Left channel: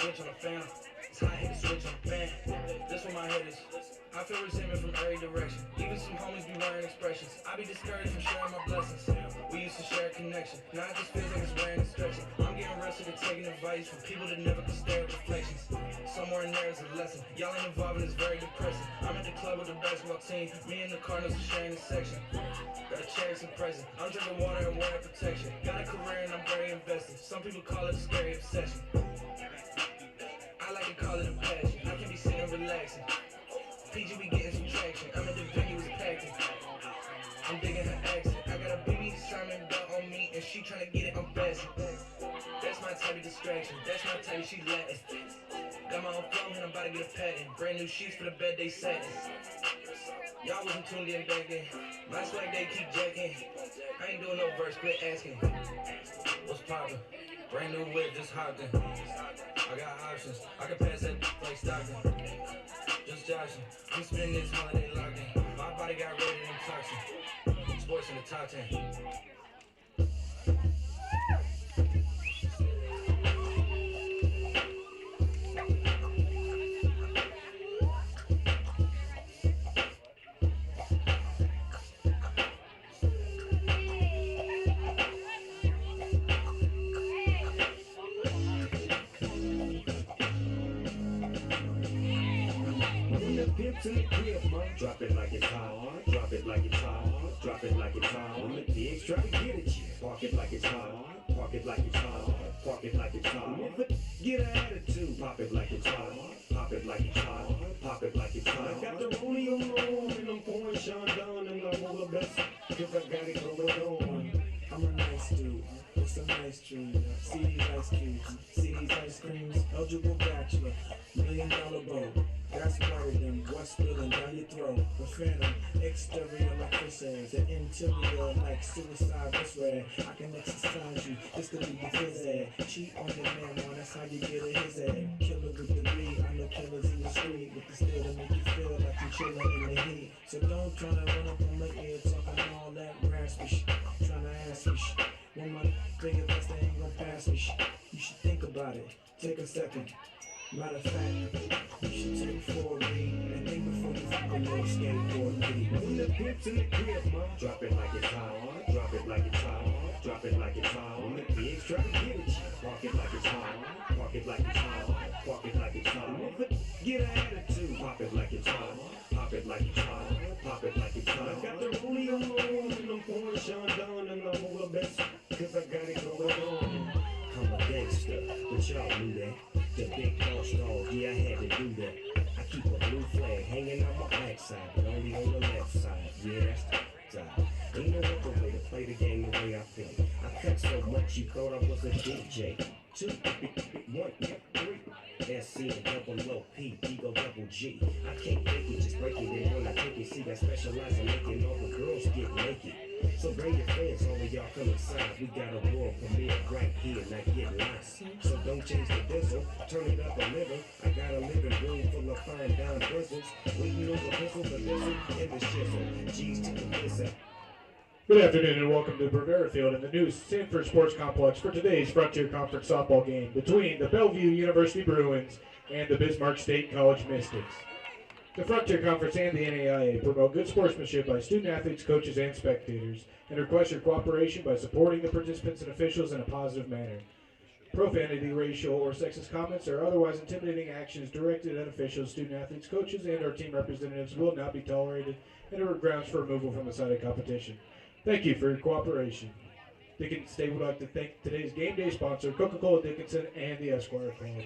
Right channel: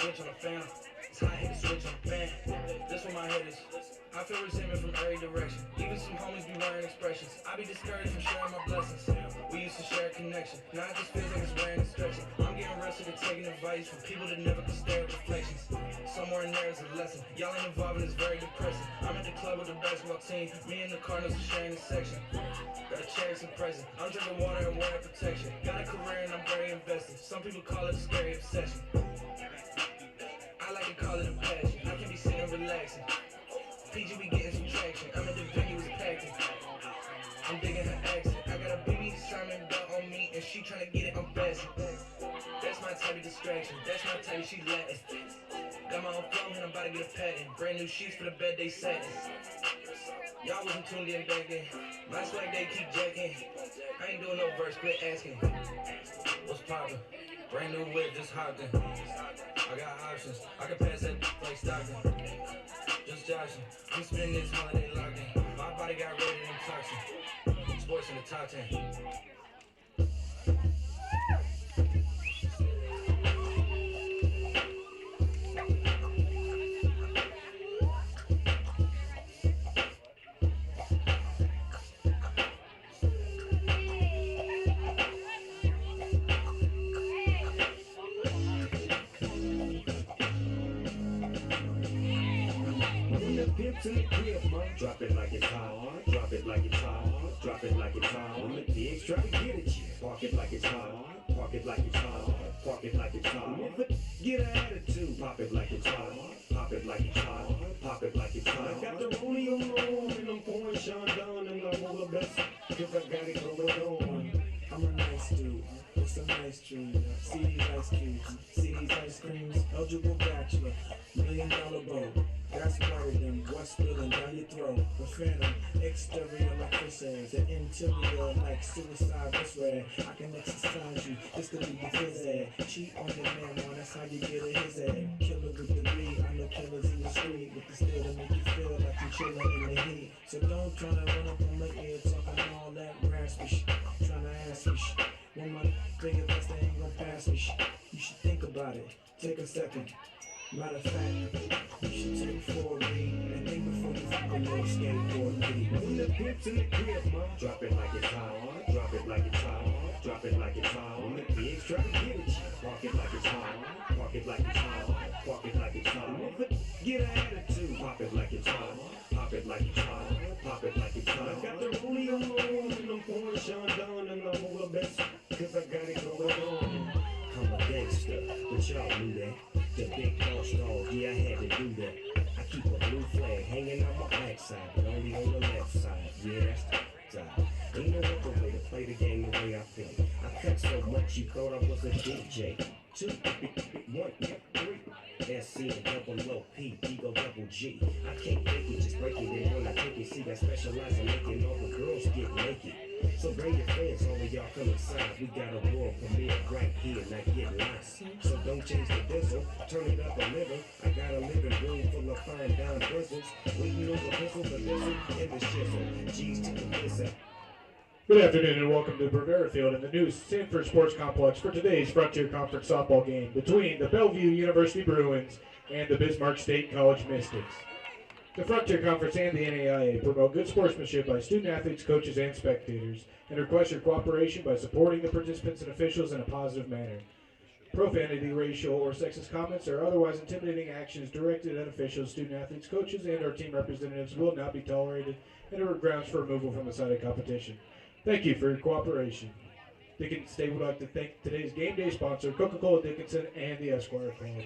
switch on the fan. It's hot, hit the switch on the fan. This one my head is. I feel resentment from every direction. Even some homies be wearing expressions. I be discouraged from sharing my blessings. We used to share a connection. Now it just feels like it's wearing and stretching. I'm getting real sick of taking advice from people that never can stare at reflections. Somewhere in there is a lesson. Y'all ain't involved and it's very depressing. I'm at the club with the basketball team. Me and the Cardinals are sharing the section. Gotta cherish the present. I'm drinking water and wearing protection. Got a career and I'm very invested. Some people call it a scary obsession. I like to call it a passion. I can be sitting relaxing. PG be getting some traction. I'm at the venue was packing. I'm digging her accent. I got a BB Simon belt on me and she tryna get it unfastened. That's my type of distraction. That's my type of she Latin. Got my own flow and I'm about to get a patent. Brand new sheets for the bed they satin. Y'all wasn't tuned in back then. My swag they keep jacking. I ain't doing no verse, quit asking. What's poppin'? Brand new whip, just hopped in. I got options. I can pass that like Stockton. Just joshing. I'm spending this holiday locked in. My body got rated in toxin. Sports in the top 10. To the crib, man. Drop it like it's hot. Drop it like it's hot. Drop it like it's hot. When the pigs try to get at you, park it like it's hot. Park it like it's hot. Park it like it's hot. Get an attitude. Pop it like it's hot. Pop it like it's hot. Pop it like it's hot. Got the rollie on my arm and I'm pouring Sean down and I'm all the best. Cause I got it going on. I'm a nice dude with some nice dreams. See these ice cubes, see these ice creams. Eligible bachelor, $1 million bow. That's whiter than what's spilling down your throat. The phantom, exterior like fish eggs, the interior like suicide this way. I can exercise you, this could be the his egg. Cheat on your man, man, that's how you get a his egg. Killer with the beat, I know killers in the street with the steel to make you feel like you're chilling in the heat. So don't try to run up on my ear talking all that raspy shit. Trying to ask me shit. When my bigger best they ain't gonna pass me shit. You should think about it, take a second. Matter of fact, you should take 4 and think before you fuck a little skateboard beat. When the pips in the crib, man. Drop it like it's hot. Drop it like it's hot. Drop it like it's hot. When the pigs try to get at you, park it like it's hot. Park it like it's hot. Park it like it's hot. Get an attitude. Pop it like it's hot. Pop it like it's hot. Pop it like it's hot. Got the rollie on my arm and I'm pouring Sean down and I'm all the best. Cause I got it going on. I'm a gangster, but y'all knew that. The big boss dog, yeah, I had to do that. I keep a blue flag hanging on my backside, but only on the left side. Yeah, that's the side. Ain't no other way to play the game the way I feel. I cut so much you thought I was a DJ. 2, 1, 3. SC and double OP, Ego double G. I can't fake it, just break it. And when I take it, see, I specialize in making all the girls get naked. So bring your friends, all of y'all come inside. We got a world premiere right here, not get lost. So don't change the diesel, turn it up a little. I got a living room full of fine down bristles. Waiting on the pistol, the missile, and the shizzle. G's to the missile. Good afternoon and welcome to Bravera Field in the new Sanford Sports Complex for today's Frontier Conference softball game between the Bellevue University Bruins and the Bismarck State College Mystics. The Frontier Conference and the NAIA promote good sportsmanship by student athletes, coaches, and spectators, and request your cooperation by supporting the participants and officials in a positive manner. Profanity, racial, or sexist comments or otherwise intimidating actions directed at officials, student athletes, coaches, and or team representatives will not be tolerated and are grounds for removal from the site of competition. Thank you for your cooperation. Dickinson State would like to thank today's game day sponsor, Coca-Cola Dickinson, and the Esquire Club.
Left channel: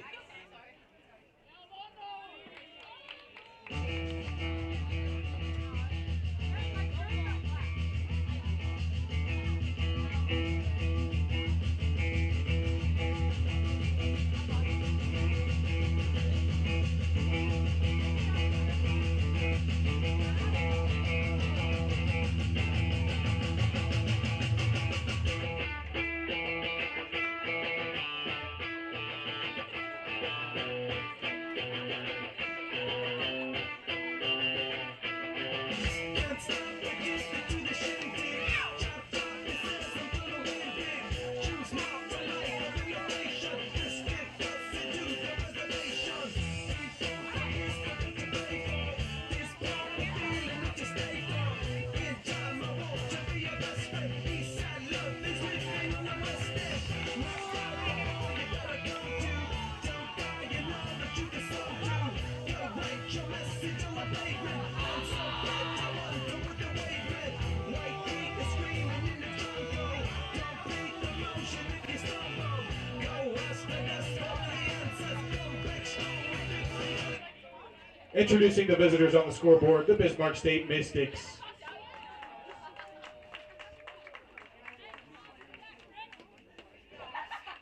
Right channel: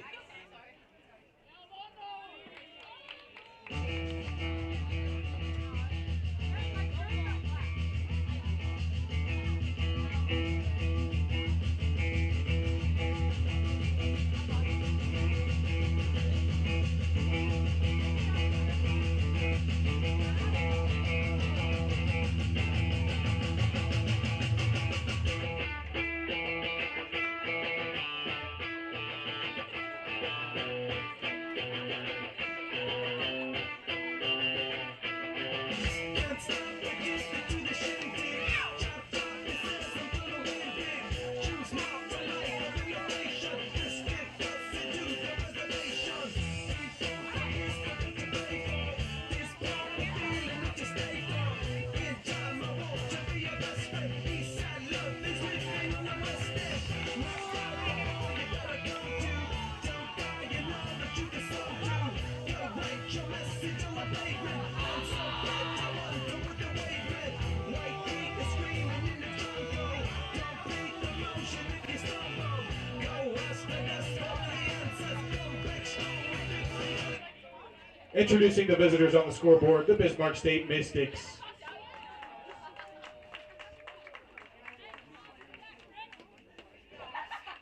Introducing the visitors on the scoreboard, the Bismarck State Mystics.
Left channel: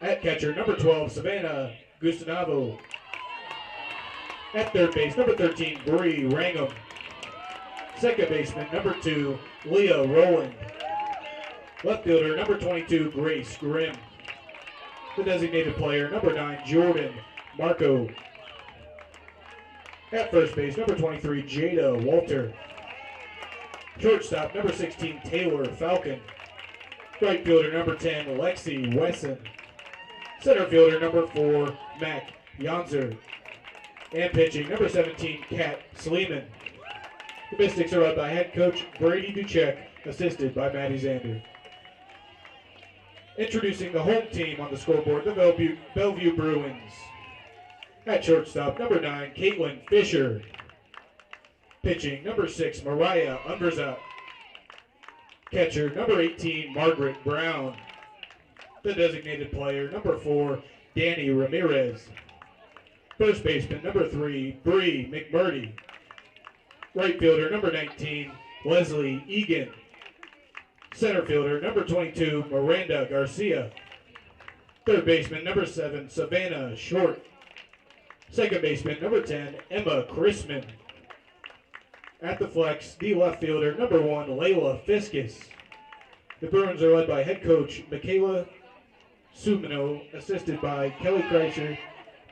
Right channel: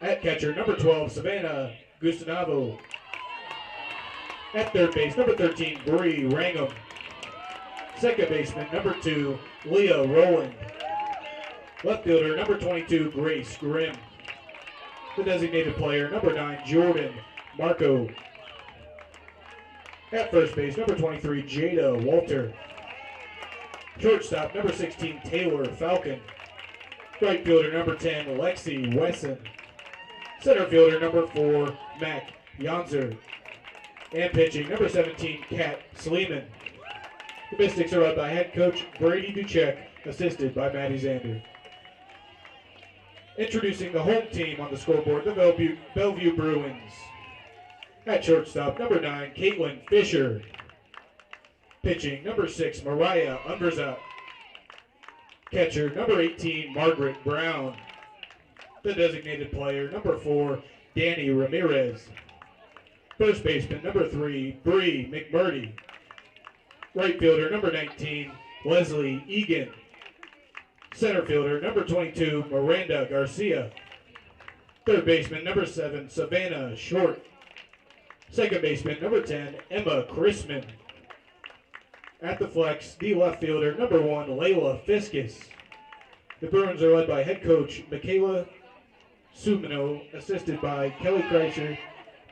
At catcher, number 12, Savannah Gustanavo. At third base, number 13, Bree Rangham. Second baseman, number 2, Leah Rowland. Left fielder, number 22, Grace Grimm. The designated player, number 9, Jordan Marco. At first base, number 23, Jada Walter. Shortstop, number 16, Taylor Falcon. Right fielder, number 10, Lexi Wesson. Center fielder, number 4, Mac Yonzer. And pitching, number 17, Kat Sleeman. The Mystics are led by head coach Brady Duchek, assisted by Maddie Zander. Introducing the home team on the scoreboard, the Bellevue Bruins. At shortstop, number 9, Caitlin Fisher. Pitching, number 6, Mariah Umberzat. Catcher, number 18, Margaret Brown. The designated player, number 4, Danny Ramirez. First baseman, number 3, Bree McMurdy. Right fielder, number 19, Leslie Egan. Center fielder, number 22, Miranda Garcia. Third baseman, number 7, Savannah Short. Second baseman, number 10, Emma Chrisman. At the flex, the left fielder, number 1, Layla Fiskus. The Bruins are led by head coach Michaela Sumino, assisted by Kelly Kreischer,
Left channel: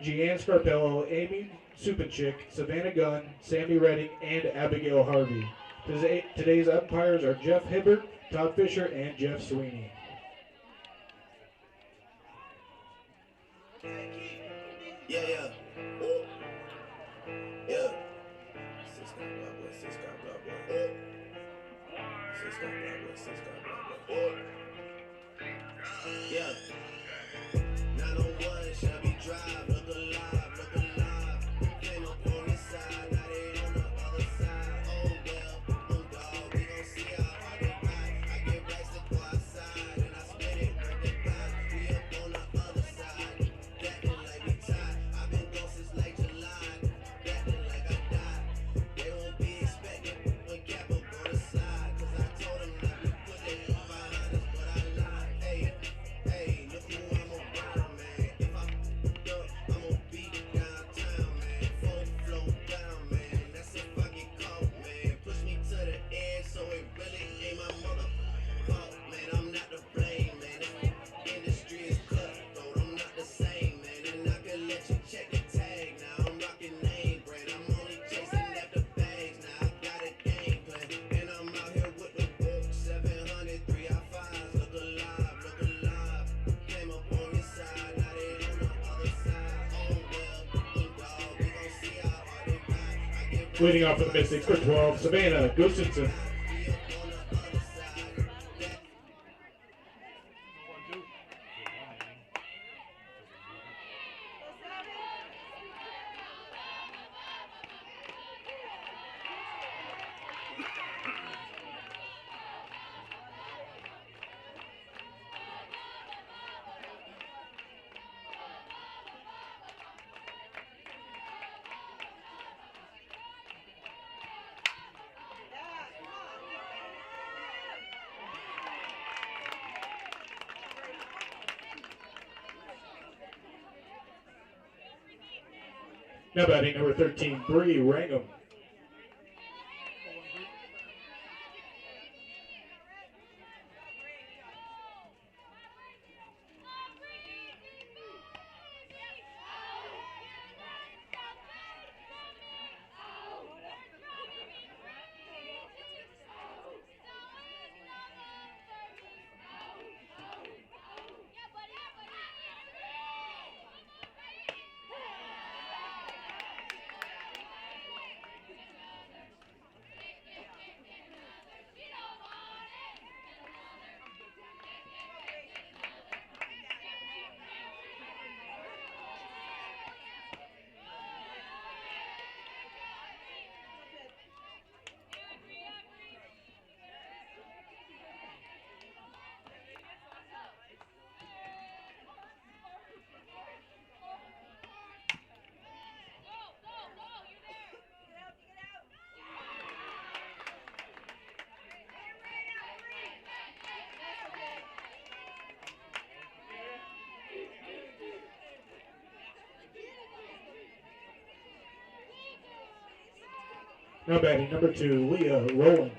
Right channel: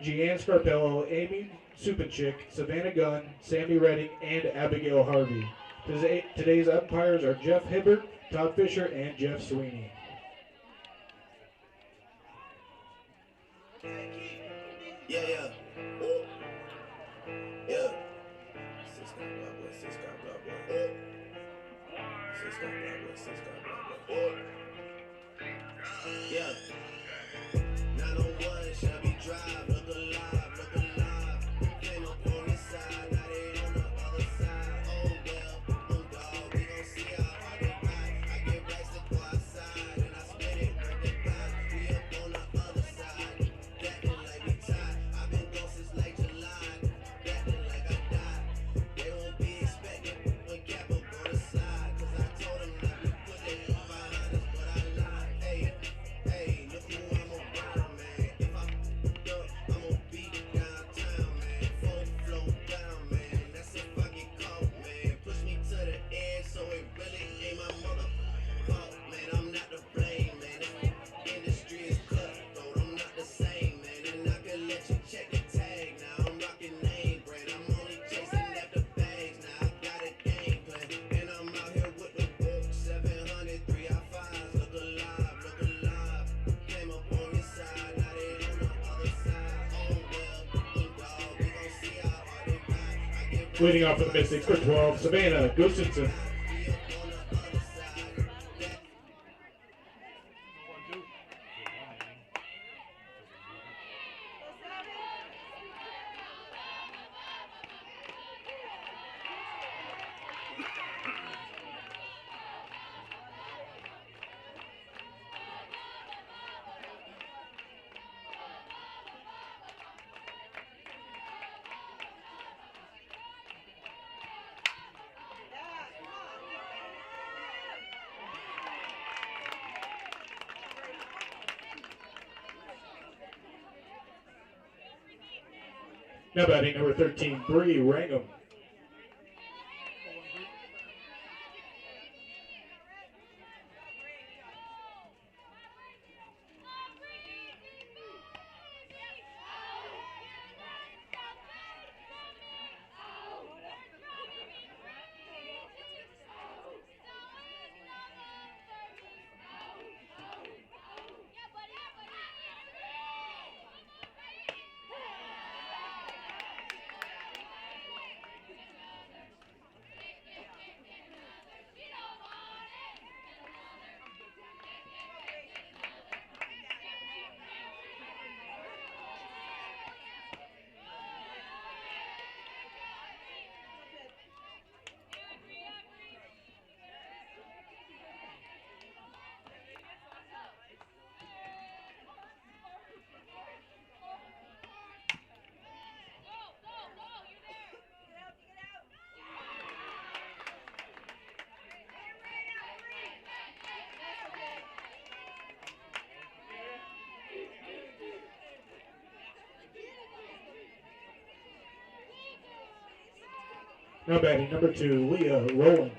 Jeanne Scarpello, Amy Supanchik, Savannah Gunn, Sammy Redding, and Abigail Harvey. Today's umpires are Jeff Hibbert, Todd Fisher, and Jeff Sweeney. Yeah. Ooh. Yeah. Six got blood boy, six got blood boy. Six got blood boy, six got blood boy. Yeah. 901 Shelby Drive, look alive, look alive. Came up on this side, now they on the other side. Oh well, oh dog, we gon' see how hard they ride. I get racks to go outside, and I spit it with the vibe. We up on the other side, acting like we tied. I've been gone since late July, acting like I died. They won't be expecting when Cap up on the slide, 'cause I told them that we put it up behind us, but I lied. Hey, look who I'm around, man. If I f***ed up, I'm gonna beat downtown, man. Full flow down, man. That's if I get caught, man. Push me to the edge, so it really ain't my mother fault, man. I'm not to blame, man. This industry is cutthroat. I'm not the same, man. And I can let you check the tag now. I'm rocking name brand. I'm only chasing after bags now. I got a game plan, and I'm out here with the book. 700, 3 I-5s. Look alive, look alive. Came up on this side, now they on the other side. Oh well, oh dog, we gon' see how hard they ride. I get Leading off for the Mystics for 12, Savannah Gustafson. we up on the other side. Now batting number 13, Bree Rangham. Now batting number 2, Leah Rowland.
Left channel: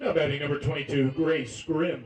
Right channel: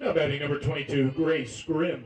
Now batting number 22, Grace Grimm.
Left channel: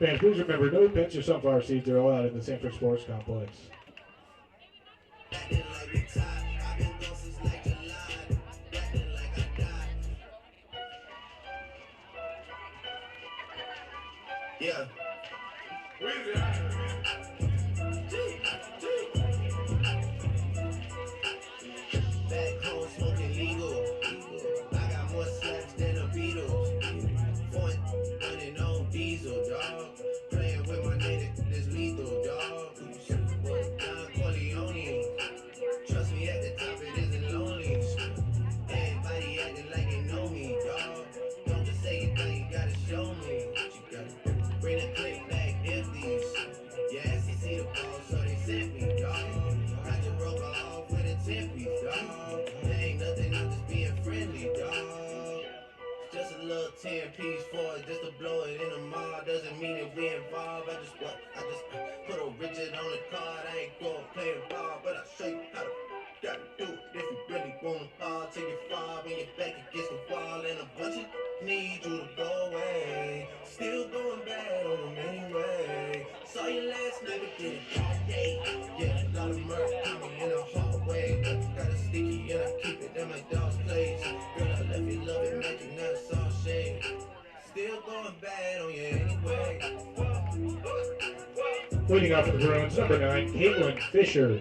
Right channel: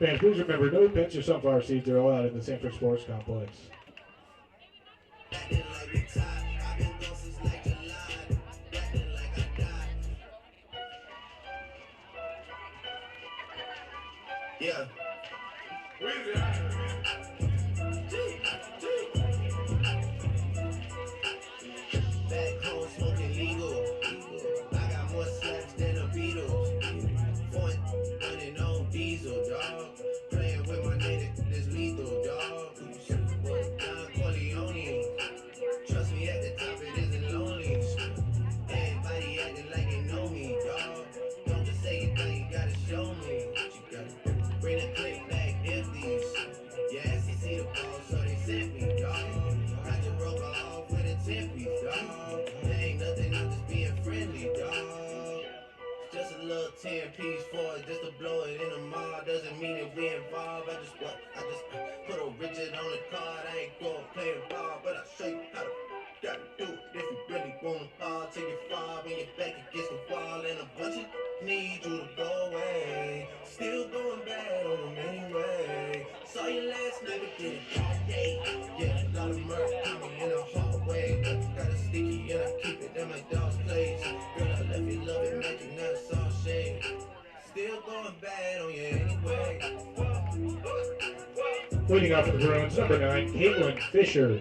Fans, please remember, no pets or sunflower seeds are allowed in the Sanford Sports Complex. Acting like we tied. I've been gone since like July. Acting like I died. Yeah. Back home smoking legal. I got more slaps than the Beatles. Point running on diesel, dog. Playing with my nigga, this lethal, dog. Don Corleone. Trust me, at the top it isn't lonely. Everybody acting like they know me, dog. Don't just say it, now you gotta show me. You gotta bring the clip back empties. Yeah, see the ball, so they sent me, dog. Got the rope off with a 10-piece, dog. There ain't nothing, I'm just being friendly, dog. Just a little 10-piece for it, just to blow it in the mall. Doesn't mean that we involved. I just put a Richard on the card. I ain't going playing ball, but I'll show you how to gotta do it if you really want to fall till you fall when you're back against the wall and a bunch of need you to go away. Still going bad on them anyway. Saw you last night, but did it all day. Yeah, a lot of murder coming in the hallway. Got a sticky and I keep it in my dog's place. Girl, I left you love it, magic, now it's all shade. Still going bad on you anyway. Leading off for the Bruins, number 9, Caitlin Fisher.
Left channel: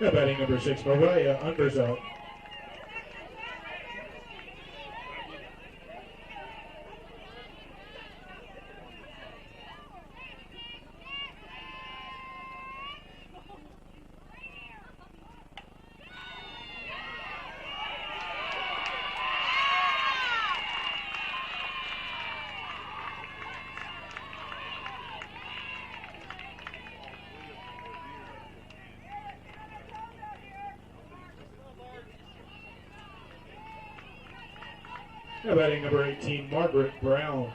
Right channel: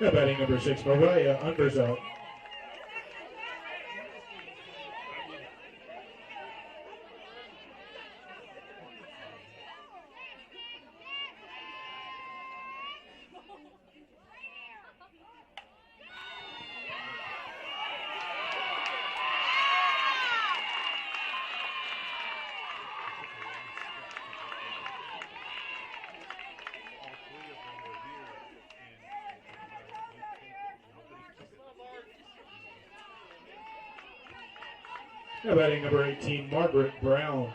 Now batting number 6, Mariah Underzelt. Now batting number 18, Margaret Brown.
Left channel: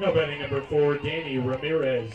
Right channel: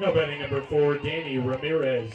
Now batting number 4, Danny Ramirez.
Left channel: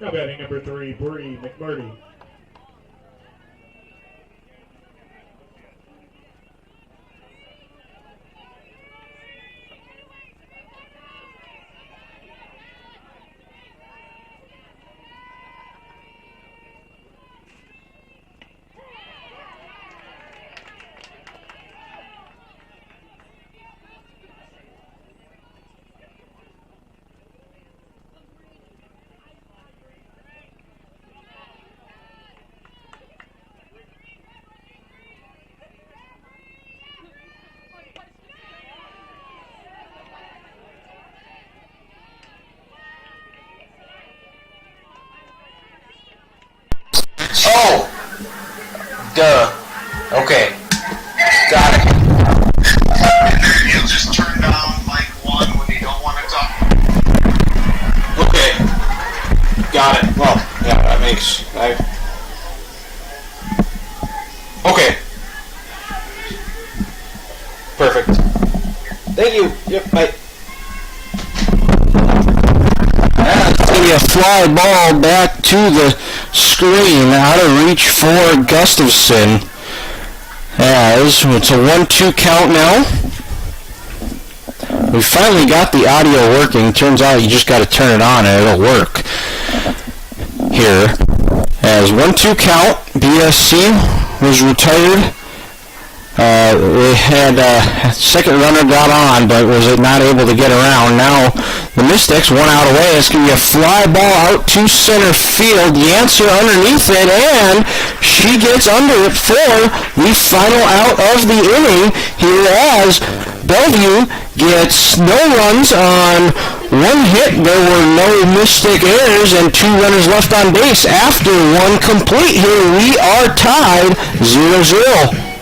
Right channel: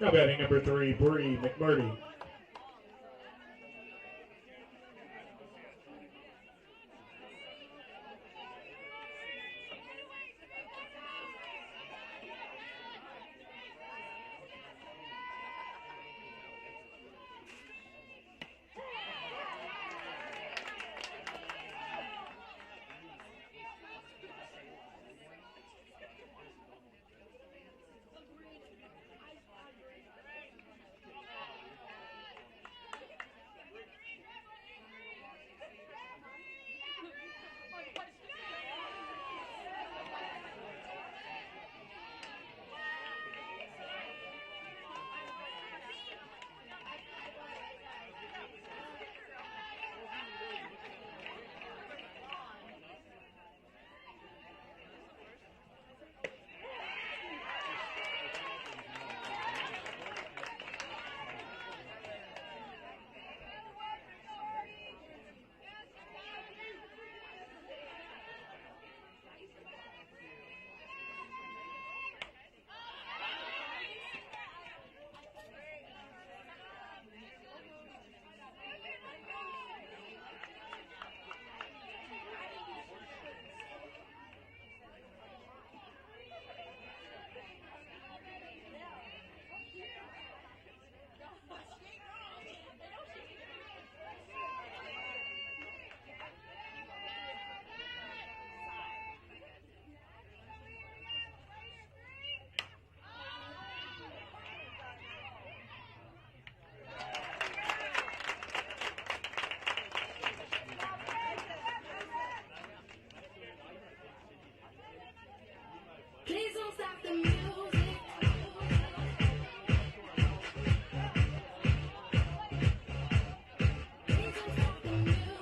Now batting number 3, Bree McMurdy. Oh! Duh. Okay. Got it. And then he'll just turn down like one when you don't want to talk. Okay. Got it. Well, yeah, that makes... Okay. Perfect. Thank you. Yep, bye. That's going to be a fly ball back to the screen, out of reach for Gustafson. As it's a 1-2 count now. We finally got the audio working. Turns out you just got to turn it on and it'll work. Here, as 1-2 count, BSC was retired. We had second runner got on, but was not able to get around. Now the Mystics, one out away. It's going to be a fly ball out to center field. Yancer underneath it, and she gets under it for the final out of the inning. Here as Bellevue gets no runs on one hit. There were no Mystic errors and 2 runners left on base after one complete. Here we are tied 0-0.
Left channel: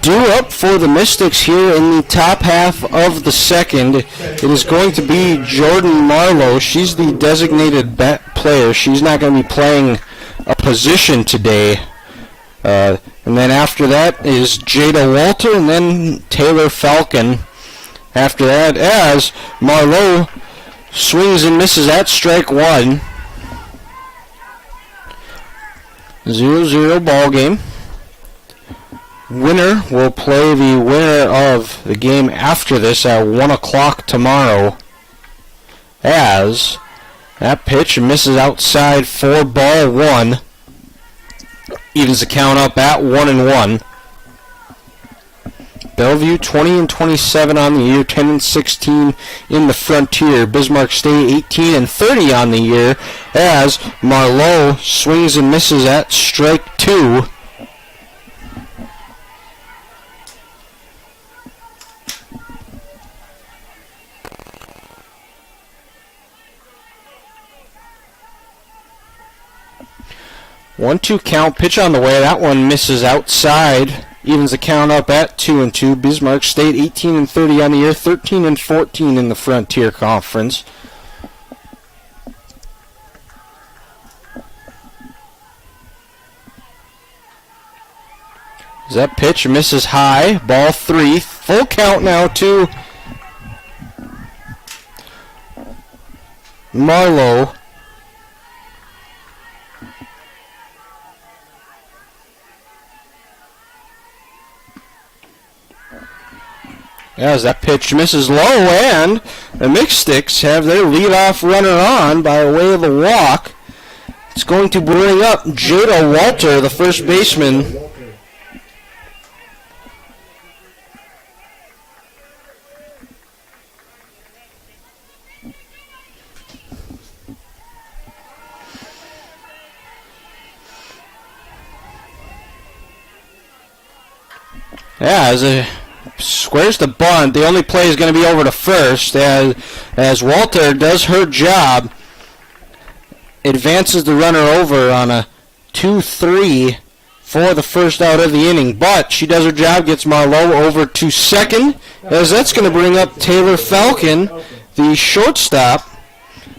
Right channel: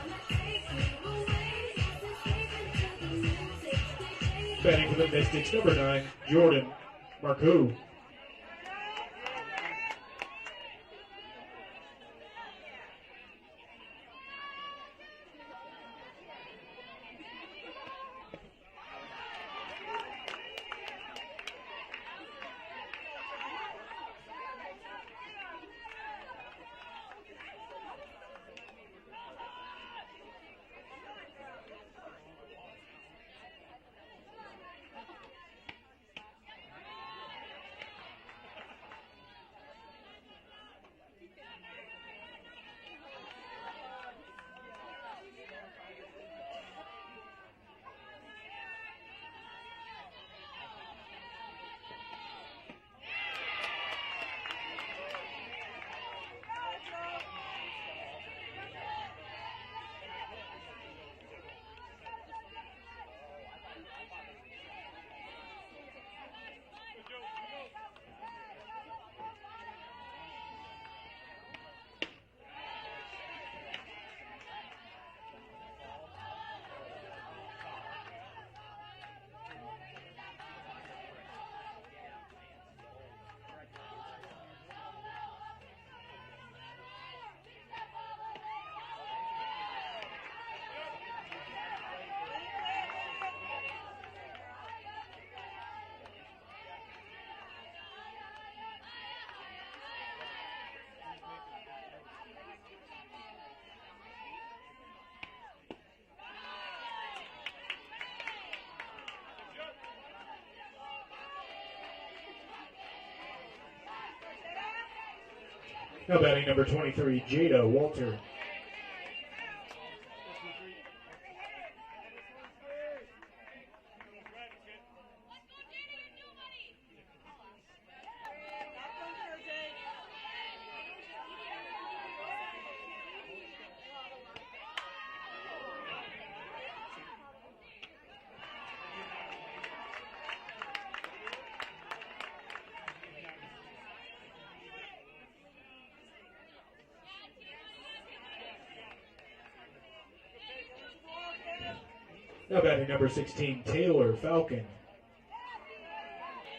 Due up for the Mystics here in the top half of the second. It is going to be Jordan Marlowe. She's the designated player. She's not going to be playing a position today. And then after that is Jada Walter and then Taylor Falcon. After that, as Marlowe swings and misses at strike one. 0-0 ball game. Winner will play the winner of the game after this at 1 o'clock tomorrow. As that pitch misses outside for ball one. Evens the count up at 1-1. Bellevue 20-27 on the year, 10-16 in the Frontier. Bismarck State 18-30 on the year. As Marlowe swings and misses at strike two. One-two count, pitch on the way. That one misses outside. Evens the count up at 2-2. Bismarck State 18-30 on the year, 13-14 in the Frontier Conference. As that pitch misses high, ball three. Full count now to Marlowe. As that pitch misses low, and the Mystics have their leadoff runner on by way of a walk. It's going to bring up Jada Walter, the first baseman. As a squares the bunt. The only play is going to be over to first as Walter does her job. Advances the runner over on a 2-3 for the first out of the inning. But she does her job, gets Marlowe over to second, as that's going to bring up Taylor Falcon, the shortstop.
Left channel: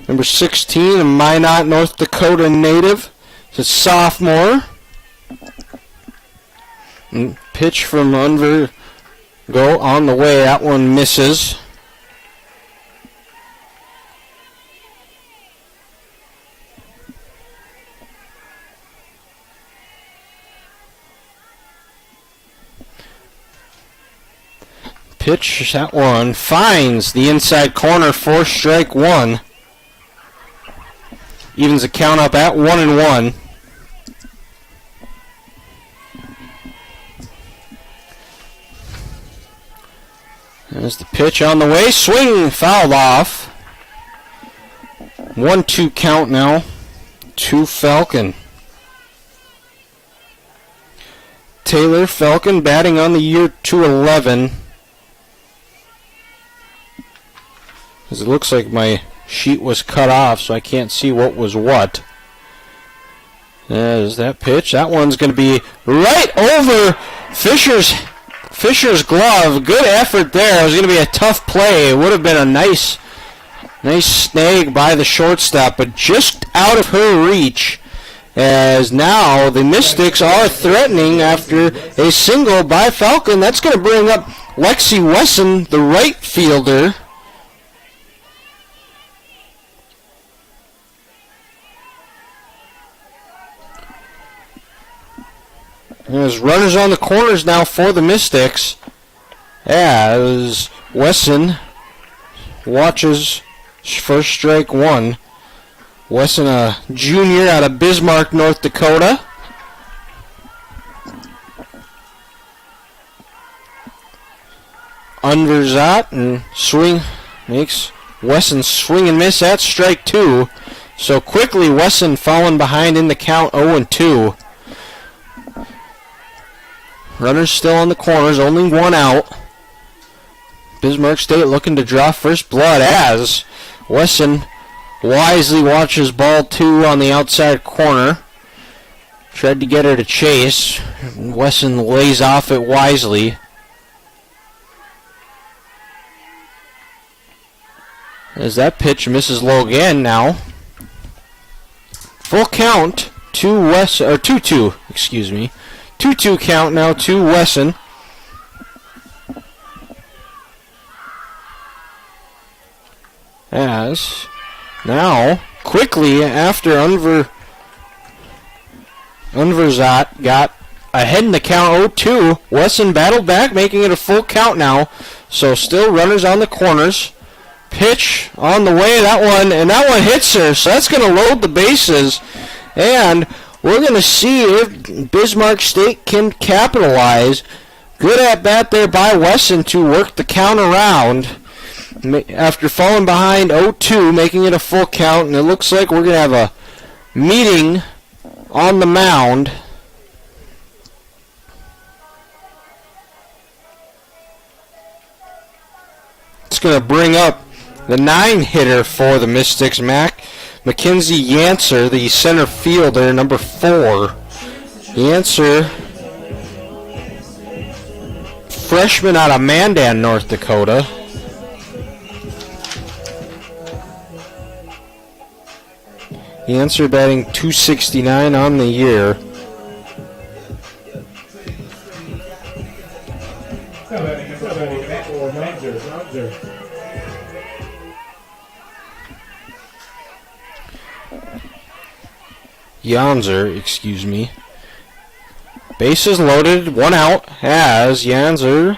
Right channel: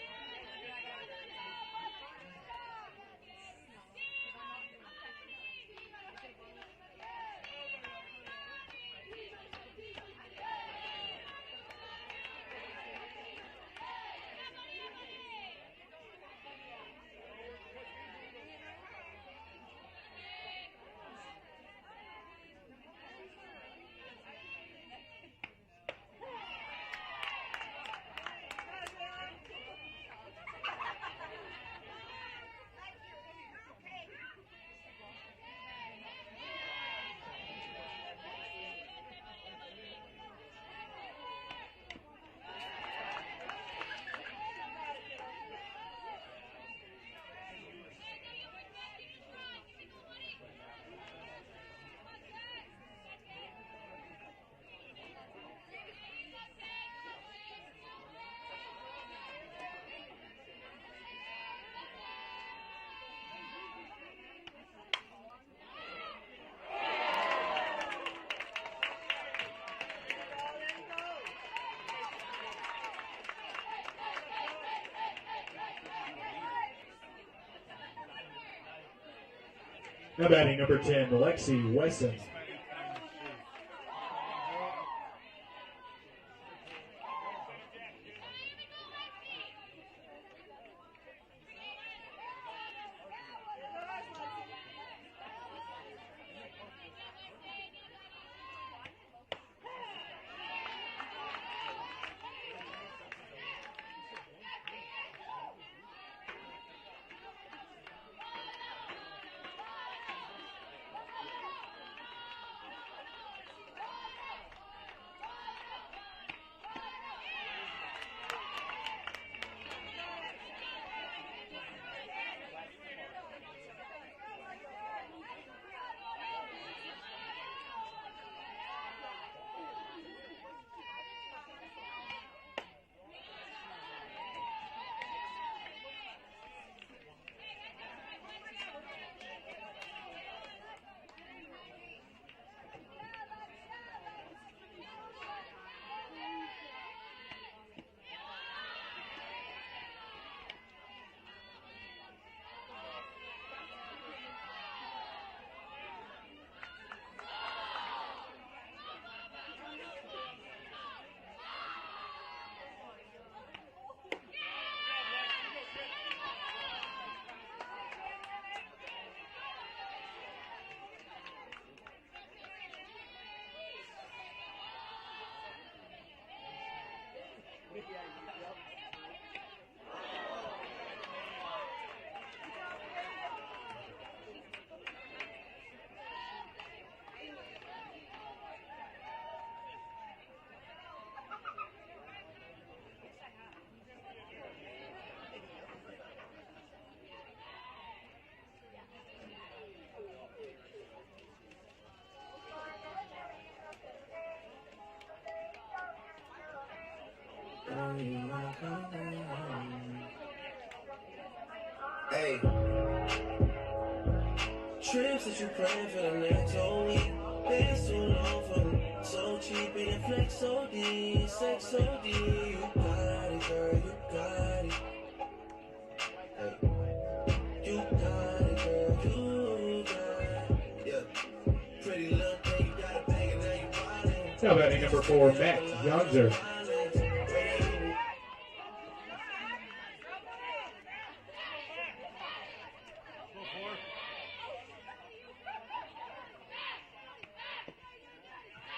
Number 16, a Minot, North Dakota native. It's a sophomore. And pitch from under. Go on the way. That one misses. Pitch, that one finds the inside corner for strike one. Evens the count up at 1-1. There's the pitch on the way. Swing fouled off. 1-2 count now to Falcon. Taylor Falcon batting on the year 211. Because it looks like my sheet was cut off, so I can't see what was what. There's that pitch. That one's going to be right over Fisher's glove. Good effort there. It was going to be a tough play. It would have been a nice snag by the shortstop, but just out of her reach. As now the Mystics are threatening after a single by Falcon. That's going to bring up Lexi Wesson, the right fielder. There's runners on the corners now for the Mystics as Wesson watches first strike one. Wesson, a junior out of Bismarck, North Dakota. Unverzat and swing makes Wesson swing and miss at strike two. So quickly Wesson falling behind in the count 0-2. Runners still on the corners, only one out. Bismarck State looking to draw first blood as Wesson wisely watches ball two on the outside corner. Tried to get her to chase. Wesson lays off it wisely. As that pitch misses low again now. Full count to 2-2, excuse me. 2-2 count now to Wesson. As now, quickly after Unverzat got ahead in the count 0-2, Wesson battled back, making it a full count now. So still runners on the corners. Pitch on the way, that one hits her, so that's going to load the bases. And we're going to see if Bismarck State can capitalize. Good at bat there by Wesson to work the count around after falling behind 0-2, making it a full count. And it looks like we're going to have a meeting on the mound. It's going to bring up the 9-hitter for the Mystics, Mackenzie Yancer, the center fielder, number 4. Yancer, freshman out of Mandan, North Dakota. Yancer batting .269 on the year. Now batting number 4, Yonzer. Yanzer, excuse me. Bases loaded, one out, as Yanzer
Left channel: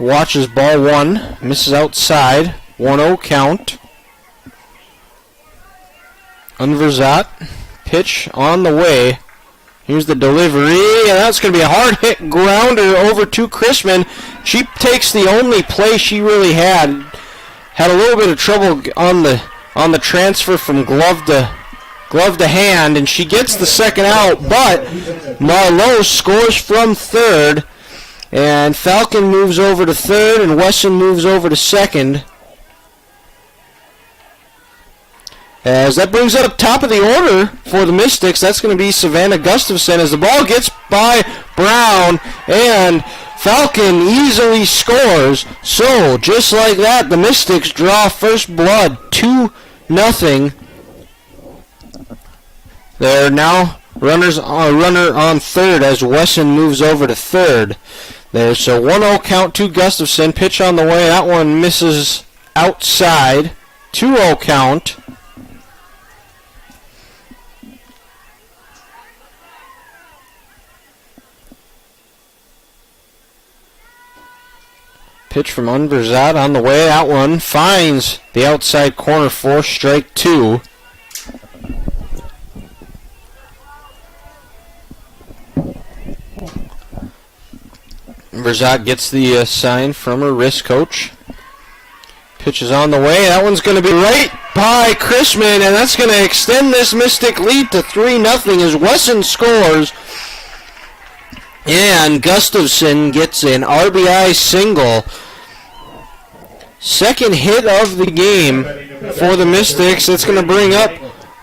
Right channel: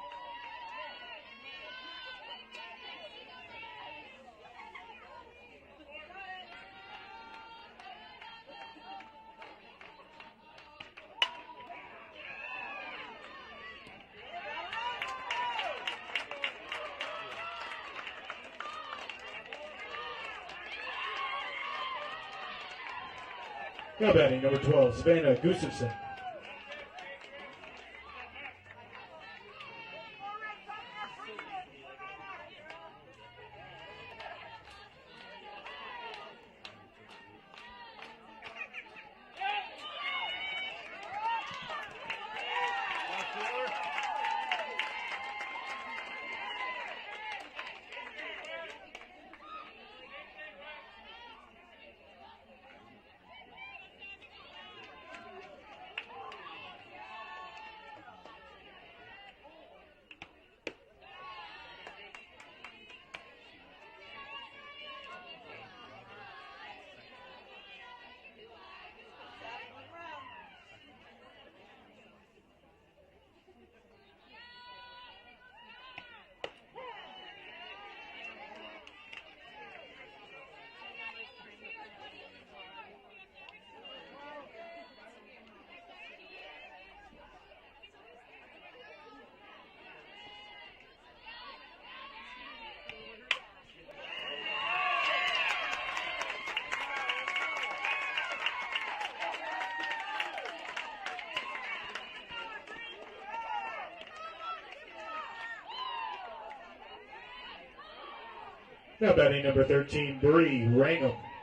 watches ball one, misses outside, 1-0 count. Unverzat, pitch on the way. Here's the delivery, and that's going to be a hard hit grounder over to Chrisman. She takes the only play she really had. Had a little bit of trouble on the transfer from glove to hand, and she gets the second out, but Marlowe scores from third, and Falcon moves over to third, and Wesson moves over to second. As that brings up top of the order for the Mystics, that's going to be Savannah Gustafson as the ball gets by Brown, and Falcon easily scores. So, just like that, the Mystics draw first blood, 2-0. They're now runner on third as Wesson moves over to third. There's a 1-0 count to Gustafson. Pitch on the way. That one misses outside. 2-0 count. Pitch from Unverzat on the way. That one finds the outside corner for strike two. Verzat gets the sign from her wrist coach. Pitch is on the way. That one's going to be right by Chrisman, and that's going to extend this Mystic lead to 3-0 as Wesson scores. And Gustafson gets an RBI single. Second hit of the game for the Mystics. It's going to bring up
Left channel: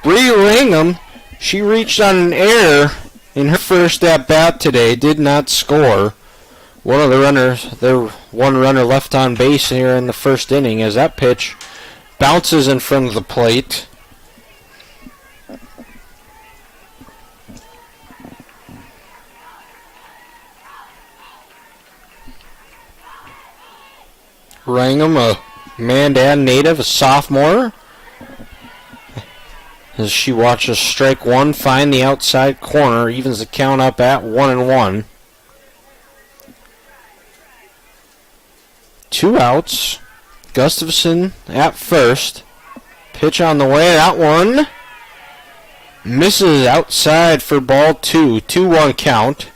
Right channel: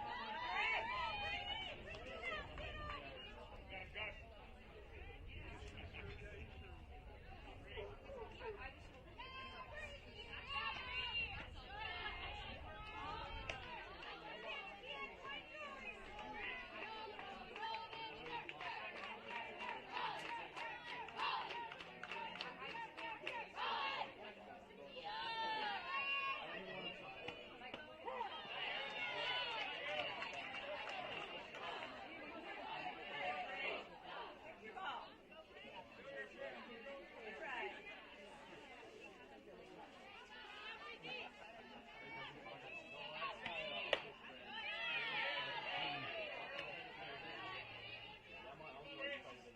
Bree Rangham. She reached on an error in her first at-bat today. Did not score. One of the runners, one runner left on base here in the first inning as that pitch bounces in front of the plate. Rangham, a Mandan native, a sophomore, as she watches strike one find the outside corner, evens the count up at 1-1. 2 outs. Gustafson at first. Pitch on the way. That one misses outside for ball 2. 2-1 count.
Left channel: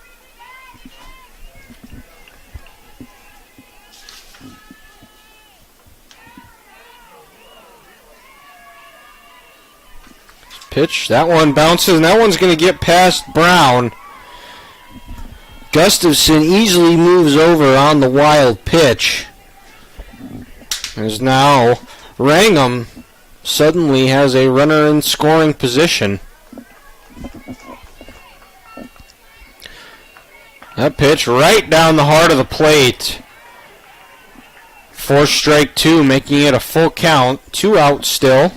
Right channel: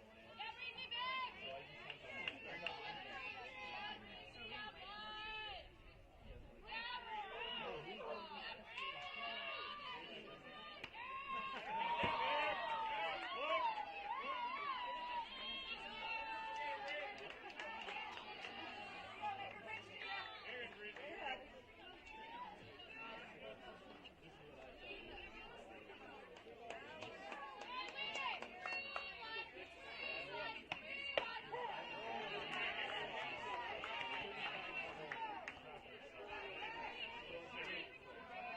Pitch. That one bounces, and that one's going to get past Brown. Gustafson easily moves over on the wild pitch. As now Rangham suddenly has a runner in scoring position. That pitch right down the heart of the plate. For strike 2, making it a full count. 2 outs still.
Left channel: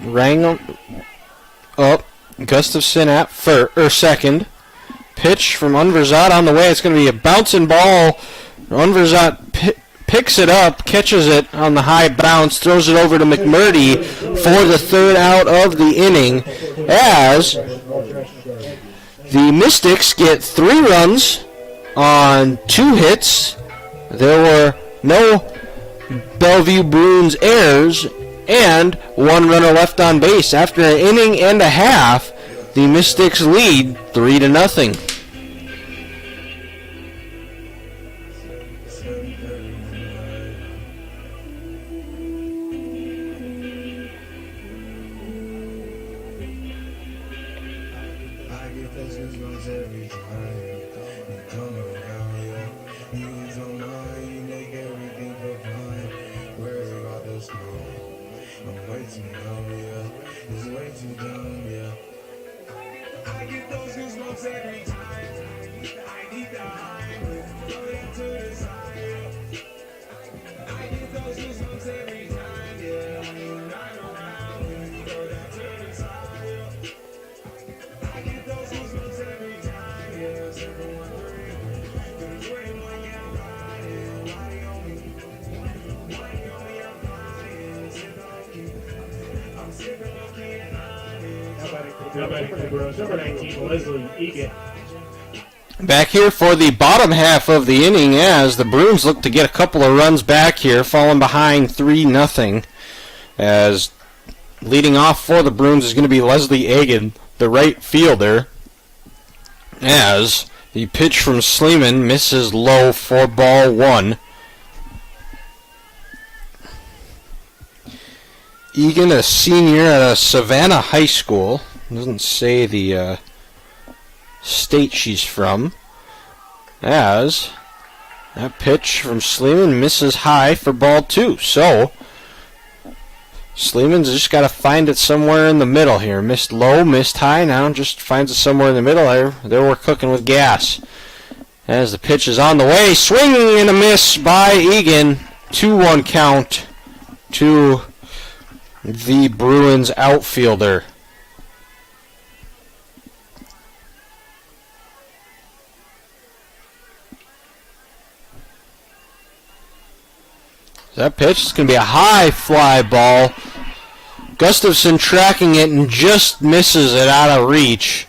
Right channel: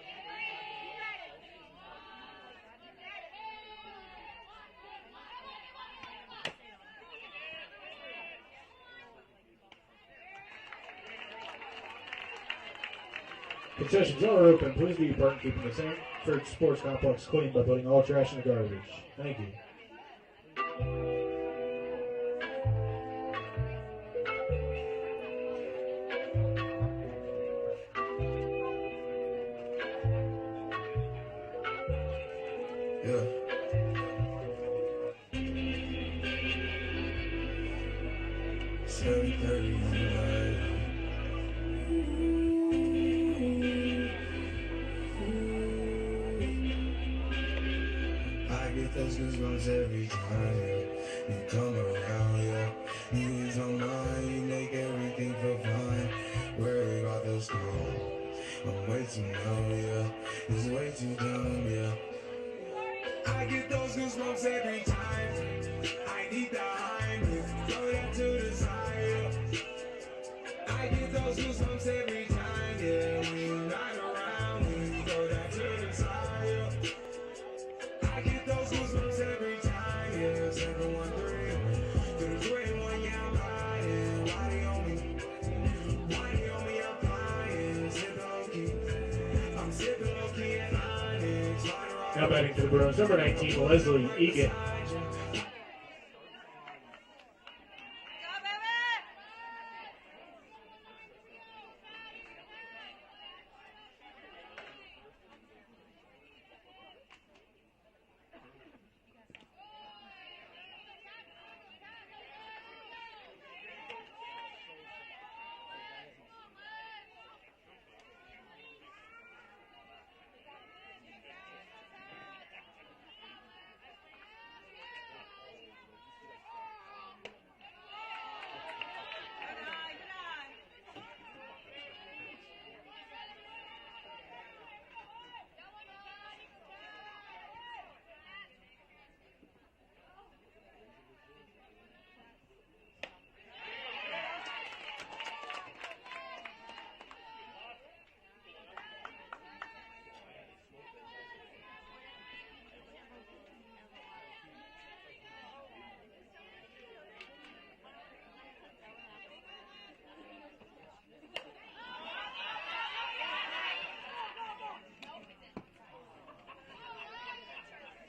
Rangham up. Gustafson at second. Pitch from Unverzat on the way. It's going to be a bouncing ball. Unverzat picks it up, catches it on the high bounce, throws it over to McMurdy for the 3rd out of the inning, as the Mystics get 3 runs on 2 hits. There were no Bellevue Bruins errors and 1 runner left on base. After an inning and a half, the Mystics lead 3-0. Every time you come around, yeah, you don't mind, you make everything feel fine. Worry about the snow, I'm way too numb, yeah, it's way too dumb, yeah. I get those goosebumps every time I need the high, throw that to the side, yeah. I get those goosebumps every time, yeah, when you're not around, when you throw that to the side, yeah. I get those goosebumps every time. Now batting for the Bruins, number 19, Leslie Egan. Back here for the bottom half of the inning as the Bruins look to get a couple of runs back here, falling behind 3-0. As leading off for the Bruins is going to be Leslie Egan, the right fielder, as the pitch from Sleeman misses low for ball 1. Egan, a senior at Savannah High School. Doesn't say the state she's from. As that pitch from Sleeman misses high for ball 2. So Sleeman's just got to find it somewhere in the middle here. Missed low, missed high. Now just finds it somewhere in the middle. There we're cooking with gas. As the pitch is on the way, swinging and a miss by Egan. 2-1 count to the Bruins outfielder. That pitch is going to be a high fly ball. Gustafson tracking it and just misses it out of reach.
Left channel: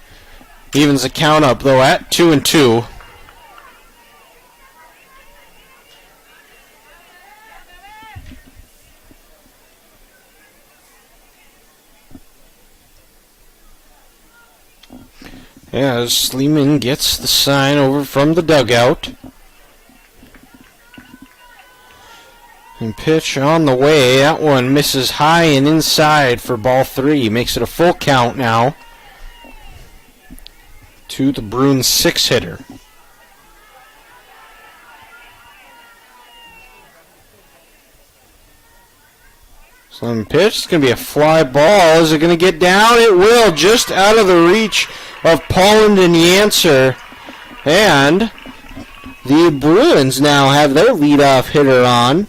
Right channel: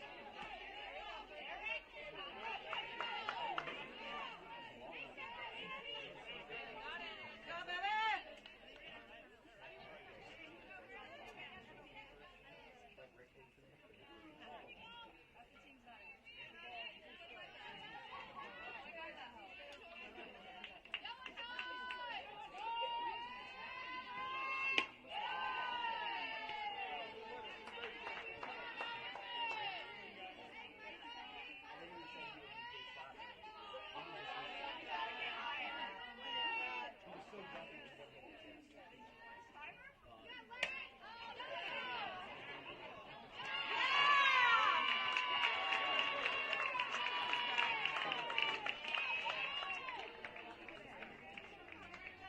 Evens the count up, though, at 2-2. As Sleeman gets the sign over from the dugout. And pitch on the way. That one misses high and inside for ball 3. Makes it a full count now to the Bruins 6-hitter. Slim pitch. It's going to be a fly ball. Is it going to get down? It will. Just out of the reach of Polland and Yancer. And the Bruins now have their leadoff hitter on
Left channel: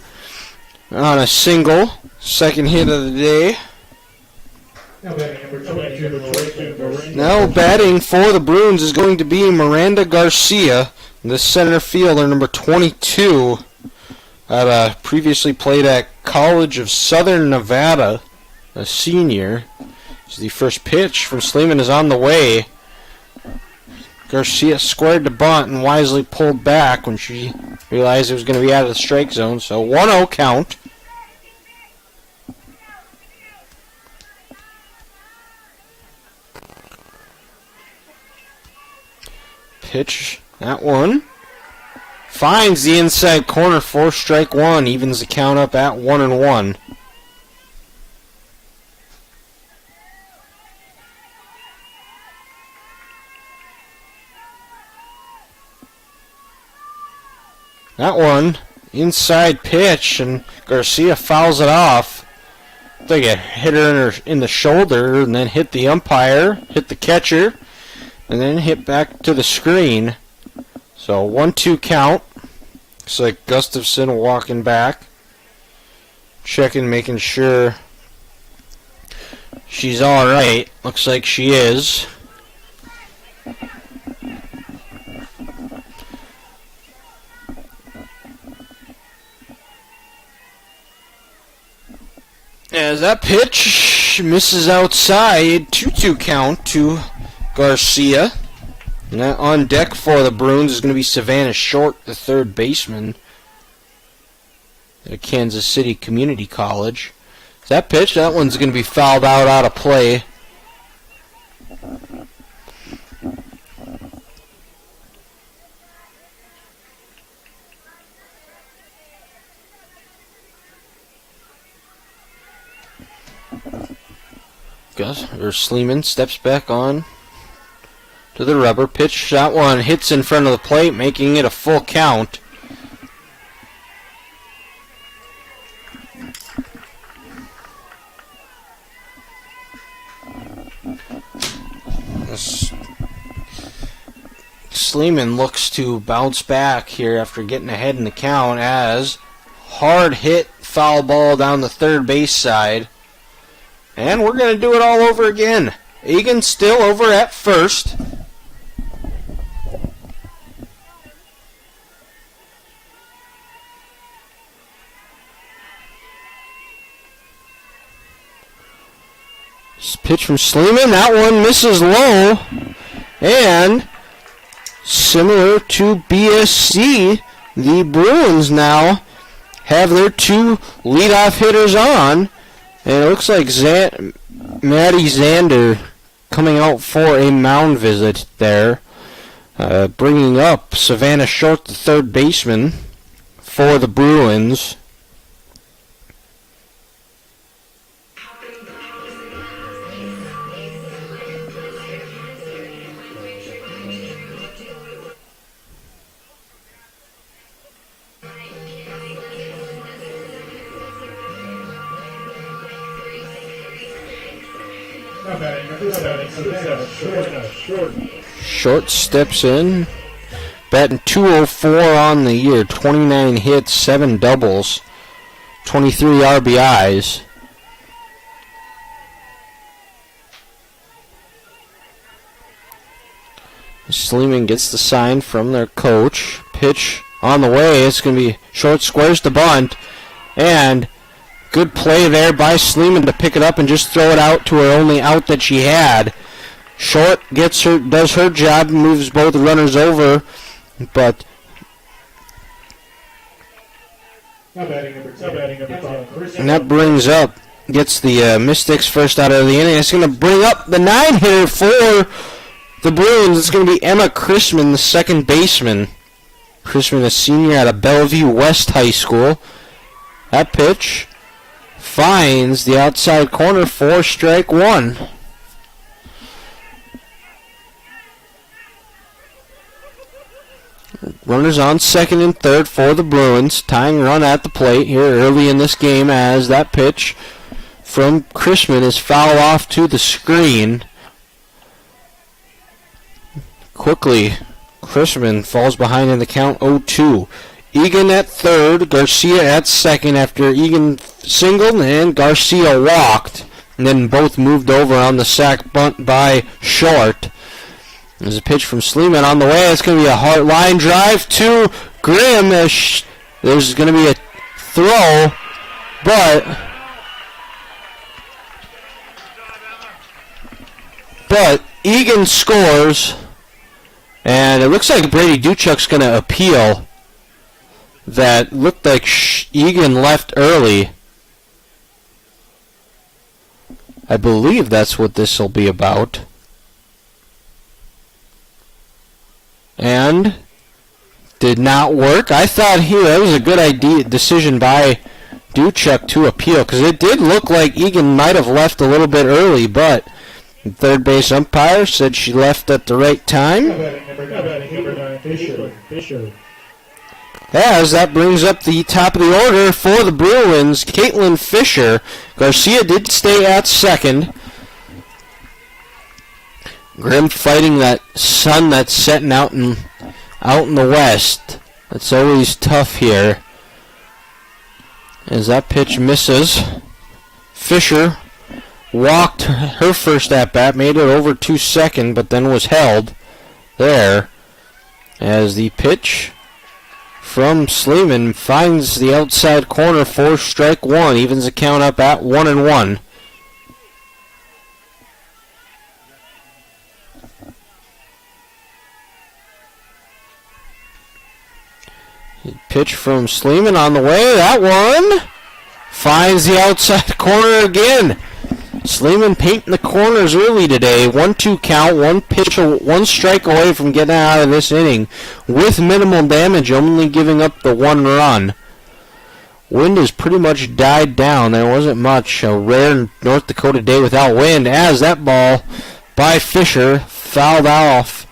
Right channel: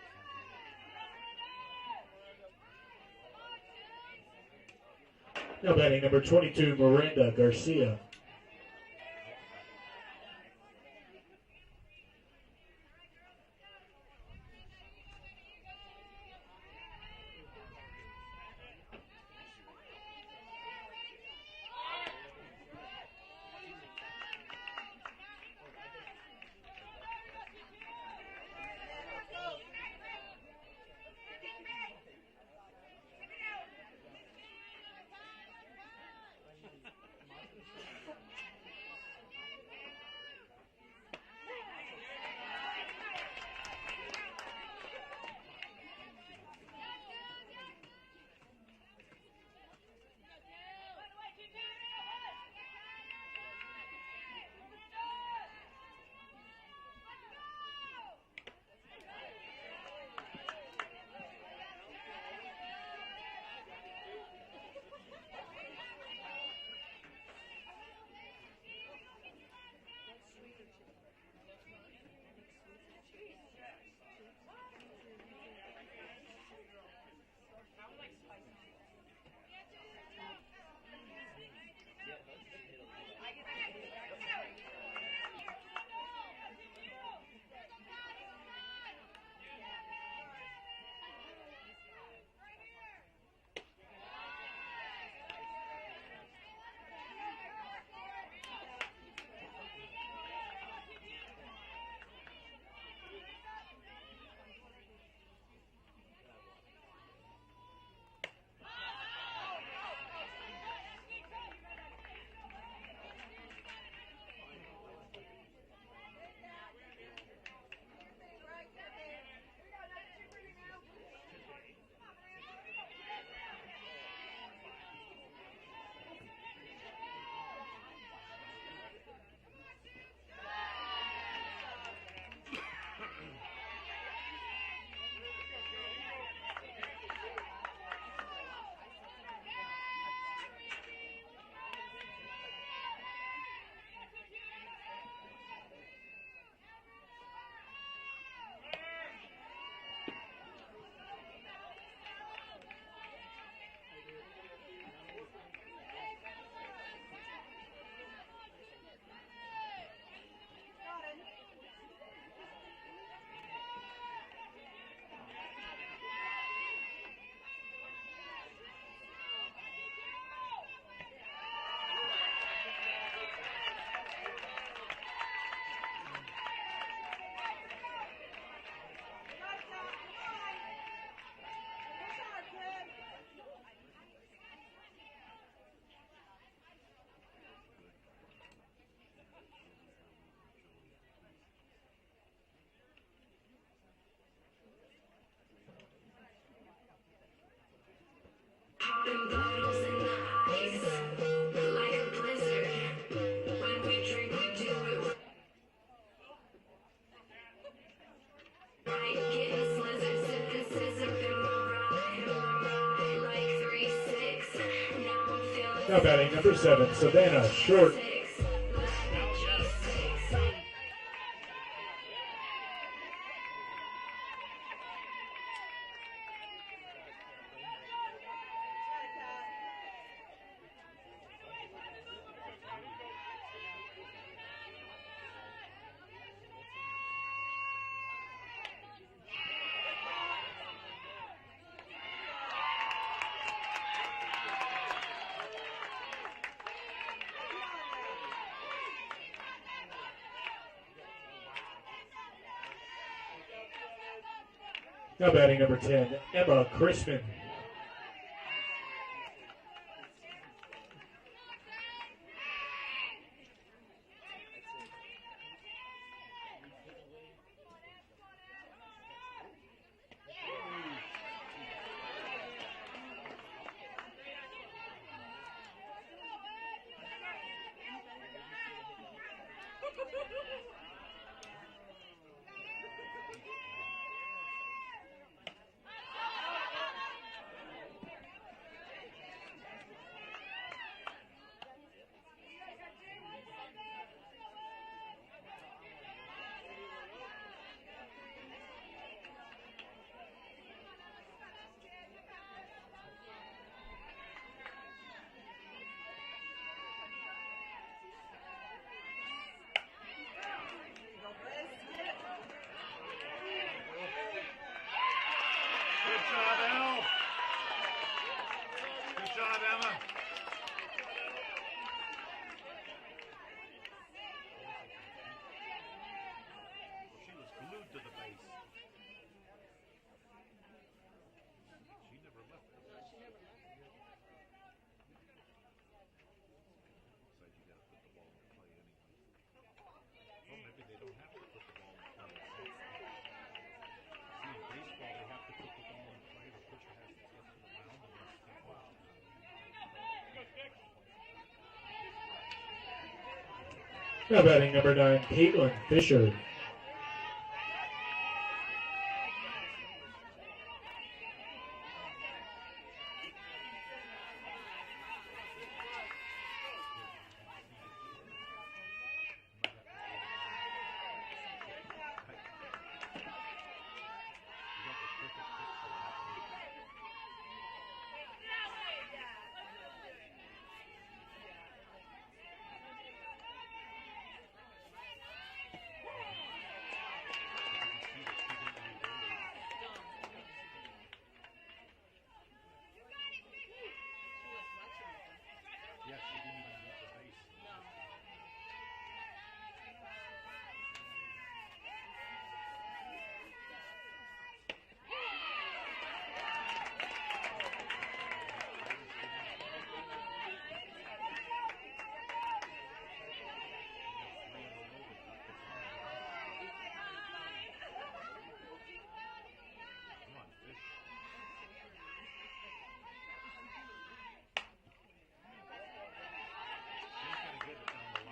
a single. Second hit of the day. Now batting number 22, Miranda. Now batting for the Bruins is going to be Miranda Garcia, the center fielder, number 22. Previously played at College of Southern Nevada, a senior. The first pitch from Sleeman is on the way. Garcia squared the bunt and wisely pulled back when she realized it was going to be out of the strike zone. So 1-0 count. Pitch, that one. Finds the inside corner for strike one. Evens the count up at 1-1. That one, inside pitch, and Garcia fouls it off. They get hit her in the shoulder, and then hit the umpire, hit the catcher, and then hit back to the screen. So 1-2 count. Looks like Gustafson walking back, checking, making sure she's all right. Looks like she is. As that pitch misses outside, 2-2 count to Garcia. And that on deck for the Bruins is going to be Savannah Short, the third baseman at Kansas City Community College. That pitch, that one's going to be fouled out of play. Sleeman steps back on to the rubber. Pitch, that one hits in front of the plate, making it a full count. Sleeman looks to bounce back here after getting ahead in the count as hard hit foul ball down the third base side. And we're going to do it all over again. Egan still over at first. This pitch from Sleeman. That one misses low. And similar to BSC, the Bruins now have their two leadoff hitters on. And it looks like Maddie Zander coming out for a mound visit there. Bringing up Savannah Short, the third baseman for the Bruins. Batting number 7, Savannah Short. Short steps in, batting .204 on the year, 29 hits, 7 doubles, 23 RBIs. Sleeman gets the sign from their coach. Pitch on the way. It's going to be Short squares the bunt, and good play there by Sleeman to pick it up and just throw it out to her only out that she had. Short does her job, moves both runners over, but Now batting number 10. and that gets the Mystics first out of the inning. It's going to bring up the 9-hitter for the Bruins, it's going to be Emma Chrisman, the second baseman. Chrisman, a senior out of Bellevue West High School. That pitch finds the outside corner for strike one. Runners on second and third for the Bruins. Tying run at the plate here early in this game as that pitch from Chrisman is foul off to the screen. Quickly, Chrisman falls behind in the count 0-2. Egan at third, Garcia at second after Egan singled and Garcia walked. And then both moved over on the sac bunt by Short. There's a pitch from Sleeman on the way. It's going to be a hard line drive to Grimm. There's going to be a throw, but Egan scores, and it looks like Brady Duchuk's going to appeal. That looked like Egan left early. I believe that's what this will be about. And did not work. I thought here that was a good decision by Duchuk to appeal, because it did look like Egan might have left a little bit early, but the third base umpire said she left at the right time. Number 9, Fisher. As that brings up the top of the order for the Bruins, Caitlin Fisher. Garcia did stay at second. Grimm fighting that sun that's setting out in the west. That's always tough here. As that pitch misses, Fisher walked her first at-bat, made it over to second, but then was held there. As the pitch from Sleeman finds the outside corner for strike one, evens the count up at 1-1. Pitch from Sleeman on the way. That one finds the outside corner again. Sleeman painting the corners early today. 1-2 count, one pitch, one strike away from getting out of this inning with minimal damage, only giving up the one run. Wind has pretty much died down. There wasn't much. A rare North Dakota day without wind, as that ball by Fisher fouled off.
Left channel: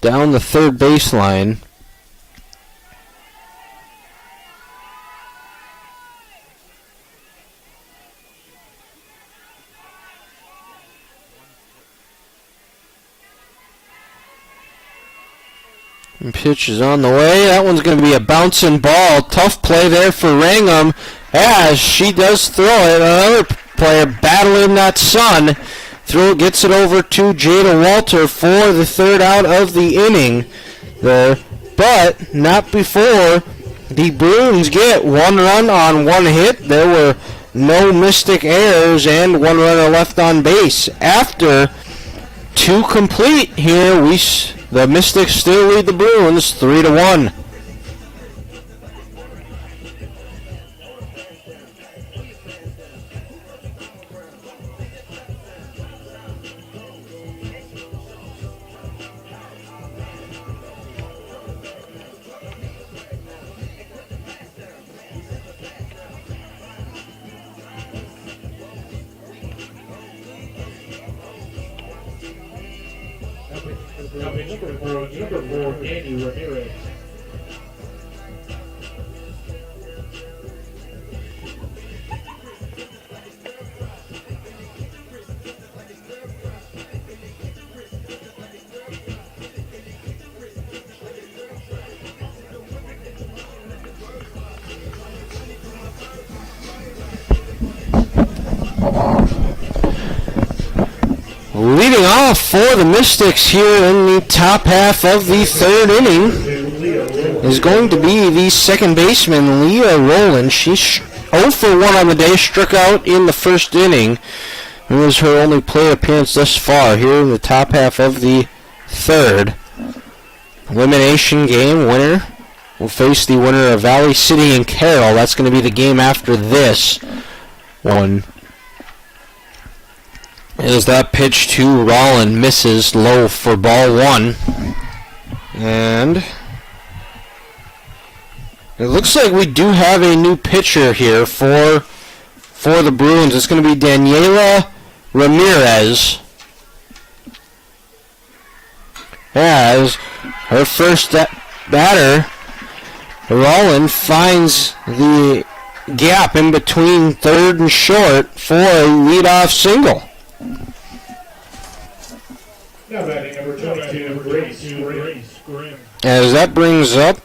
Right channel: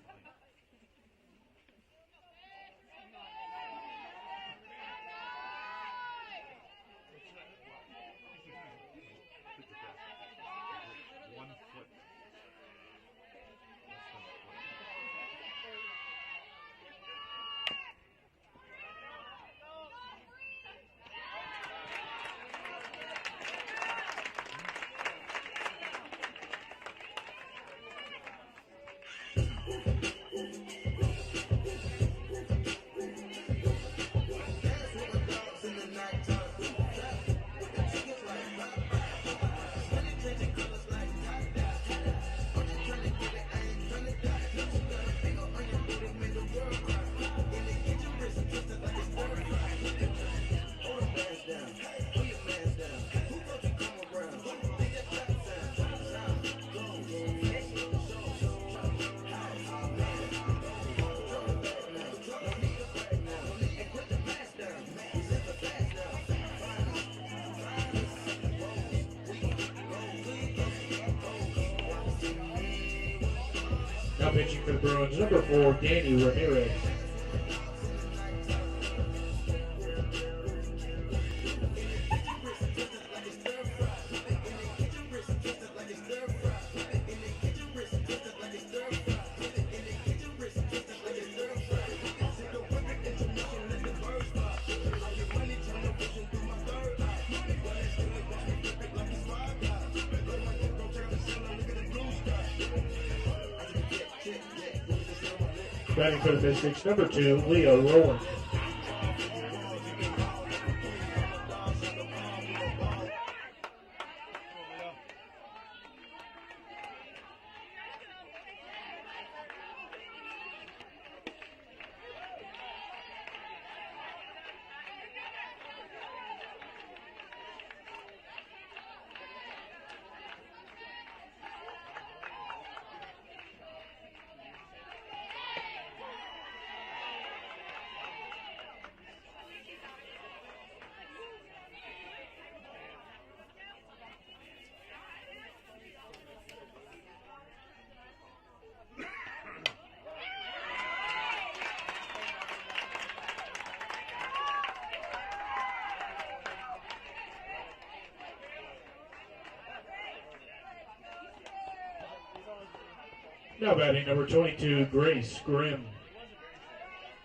Down the third baseline. And pitch is on the way. That one's going to be a bouncing ball. Tough play there for Rangham as she does throw it. Another player battling that sun. Throw gets it over to Jada Walter for the third out of the inning there, but not before the Bruins get one run on one hit. There were no Mystic errors and one runner left on base. After two complete here, the Mystics still lead the Bruins 3-1. Now pitching for the Bruins, number 4, Danny Ramirez. Leading off for the Mystics here in the top half of the third inning is going to be the second baseman, Leah Rowland. She's 0 for 1 on the day, struck out in the first inning. It was her only play appearance thus far here in the top half of the third. Elimination game winner will face the winner of Valley City and Carroll. That's going to be the game after this one. As that pitch to Rollin misses low for ball one. And it looks like we do have a new pitcher here for the Bruins. It's going to be Daniela Ramirez. As her first batter, Rollin finds the gap in between third and short for a leadoff single. Now batting number 22, Grace Grimm. As that brings up,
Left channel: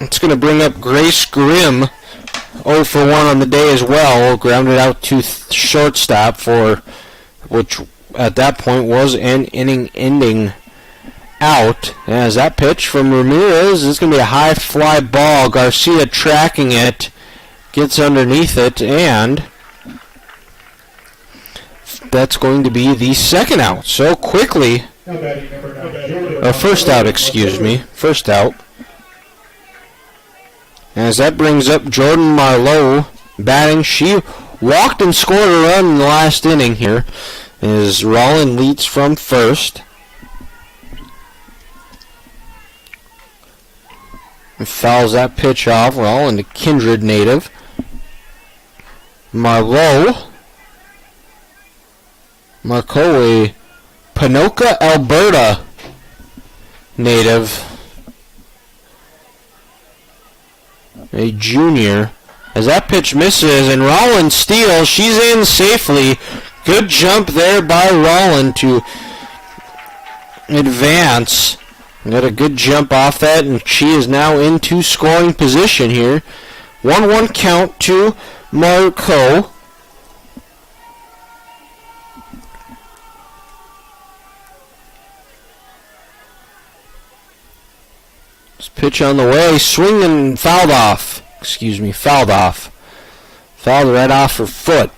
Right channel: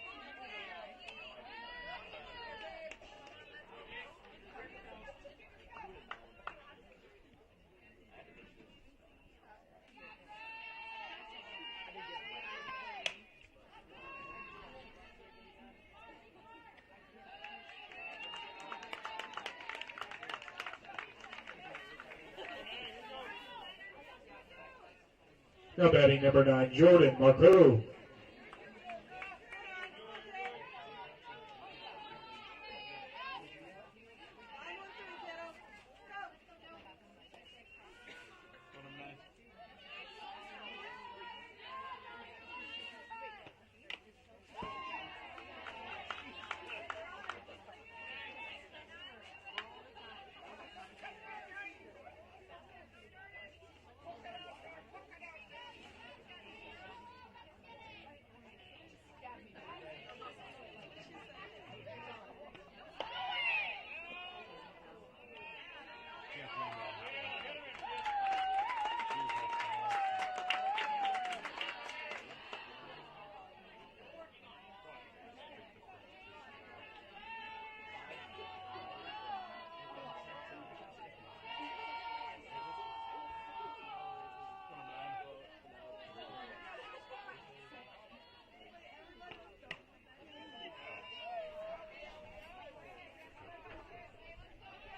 it's going to bring up Grace Grimm, 0 for 1 on the day as well, grounded out to shortstop for, which at that point was an inning ending out. As that pitch from Ramirez is going to be a high fly ball. Garcia tracking it, gets underneath it, and that's going to be the second out. So quickly, first out, excuse me, first out. As that brings up Jordan Marlowe batting. She walked and scored a run in the last inning here. As Rollin leads from first. And fouls that pitch off. Rollin, the Kindred native. Marlowe, a Panoka, Alberta native. A junior. As that pitch misses and Rollin steals, she's in safely. Good jump there by Rollin to advance. Got a good jump off that, and she is now into scoring position here. 1-1 count to Marco. Pitch on the way, swing and fouled off. Fouled off. Fouled right off her foot.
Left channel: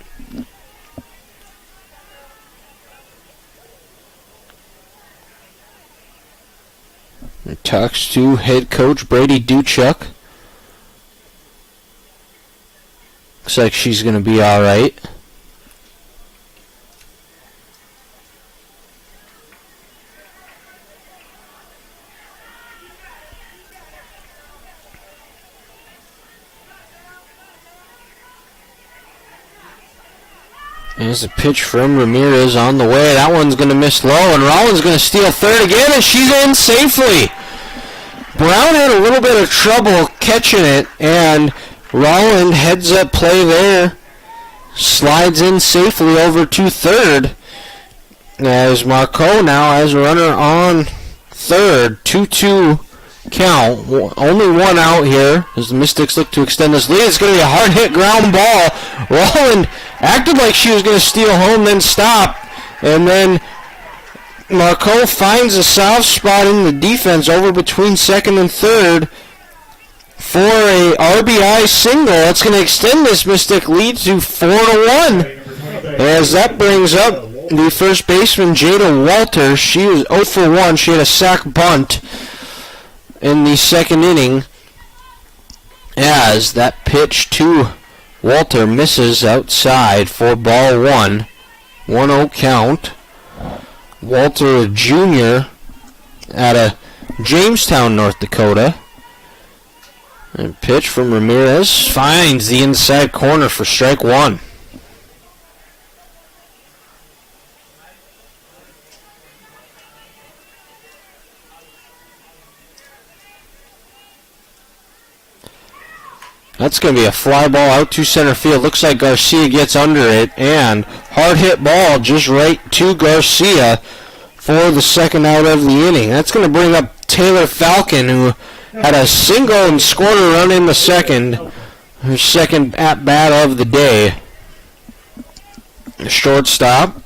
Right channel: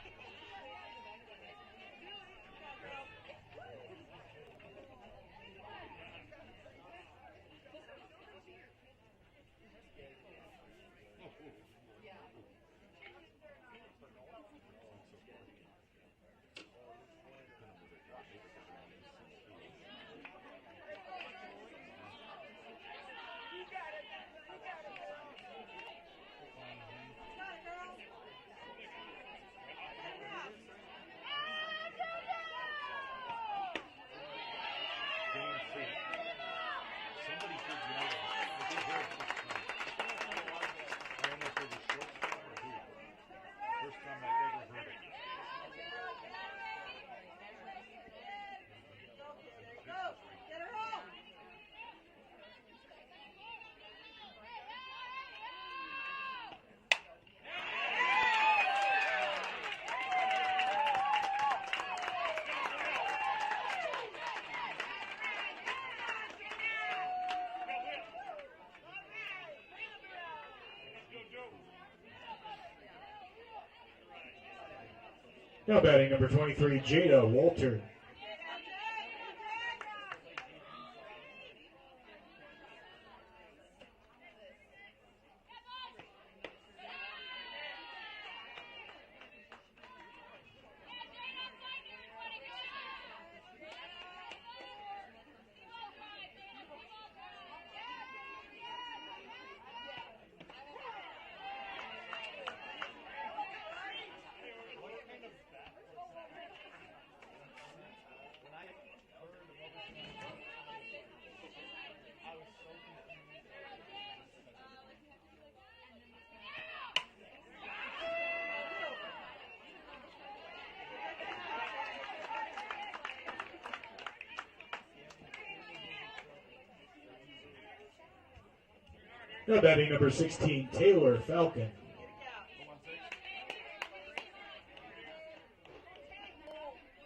And talks to head coach Brady Duchuk. Looks like she's going to be all right. There's a pitch from Ramirez on the way. That one's going to miss low, and Rollin's going to steal third again, and she's in safely. Brown had a little bit of trouble catching it, and Rollin heads up play there. Slides in safely over to third. As Marco now has a runner on third. 2-2 count. Only one out here as the Mystics look to extend this lead. It's going to be a hard hit ground ball. Rollin acted like she was going to steal home, then stop. And then Marco finds a soft spot in the defense over between second and third for a RBI single. That's going to extend this Mystic lead to 4-1. As that brings up the first baseman, Jada Walter. She was 0 for 1. She had a sac bunt in the second inning. As that pitch to Walter misses outside for ball one. 1-0 count. Walter, a junior out of Jamestown, North Dakota. And pitch from Ramirez finds the inside corner for strike one. That's going to be a fly ball out to center field. Looks like Garcia gets under it, and hard hit ball just right to Garcia for the second out of the inning. That's going to bring up Taylor Falcon, who had a single and scored a run in the second. Her second at-bat of the day. The shortstop.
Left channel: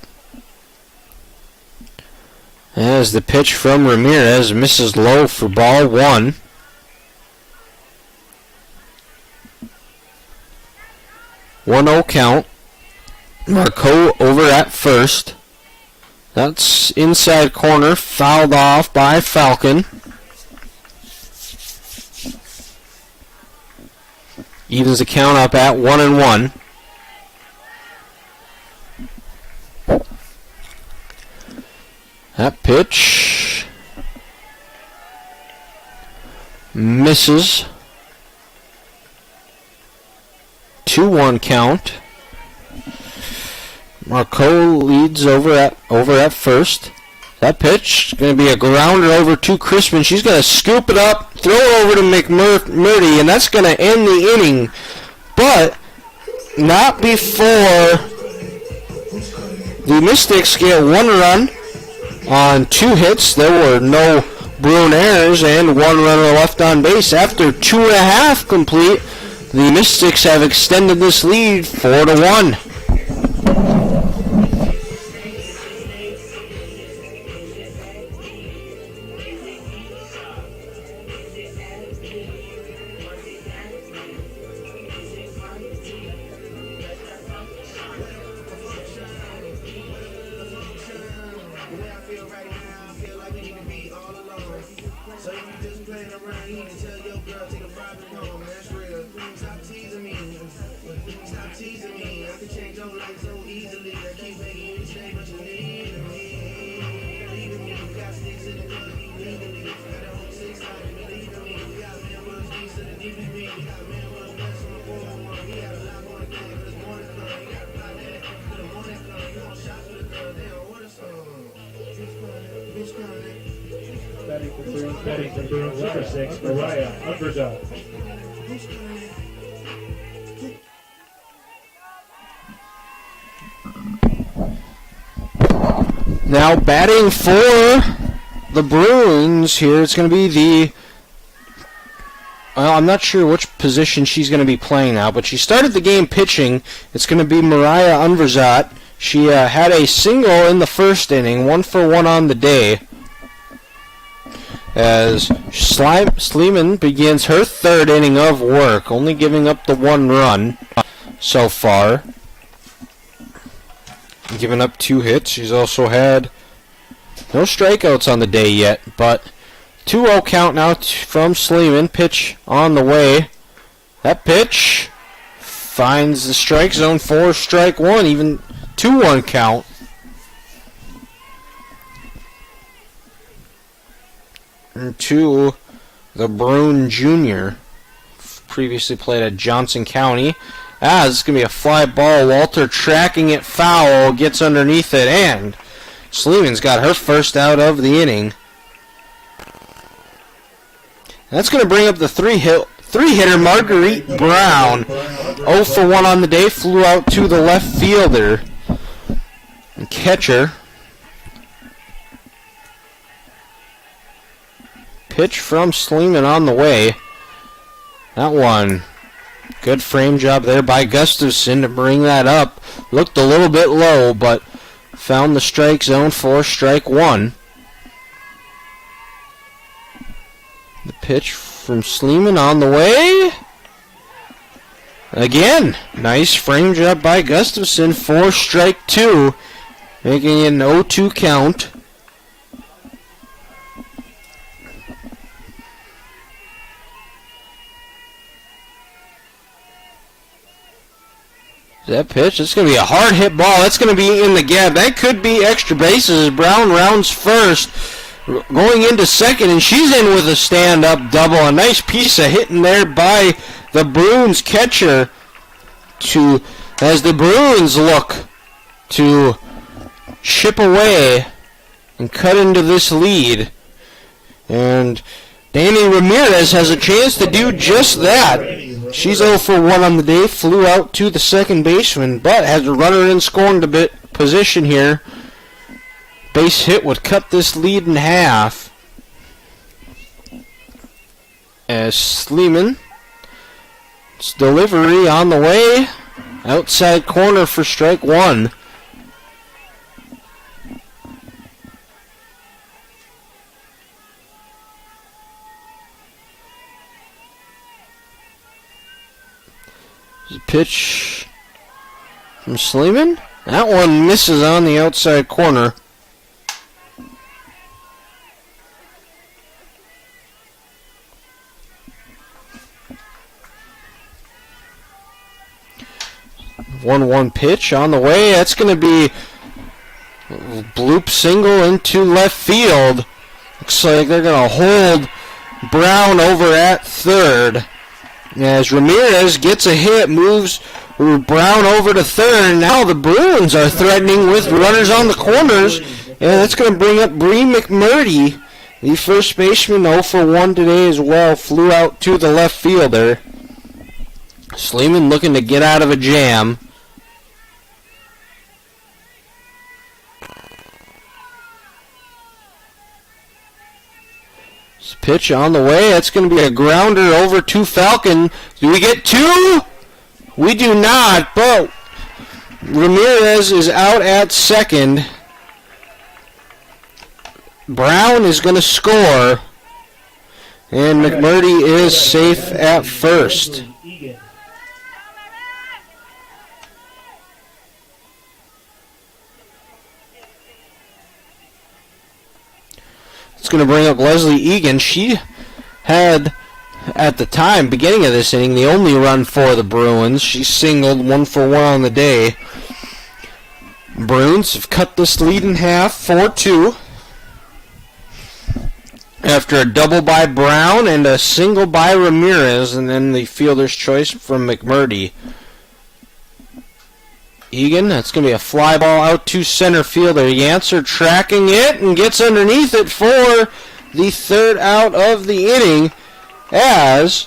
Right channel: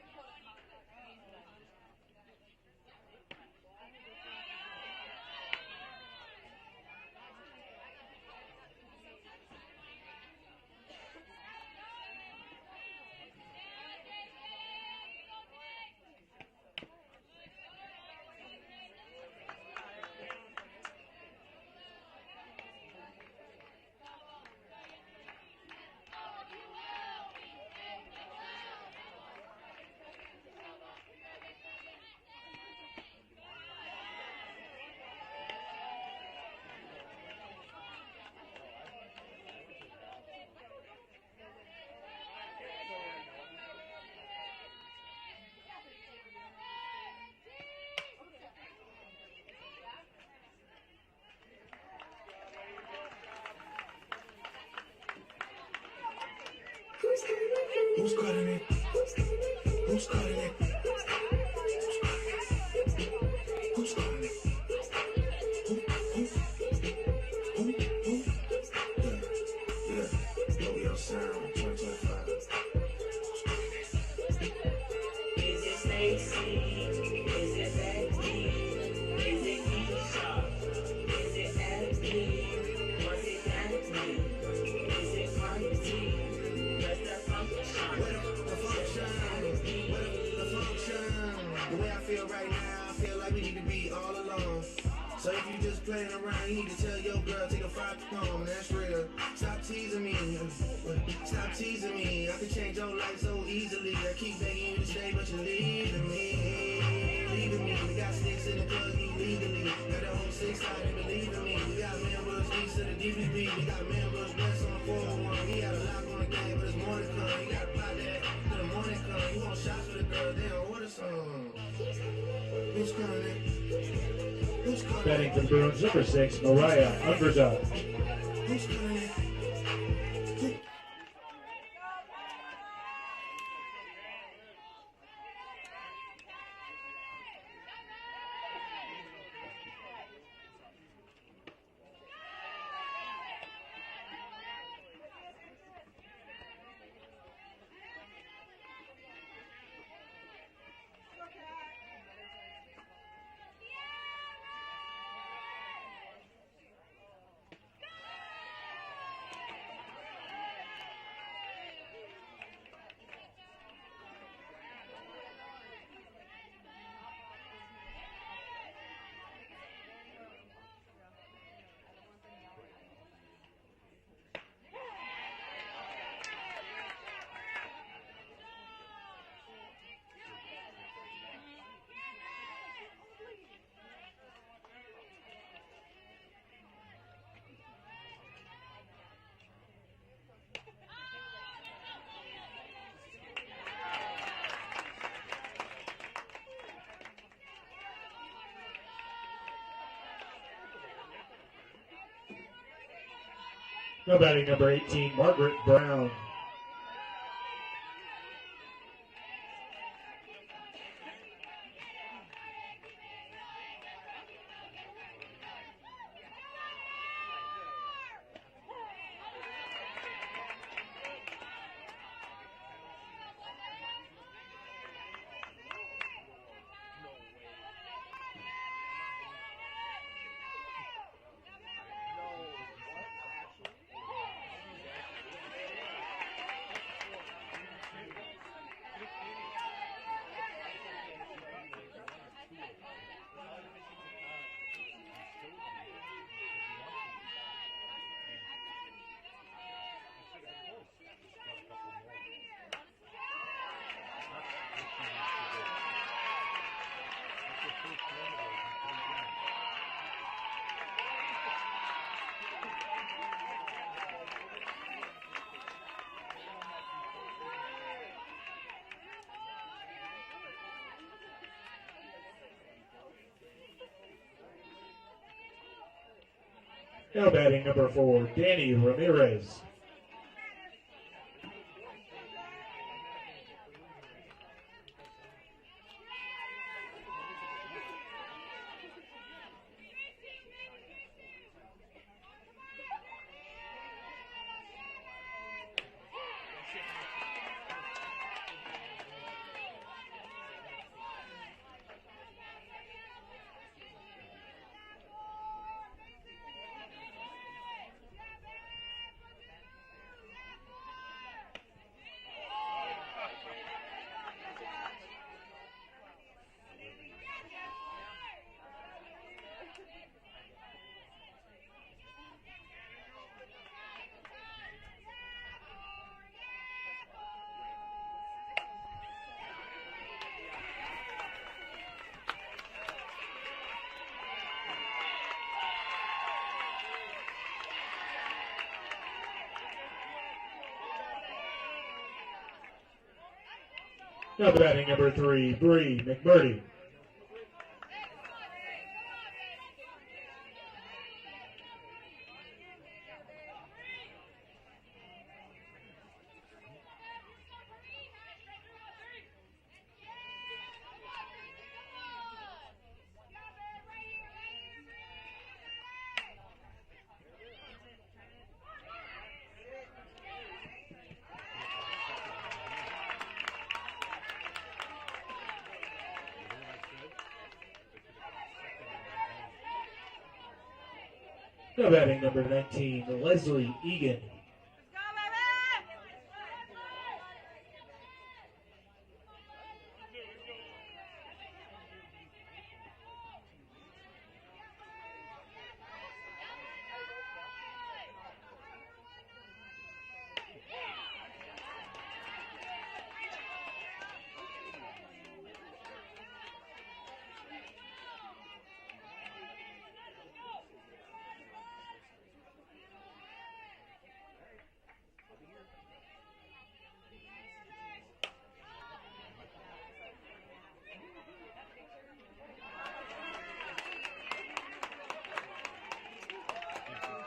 As the pitch from Ramirez misses low for ball one. 1-0 count. Marco over at first. That's inside corner, fouled off by Falcon. Evens the count up at 1-1. That pitch misses. 2-1 count. Marco leads over at first. That pitch is going to be a grounder over to Crispin. She's going to scoop it up, throw it over to McMurdy, and that's going to end the inning. But not before the Mystics get 1 run on 2 hits. There were no Bruin errors and 1 runner left on base. After 2.5 complete, the Mystics have extended this lead 4-1. Batting for Bruins, number 6, Mariah Unverzat. Now batting for the Bruins here, it's going to be well, I'm not sure which position she's going to be playing now, but she started the game pitching. It's going to be Mariah Unverzat. She had a single in the first inning, 1 for 1 on the day, as Sleeman begins her 3rd inning of work, only giving up the 1 run so far. Giving up 2 hits. She's also had no strikeouts on the day yet, but 2-0 count now from Sleeman. Pitch on the way. That pitch finds the strike zone for strike 1, even 2-1 count. And to the Bruin Jr., previously played at Johnson County. It's going to be a fly ball. Walter tracking it foul, gets underneath it, and Sleeman's got her first out of the inning. That's going to bring up the three-hitter Marguerite Brown. 0 for 1 on the day, flew out to the left fielder and catcher. Pitch from Sleeman on the way. That one, good frame job there by Gustafson to bring that up. Looked a little bit low, but found the strike zone for strike 1. The pitch from Sleeman on the way. Again, nice frame job by Gustafson for strike 2, making it an 0-2 count. That pitch, it's going to be a hard hit ball. That's going to be in the gap. That could be extra bases. Brown rounds first, going into second, and she's in with a stand-up double. A nice piece of hitting there by the Bruins catcher as the Bruins look to chip away and cut into this lead. And Danny Ramirez has a chance to do just that. She's 0 for 1 on the day, flew out to the second baseman, but has a runner in scoring position here. Base hit would cut this lead in half. As Sleeman's delivery on the way, outside corner for strike 1. Pitch from Sleeman. That one misses on the outside corner. 1-1 pitch on the way. That's going to be bloop single into left field. Looks like they're going to hold Brown over at third. As Ramirez gets a hit, moves Brown over to third. Now the Bruins are threatening with runners on the corners. And that's going to bring up Bree McMurdy. The first baseman 0 for 1 today as well. Flew out to the left fielder. Sleeman looking to get out of a jam. Pitch on the way. That's going to be a grounder over to Falcon. Do we get two? We do not, but Ramirez is out at second. Brown is going to score. And McMurdy is safe at first. It's going to bring up Leslie Egan. She had, at the time, beginning of this inning, the only run for the Bruins. She singled 1 for 1 on the day. Bruins have cut this lead in half, 4-2. After a double by Brown and a single by Ramirez, and then the fielder's choice from McMurdy. Egan, that's going to be a fly ball out to center fielder. Yancer tracking it and gets underneath it for the third out of the inning as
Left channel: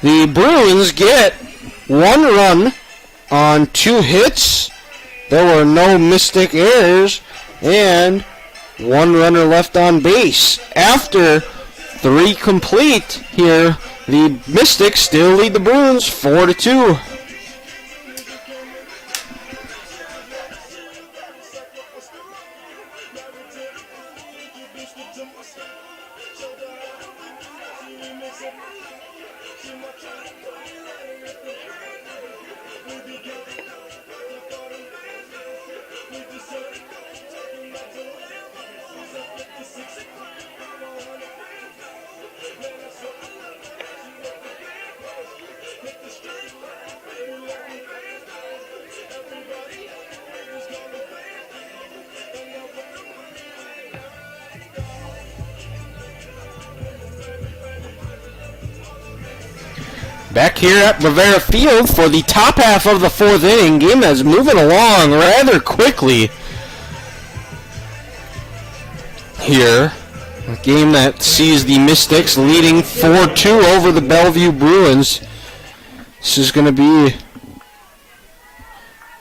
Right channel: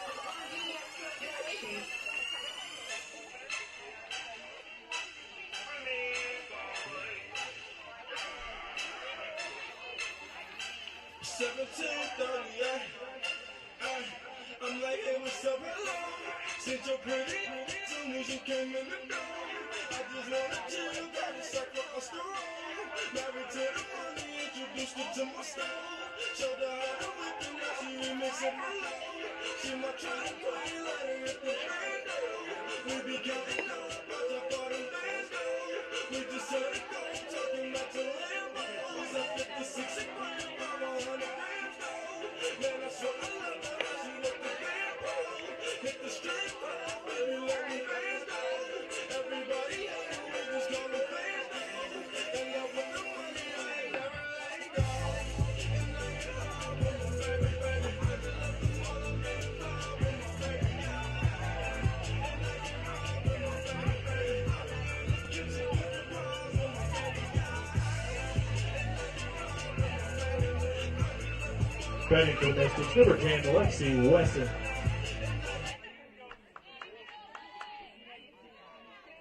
the Bruins get 1 run on 2 hits. There were no Mystic errors and 1 runner left on base. After 3 complete here, the Mystics still lead the Bruins 4-2. Back here at Bravera Field for the top half of the 4th inning. Game is moving along rather quickly here. A game that sees the Mystics leading 4-2 over the Bellevue Bruins. This is going to be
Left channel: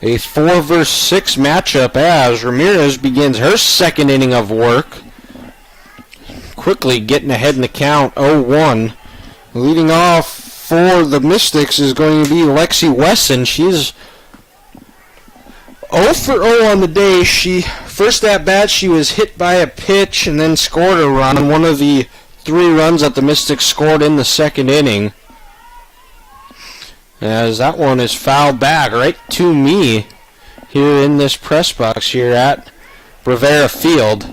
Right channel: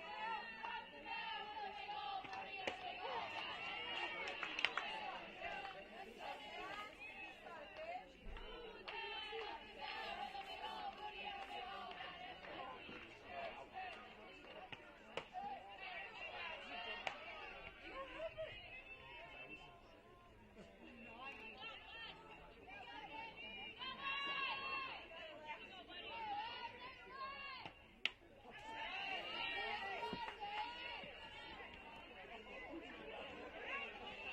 a 4 versus 6 matchup as Ramirez begins her 2nd inning of work. Quickly getting ahead in the count, 0-1. Leading off for the Mystics is going to be Lexi Wesson. She's 0 for 0 on the day. First at bat, she was hit by a pitch and then scored a run. One of the 3 runs that the Mystics scored in the 2nd inning. As that one is fouled back right to me here in this press box here at Bravera Field.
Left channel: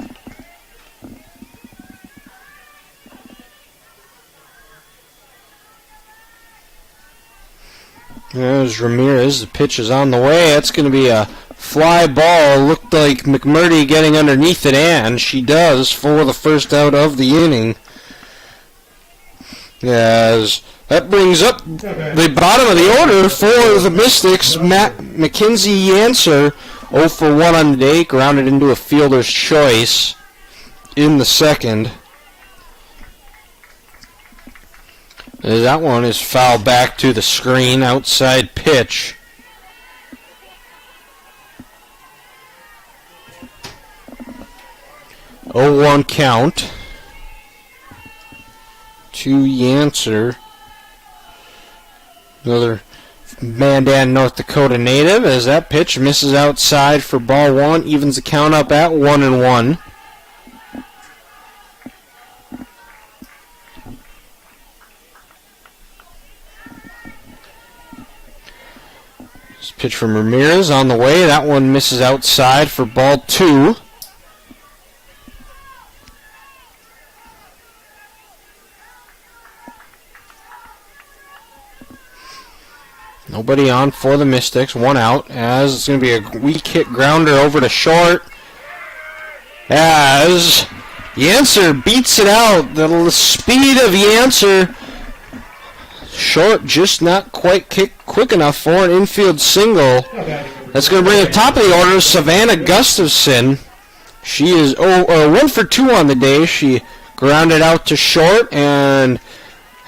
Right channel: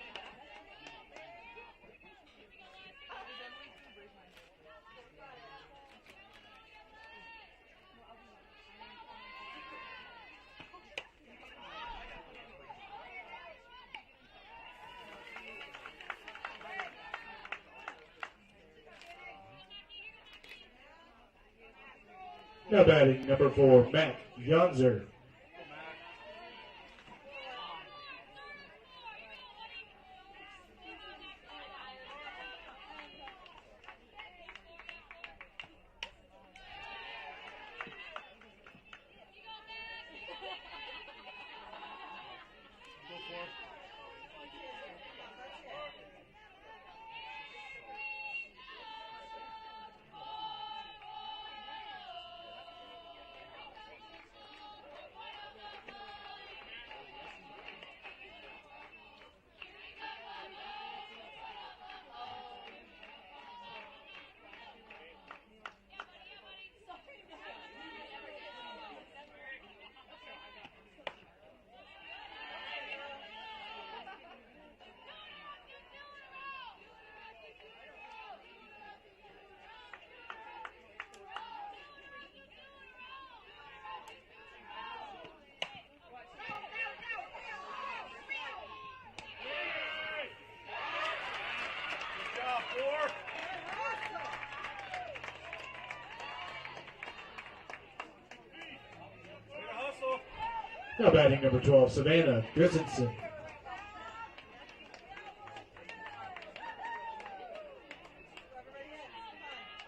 There's Ramirez. The pitch is on the way. That's going to be a fly ball. Looked like McMurdy getting underneath it, and she does for the first out of the inning. As that brings up the bottom of the order for the Mystics. Mackenzie Yancer, 0 for 1 on the day, grounded into a fielder's choice in the 2nd. That one is fouled back to the screen, outside pitch. Oh, 1 count to Yancer. Another Mandan, North Dakota native, as that pitch misses outside for ball 1, evens the count up at 1-1. Pitch from Ramirez on the way. That one misses outside for ball 2. Nobody on for the Mystics. One out, as it's going to be a weak hit grounder over to short. As Yancer beats it out. The speed of Yancer. Short just not quite quick enough for an infield single. That's going to bring the top of the order, Savannah Gustafson. She is 1 for 2 on the day. She grounded out to short and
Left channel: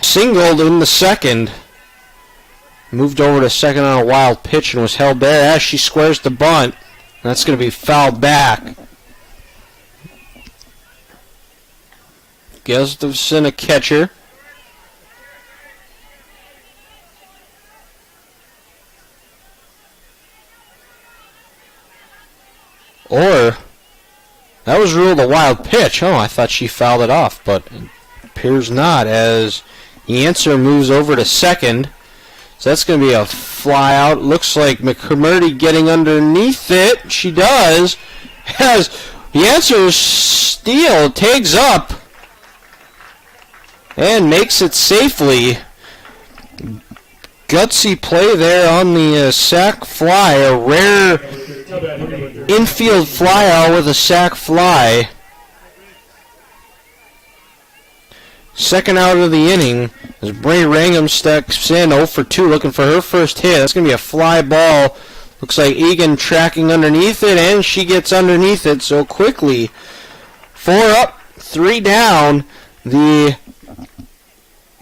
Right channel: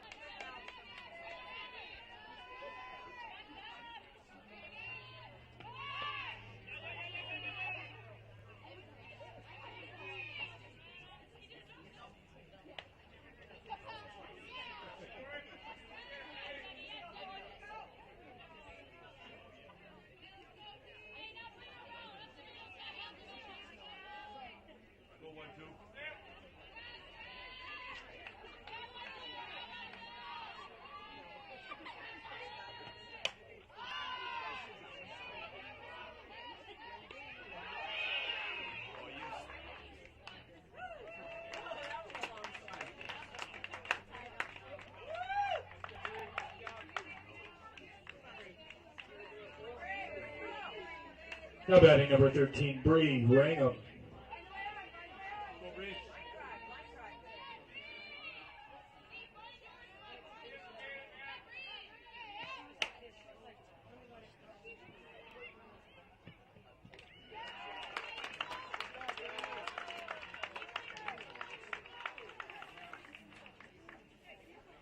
singled in the second. Moved over to second on a wild pitch and was held there as she squares the bunt. That's going to be fouled back. Gustafson, a catcher. Or, that was ruled a wild pitch. Oh, I thought she fouled it off, but it appears not, as Yancer moves over to second. So that's going to be a fly out. Looks like McMurdy getting underneath it. She does. As Yancer's steal tags up and makes it safely. Gutsy play there on the sac fly. A rare infield fly out with a sac fly. Second out of the inning as Bray Rangham steps in 0 for 2 looking for her first hit. That's going to be a fly ball. Looks like Egan tracking underneath it, and she gets underneath it so quickly. 4 up, 3 down. The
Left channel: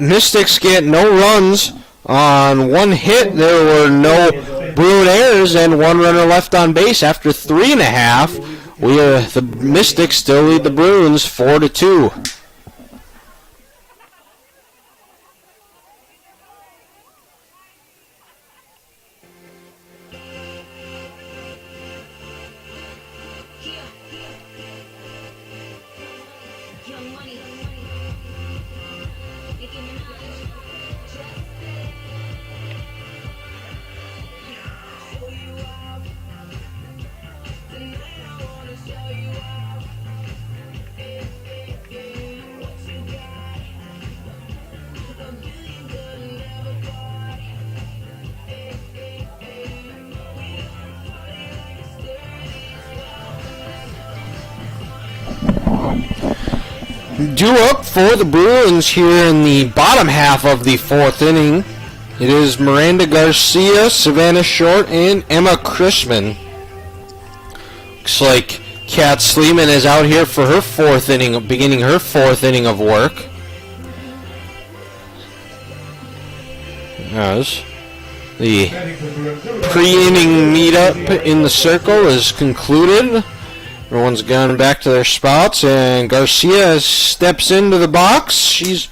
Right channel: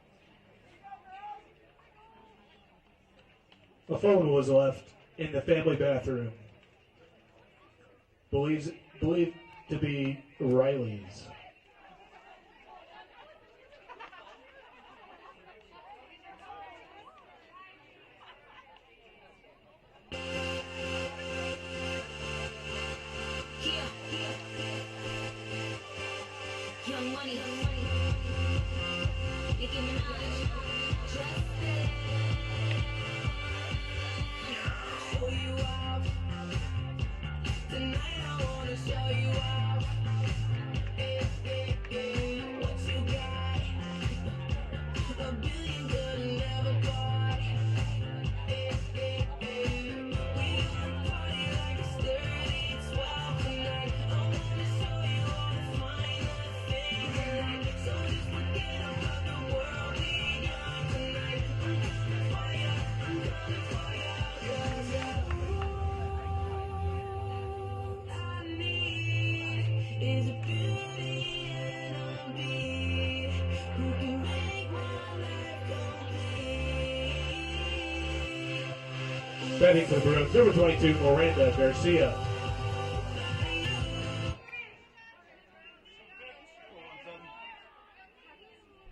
Mystics get no runs on 1 hit. There were no Bruin errors and 1 runner left on base after 3.5. The Mystics still lead the Bruins 4-2. Due up for the Bruins here in the bottom half of the 4th inning. It is Miranda Garcia, Savannah Short, and Emma Chrisman. Looks like Kat Sleeman is out here for her 4th inning, beginning her 4th inning of work. As the pre-inning meetup in the circle is concluded. Everyone's gone back to their spots, and Garcia steps into the box. She's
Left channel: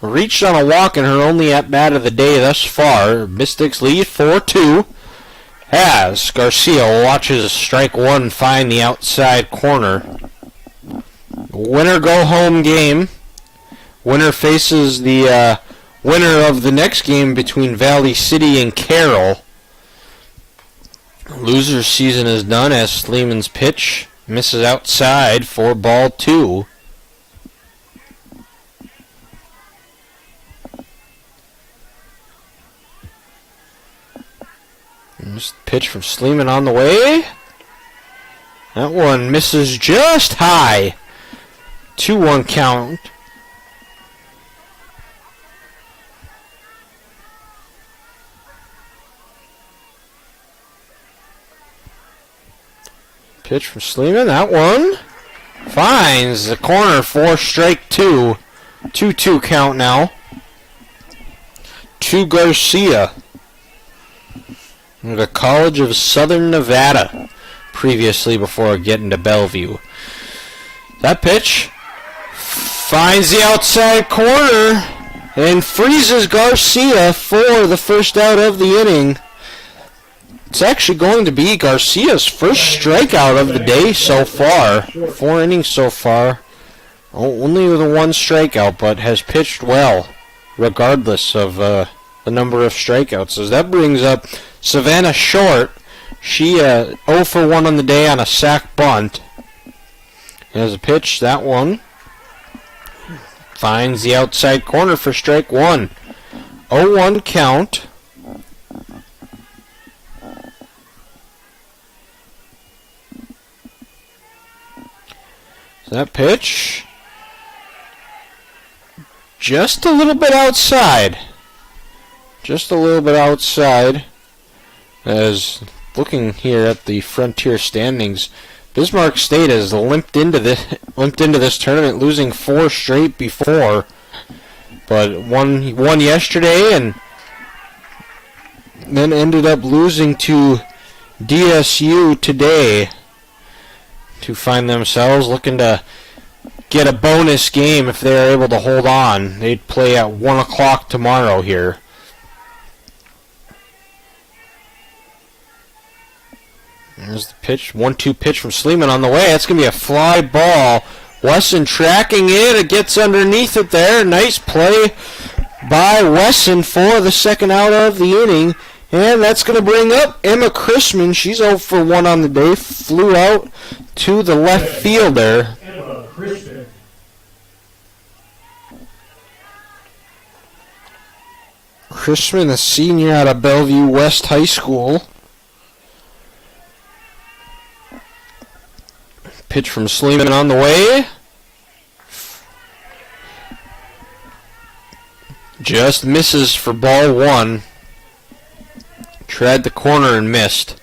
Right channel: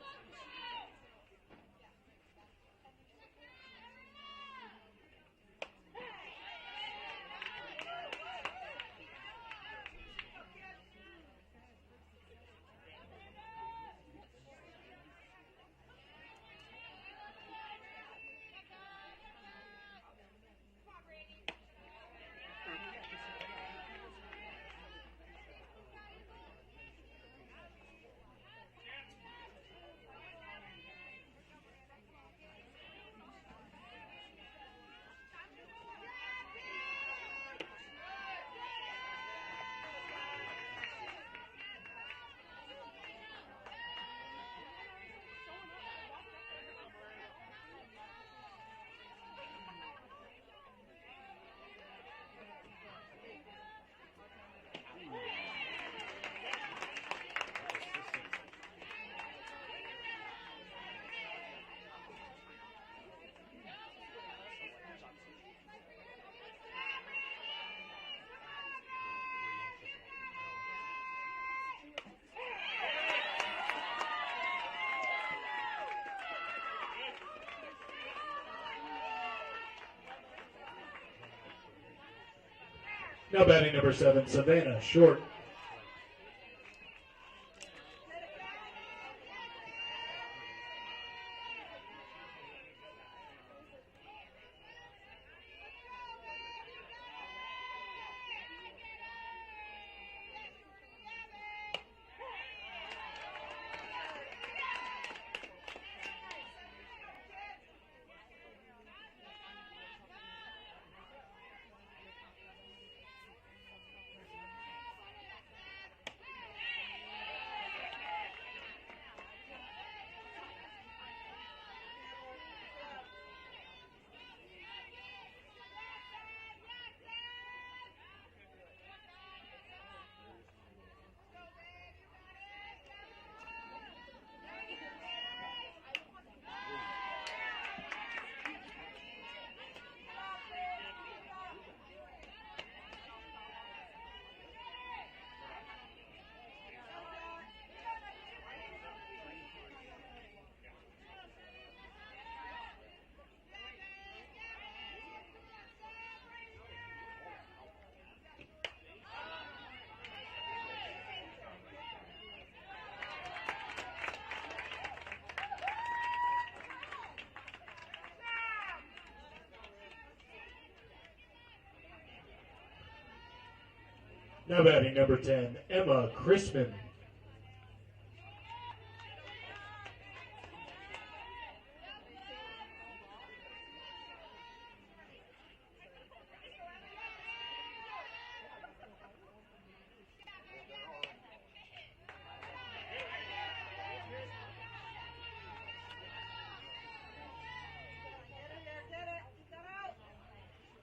reached on a walk in her only at-bat of the day thus far. Mystics lead 4-2. As Garcia watches strike 1 find the outside corner. Winner go-home game. Winner faces the winner of the next game between Valley City and Carroll. Loser's season is done as Sleeman's pitch misses outside for ball 2. Pitch from Sleeman on the way. That one misses just high. 2-1 count. Pitch from Sleeman. That one finds the corner for strike 2. 2-2 count now. To Garcia. The College of Southern Nevada. Previously before getting to Bellevue. That pitch finds the outside corner and freezes Garcia for the first out of the inning. It's actually going to be Garcia's first strikeout of the day so far. 4 innings so far. Only with a 1 strikeout, but has pitched well, regardless of the number of strikeouts. As that brings up Savannah Short. She 0 for 1 on the day on a sac bunt. As a pitch, that one finds the outside corner for strike 1. 0-1 count. That pitch, just a little bit outside. Just a little bit outside. As looking here at the Frontier standings, Bismarck State has limped into this tournament, losing 4 straight before, but won yesterday and then ended up losing to DSU today to find themselves looking to get a bonus game if they are able to hold on. They'd play at 1 o'clock tomorrow here. There's the pitch, 1-2 pitch from Sleeman on the way. That's going to be a fly ball. Wesson tracking it. It gets underneath it there. Nice play by Wesson for the second out of the inning. And that's going to bring up Emma Chrisman. She's 0 for 1 on the day. Flew out to the left field there. Emma Chrisman. Chrisman, a senior out of Bellevue West High School. Pitch from Sleeman on the way. Just misses for ball 1. Tried the corner and missed.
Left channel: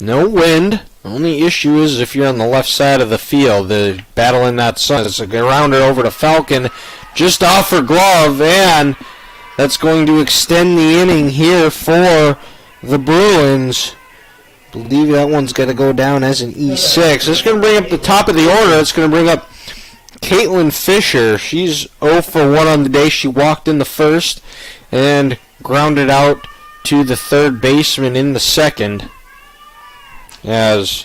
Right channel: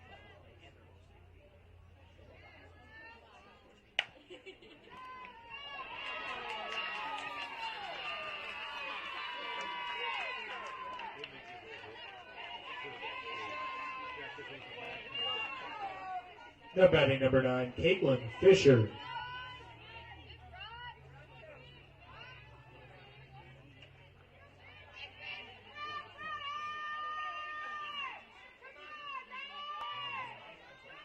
No wind. Only issue is if you're on the left side of the field, the battle in that sun. It's a rounder over to Falcon, just off her glove, and that's going to extend the inning here for the Bruins. I believe that one's going to go down as an E6. It's going to bring up the top of the order. It's going to bring up Caitlin Fisher. She's 0 for 1 on the day. She walked in the first and grounded out to the third baseman in the second. As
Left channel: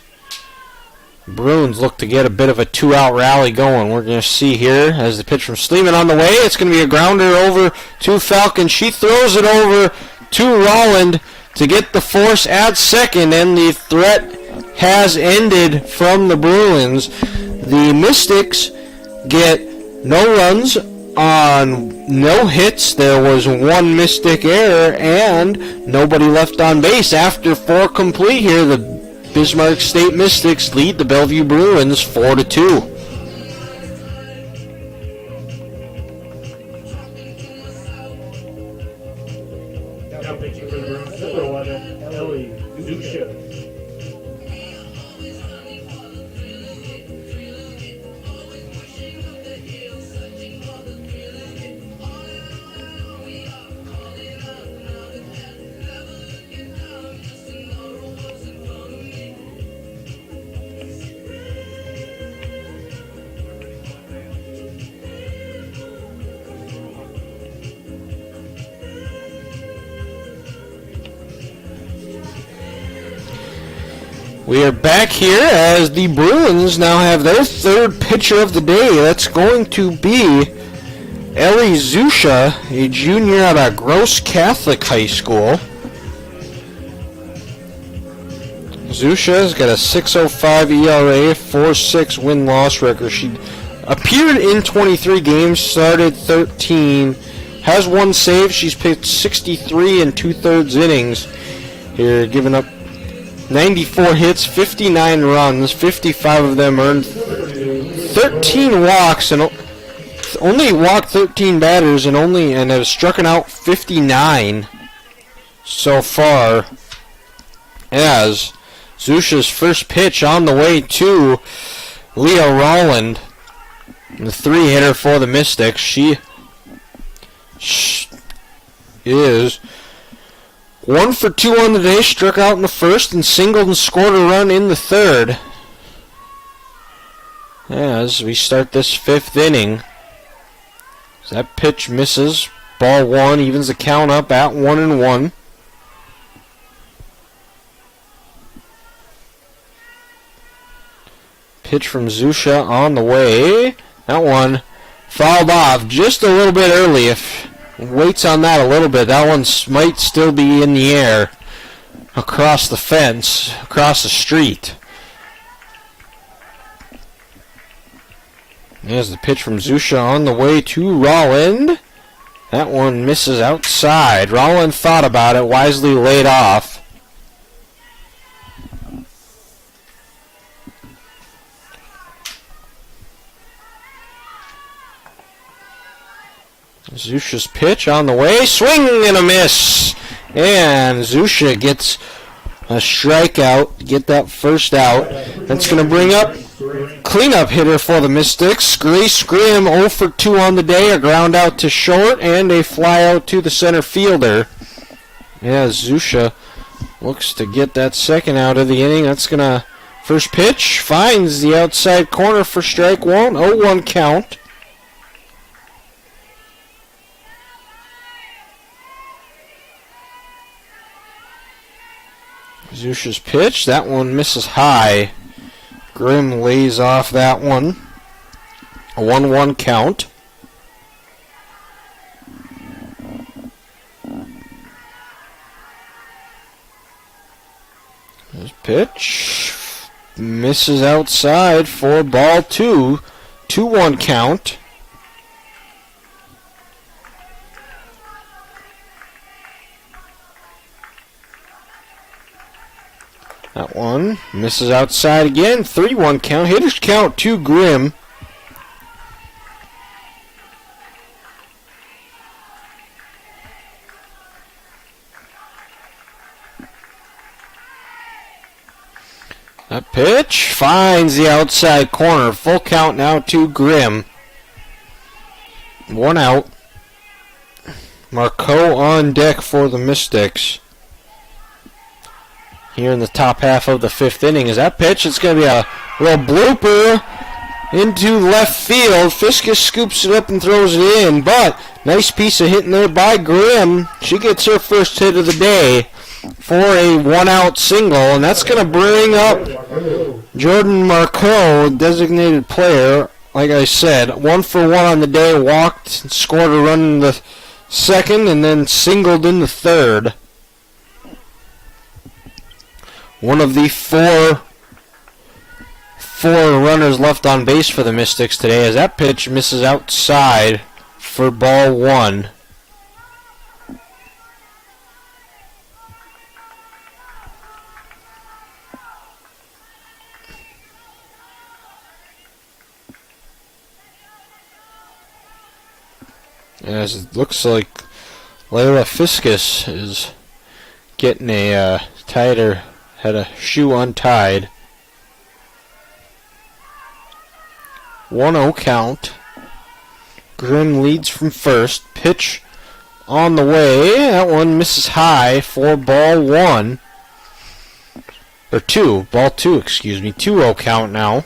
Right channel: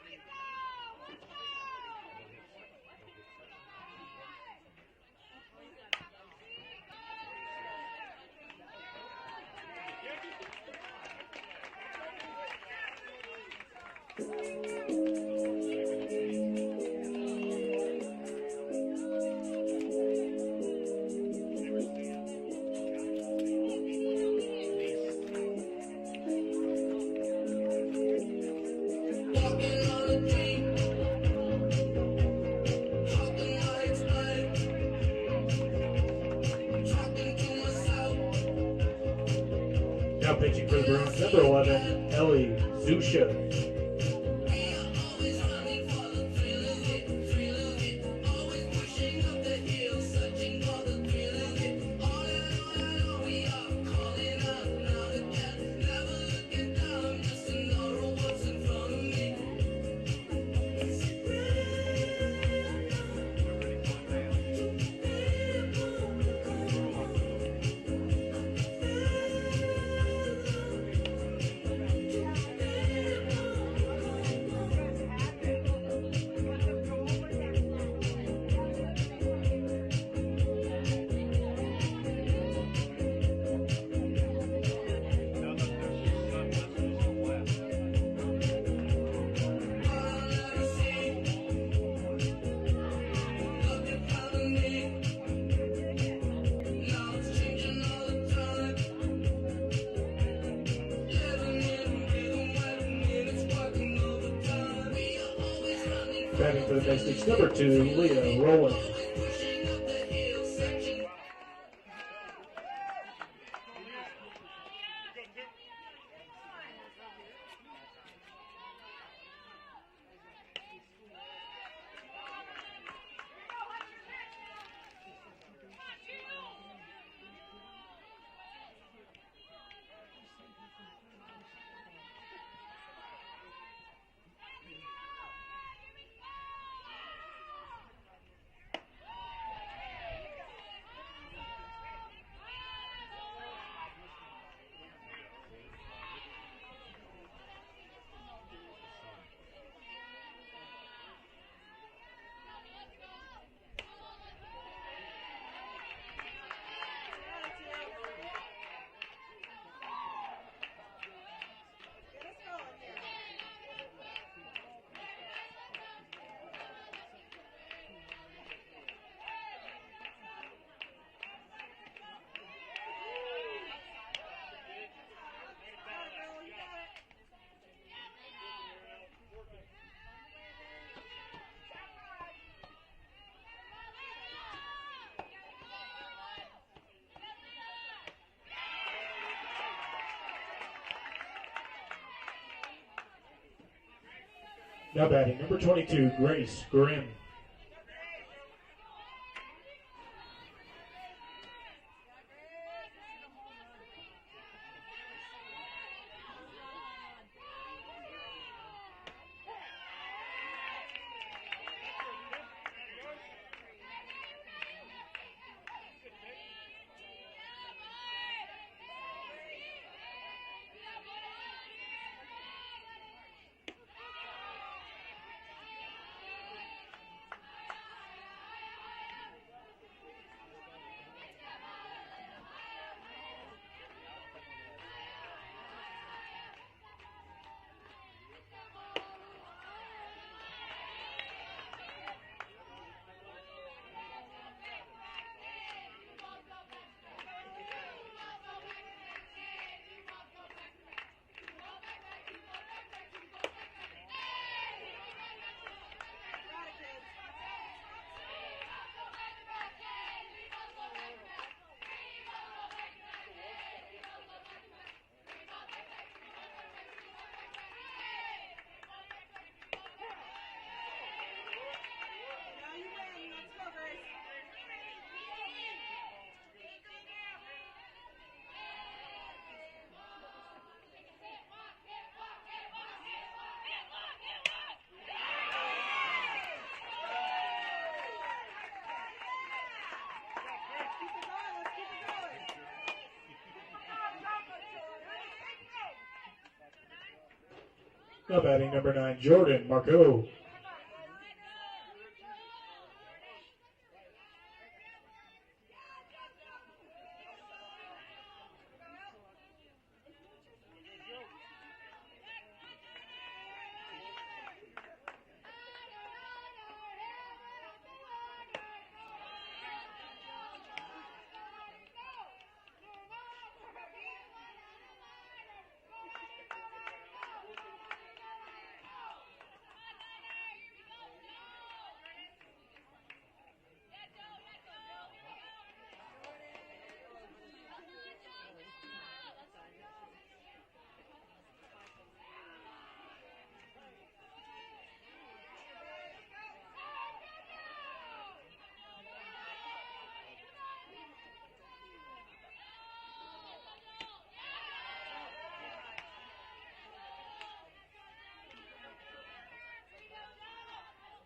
Bruins look to get a bit of a 2-out rally going. We're going to see here as the pitch from Sleeman on the way. It's going to be a grounder over to Falcon. She throws it over to Rolland to get the force at second, and the threat has ended from the Bruins. The Mystics get no runs on no hits. There was 1 Mystic error and nobody left on base. After 4 complete here, the Bismarck State Mystics lead the Bellevue Bruins 4-2. Now pitching for the Bruins, number 11, Ellie Zusha. We are back here as the Bruins now have their third pitcher of the day. That's going to be Ellie Zusha, a junior out of Gross Catholic High School. Zusha's got a 6.05 ERA, 4.6 win-loss record. She appeared in 23 games, started 13, has 1 save. She's pitched 63 and 2/3 innings here, giving up 94 hits, 59 runs, 55 of them earned, 13 walks, and only walked 13 batters, and have struck out 59 so far. As Zusha's first pitch on the way to Leah Rolland, the 3-hitter for the Mystics. She is 1 for 2 on the day, struck out in the first and singled and scored a run in the third. As we start this 5th inning, that pitch misses. Ball 1 evens the count up at 1-1. Pitch from Zusha on the way. That one fouled off just a little bit early. If waits on that a little bit, that one might still be in the air across the fence, across the street. There's the pitch from Zusha on the way to Rolland. That one misses outside. Rolland thought about it, wisely laid off. Zusha's pitch on the way. Swing and a miss. And Zusha gets a strikeout to get that first out. That's going to bring up cleanup hitter for the Mystics. Grace Grimm 0 for 2 on the day. A ground out to short and a fly out to the center fielder. Yeah, Zusha looks to get that second out of the inning. That's going to... First pitch finds the outside corner for strike one. 0-1 count. Zusha's pitch. That one misses high. Grimm lays off that one. A 1-1 count. His pitch misses outside for ball 2. 2-1 count. That one misses outside again. 3-1 count. Hitters count to Grimm. That pitch finds the outside corner. Full count now to Grimm. 1 out. Marcoux on deck for the Mystics. Here in the top half of the 5th inning is that pitch. It's going to be a little blooper into left field. Fiskus scoops it up and throws it in, but nice piece of hitting there by Grimm. She gets her first hit of the day for a 1-out single, and that's going to bring up Jordan Marcoux, designated player. Like I said, 1 for 1 on the day, walked, scored a run in the 2nd, and then singled in the 3rd. One of the four runners left on base for the Mystics today, as that pitch misses outside for ball 1. As it looks like Layla Fiskus is getting a tighter, had a shoe untied. 1-0 count. Grimm leads from first. Pitch on the way. That one misses high for ball 1. Or 2. Ball 2, excuse me. 2-0 count now.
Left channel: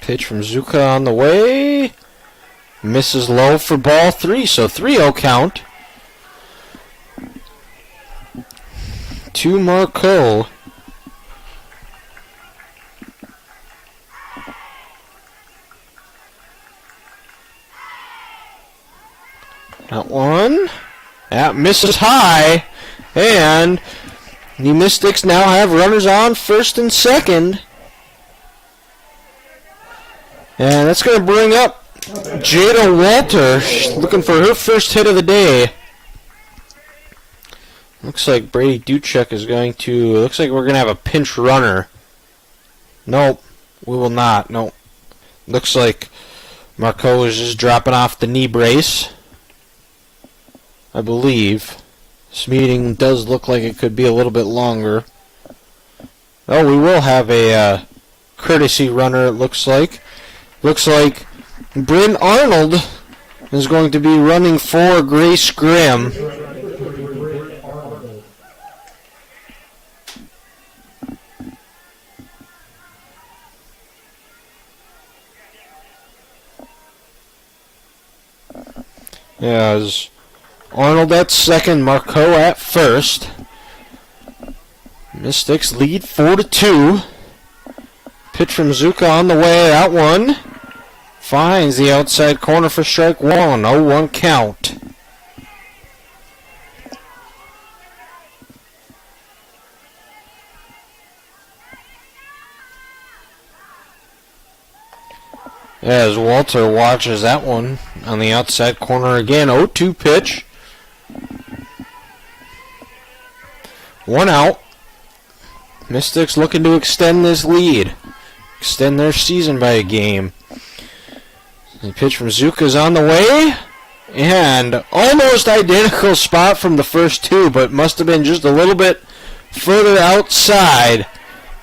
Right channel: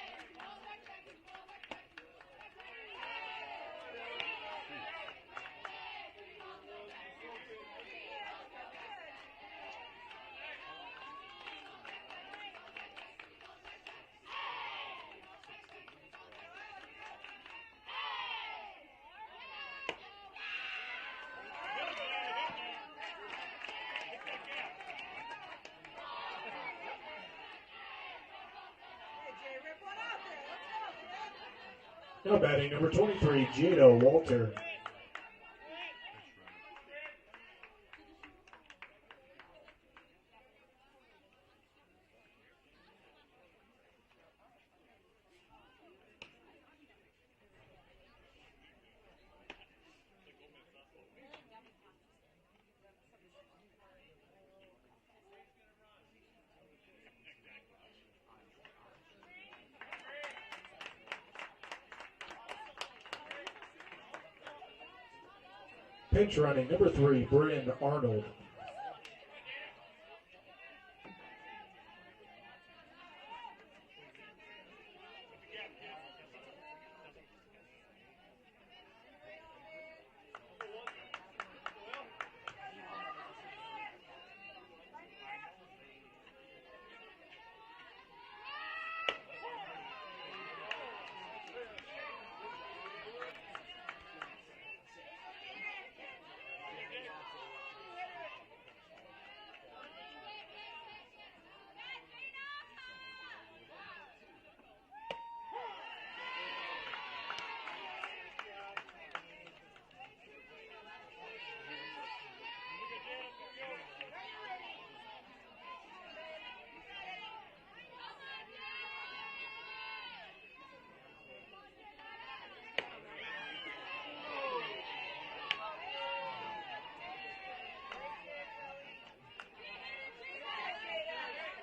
Pitch from Zuka on the way. Misses low for ball 3, so 3-0 count. To Marcoux. That one. That misses high. And the Mystics now have runners on first and second. And that's going to bring up Jada Walter. She's looking for her first hit of the day. Looks like Brady Duchek is going to... Looks like we're going to have a pinch runner. Nope, we will not. Nope. Looks like Marcoux is just dropping off the knee brace. I believe. This meeting does look like it could be a little bit longer. Oh, we will have a courtesy runner, it looks like. Looks like Bryn Arnold is going to be running for Grace Grimm. As Arnold at second, Marcoux at first. Mystics lead 4-2. Pitch from Zuka on the way. That one finds the outside corner for strike 1. 0-1 count. As Walter watches that one on the outside corner again. 0-2 pitch. 1 out. Mystics looking to extend this lead. Extend their season by a game. The pitch from Zuka's on the way. And almost identical spot from the first two, but must have been just a little bit further outside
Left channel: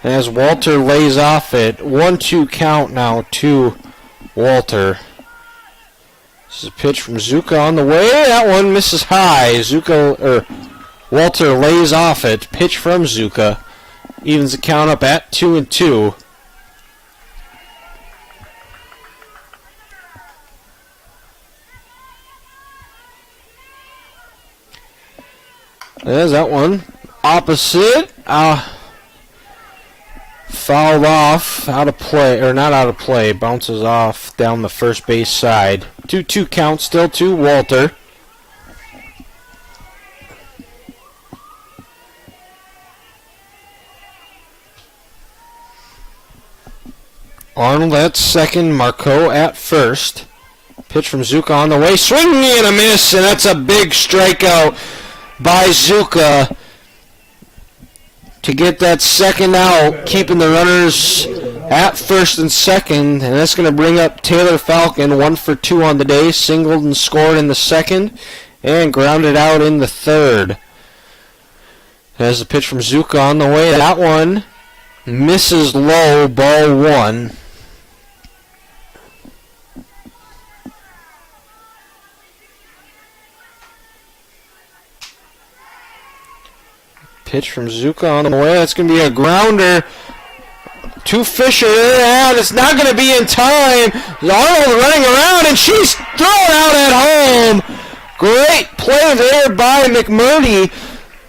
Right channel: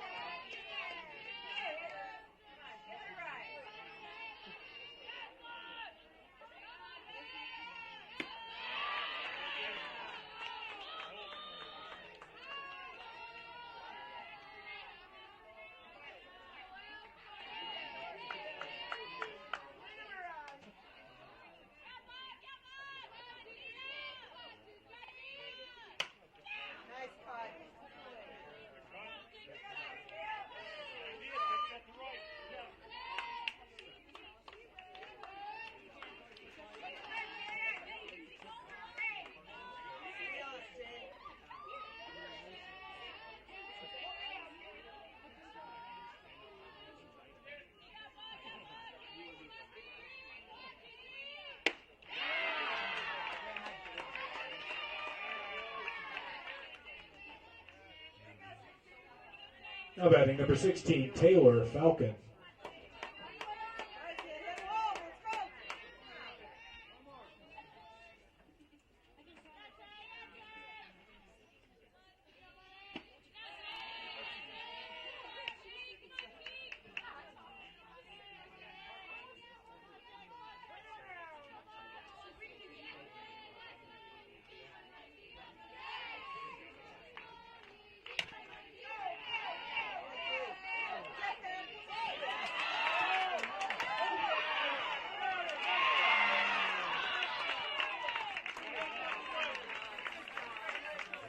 as Walter lays off it. 1-2 count now to Walter. This is a pitch from Zuka on the way. That one misses high. Walter lays off it. Pitch from Zuka. Evens the count up at 2-2. There's that one. Opposite. Fouled off. Out of play. Or not out of play. Bounces off down the first base side. 2-2 count still to Walter. Arnold at second. Marco at first. Pitch from Zuka on the way. Swinging and a miss. And that's a big strikeout by Zuka to get that second out, keeping the runners at first and second, and that's going to bring up Taylor Falcon, 1 for 2 on the day, singled and scored in the second, and grounded out in the third. There's the pitch from Zuka on the way. That one misses low, ball 1. Pitch from Zuka on the way. That's going to be a grounder to Fisher, and it's not going to be in time. Arnold running around, and she's thrown out at home. Great play there by McMurdy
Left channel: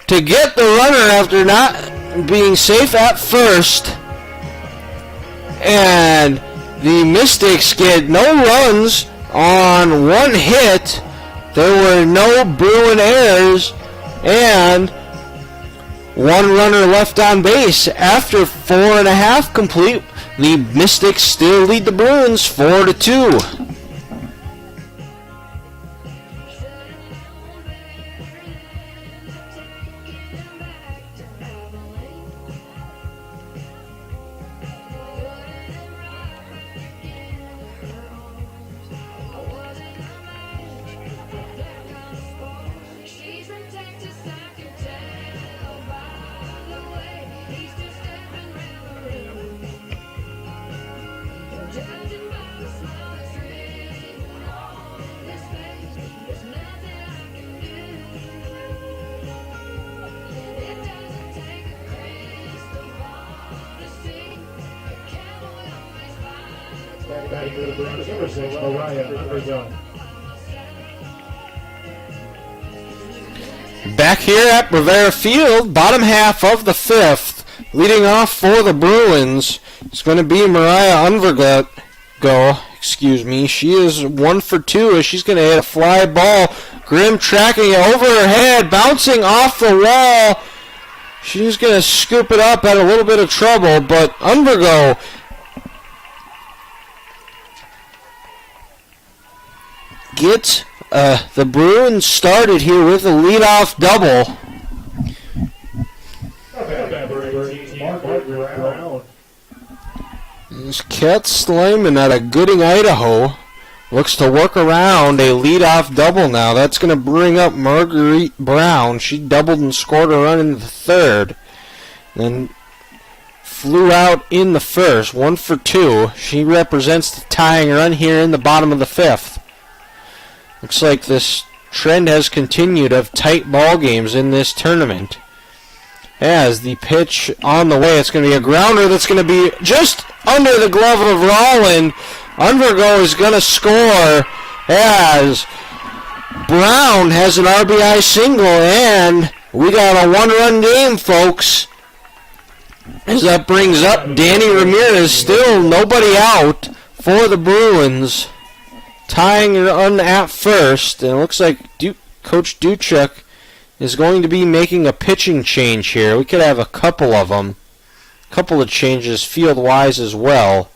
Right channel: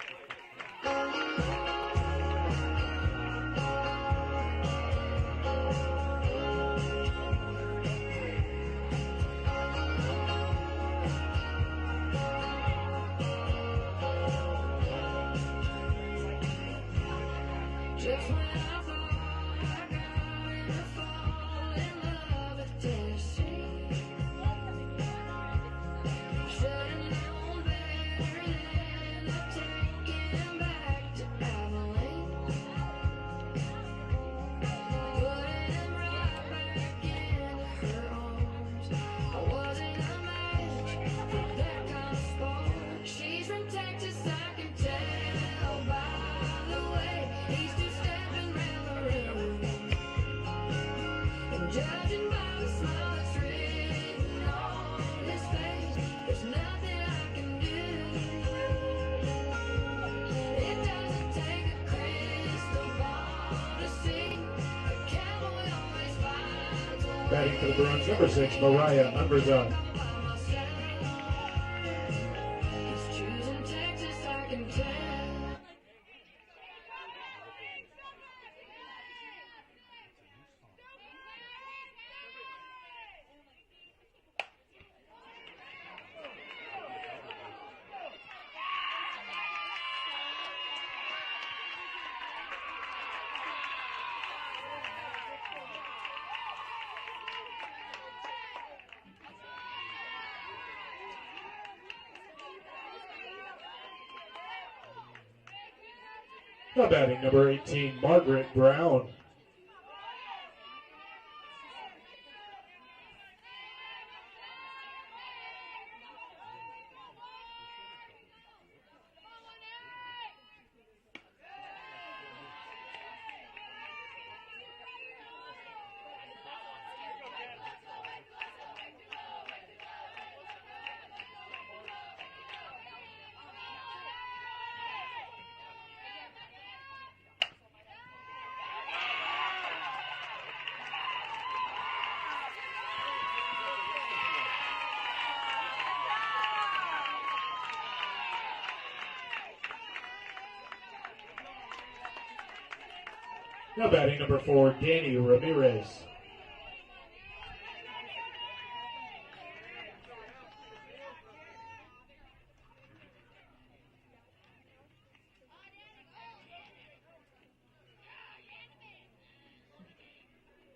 to get the runner after not being safe at first. And the Mystics get no runs on one hit. There were no Bruin errors, and one runner left on base. After 4.5 complete, the Mystics still lead the Bruins 4-2. Batting for the Bruins, number 6, Mariah Undergun. Back here at Bravera Field, bottom half of the 5th, leading off for the Bruins. It's going to be Mariah Undergun. She is 1 for 2 as she's going to hit a fly ball. Grimm tracking it over her head, bouncing off the wall. She's going to scoop it up, had a little bit of trouble, but Undergo get the Bruins started here with a leadoff double. Number 18, Margaret Brown. This Kat Slayman out of Gooding, Idaho, looks to work around a leadoff double now. That's going to bring up Marguerite Brown. She doubled and scored a run in the third. Then flew out in the first, 1 for 2. She represents the tying run here in the bottom of the 5th. Looks like this trend has continued of tight ball games in this tournament. As the pitch on the way, it's going to be a grounder that's going to be just under the glove of Rolland. Undergo is going to score as Brown has an RBI single, and we got a 1-run game, folks. As that brings up Danny Ramirez, still nobody out for the Bruins. Tying run at first, and it looks like Coach Duchek is going to be making a pitching change here. We could have a couple of them. A couple of changes field-wise as well.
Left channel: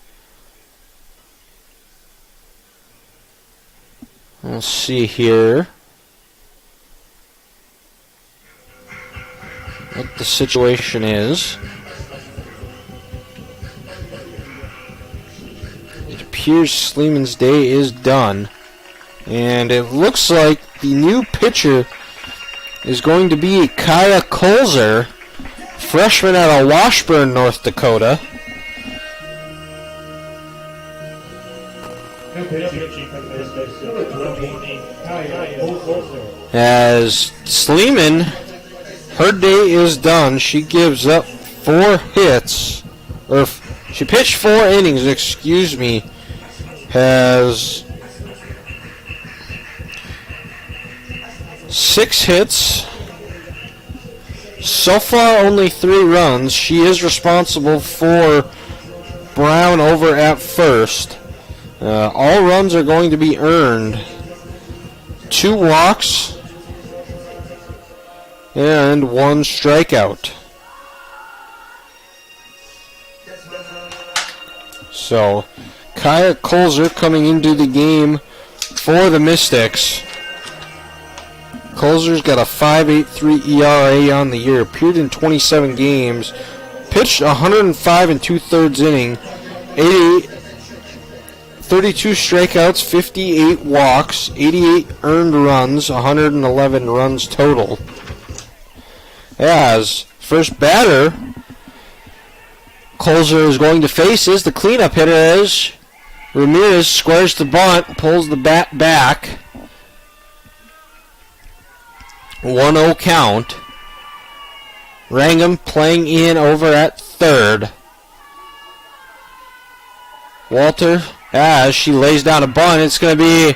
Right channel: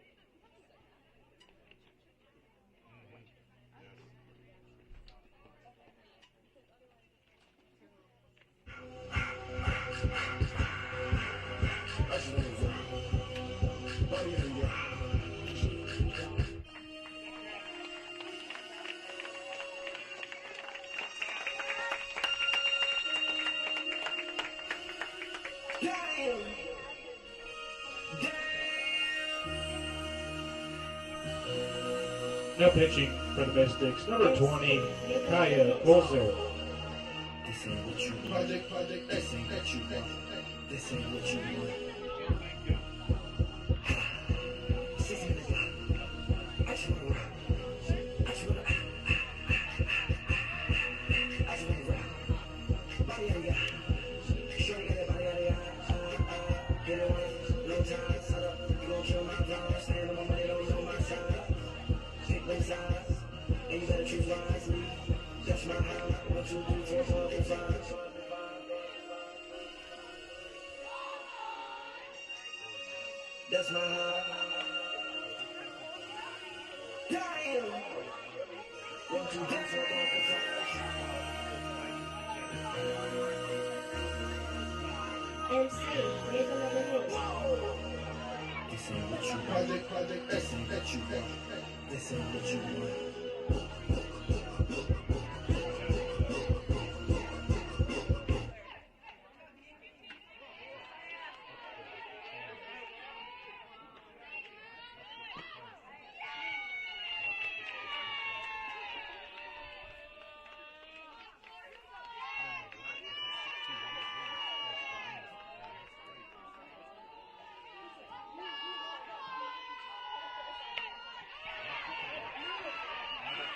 Let's see here what the situation is. appears Sleeman's day is done. And it looks like the new pitcher is going to be Kaya Kolzer, freshman out of Washburn, North Dakota. As Sleeman, her day is done. She gives up 4 hits. Or she pitched 4 innings, excuse me. Has 6 hits. So far, only 3 runs. She is responsible for Brown over at first. All runs are going to be earned. 2 walks and 1 strikeout. So, Kaya Kolzer coming into the game for the Mystics. Kolzer's got a 5.83 ERA on the year, appeared in 27 games, pitched 105 2/3 inning, 32 strikeouts, 58 walks, 88 earned runs, 111 runs total. As first batter Kolzer is going to face is the cleanup hitter as Ramirez squares the bunt, pulls the bat back. 1-0 count. Wrangham playing in over at third. Walter, as she lays down a bunt, it's going to be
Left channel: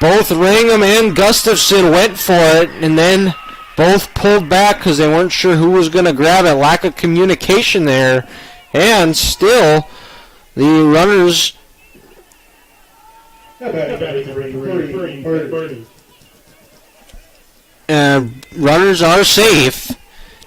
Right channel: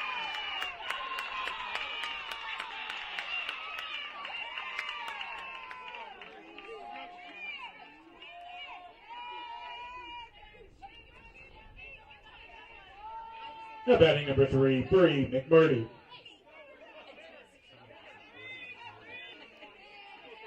both Wrangham and Gustafson went for it, and then both pulled back because they weren't sure who was going to grab it. Lack of communication there, and still the runners. Runners are safe.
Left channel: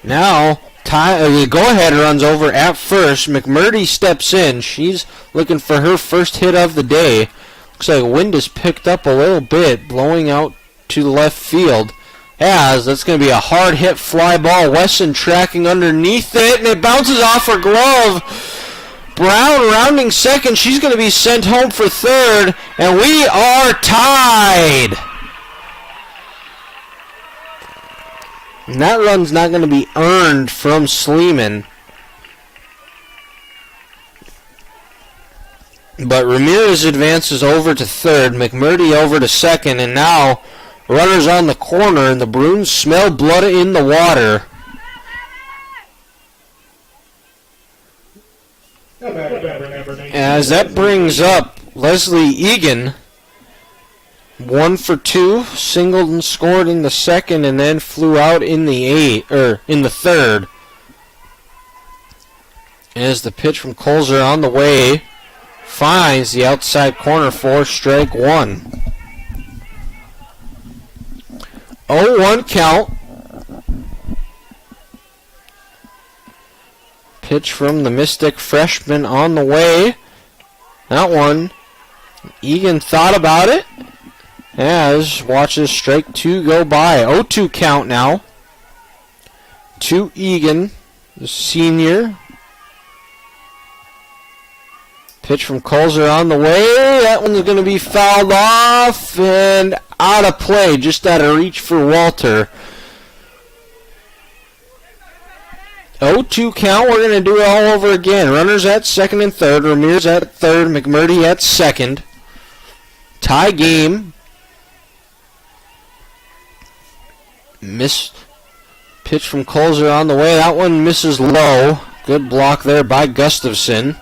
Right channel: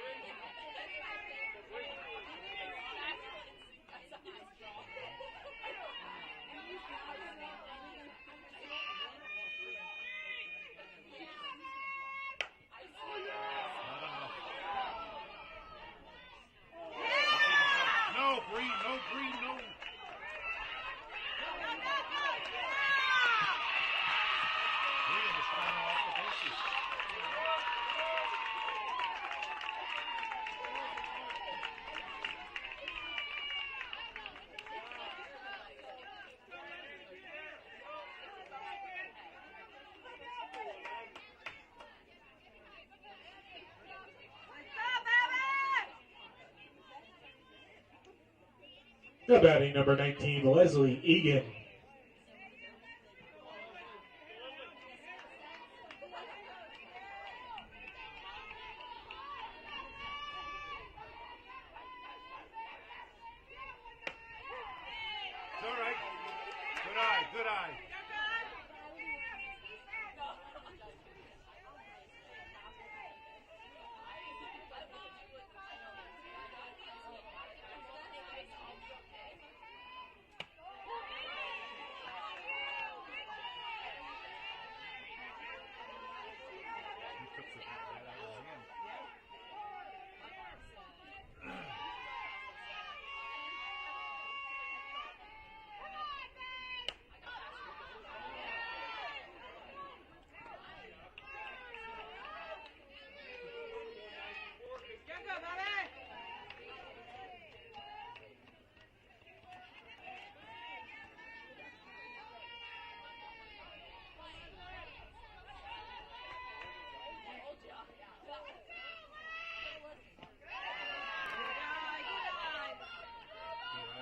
Now, the go-ahead runs over at first. McMurdy steps in. She's looking for her first hit of the day. Looks like wind has picked up a little bit, blowing out to the left field. As that's going to be a hard hit fly ball. Wesson tracking underneath it, and it bounces off her glove. Brown rounding second. She's going to be sent home for third, and we are tied. And that run's not going to be earned from Sleeman. But Ramirez advances over to third, McMurdy over to second, and now runners on the corner, and the Bruins smell blood in the water. As that brings up Leslie Egan. 1 for 2, singled and scored in the second, and then flew out in the third. As the pitch from Kolzer on the way finds the outside corner for strike 1. 0-1 count. Pitch from the Mystic freshman on the way. That one, Egan thought about it. As watches strike 2 go by. 0-2 count now. To Egan, the senior. Pitch from Kolzer on the way. That one's going to be fouled off and out of play. Just out of reach for Walter. 0-2 count. We're going to do it all over again. Runners at second and third. Ramirez at third. McMurdy at second. Tie game. Pitch from Kolzer on the way. That one misses low. Good block there by Gustafson.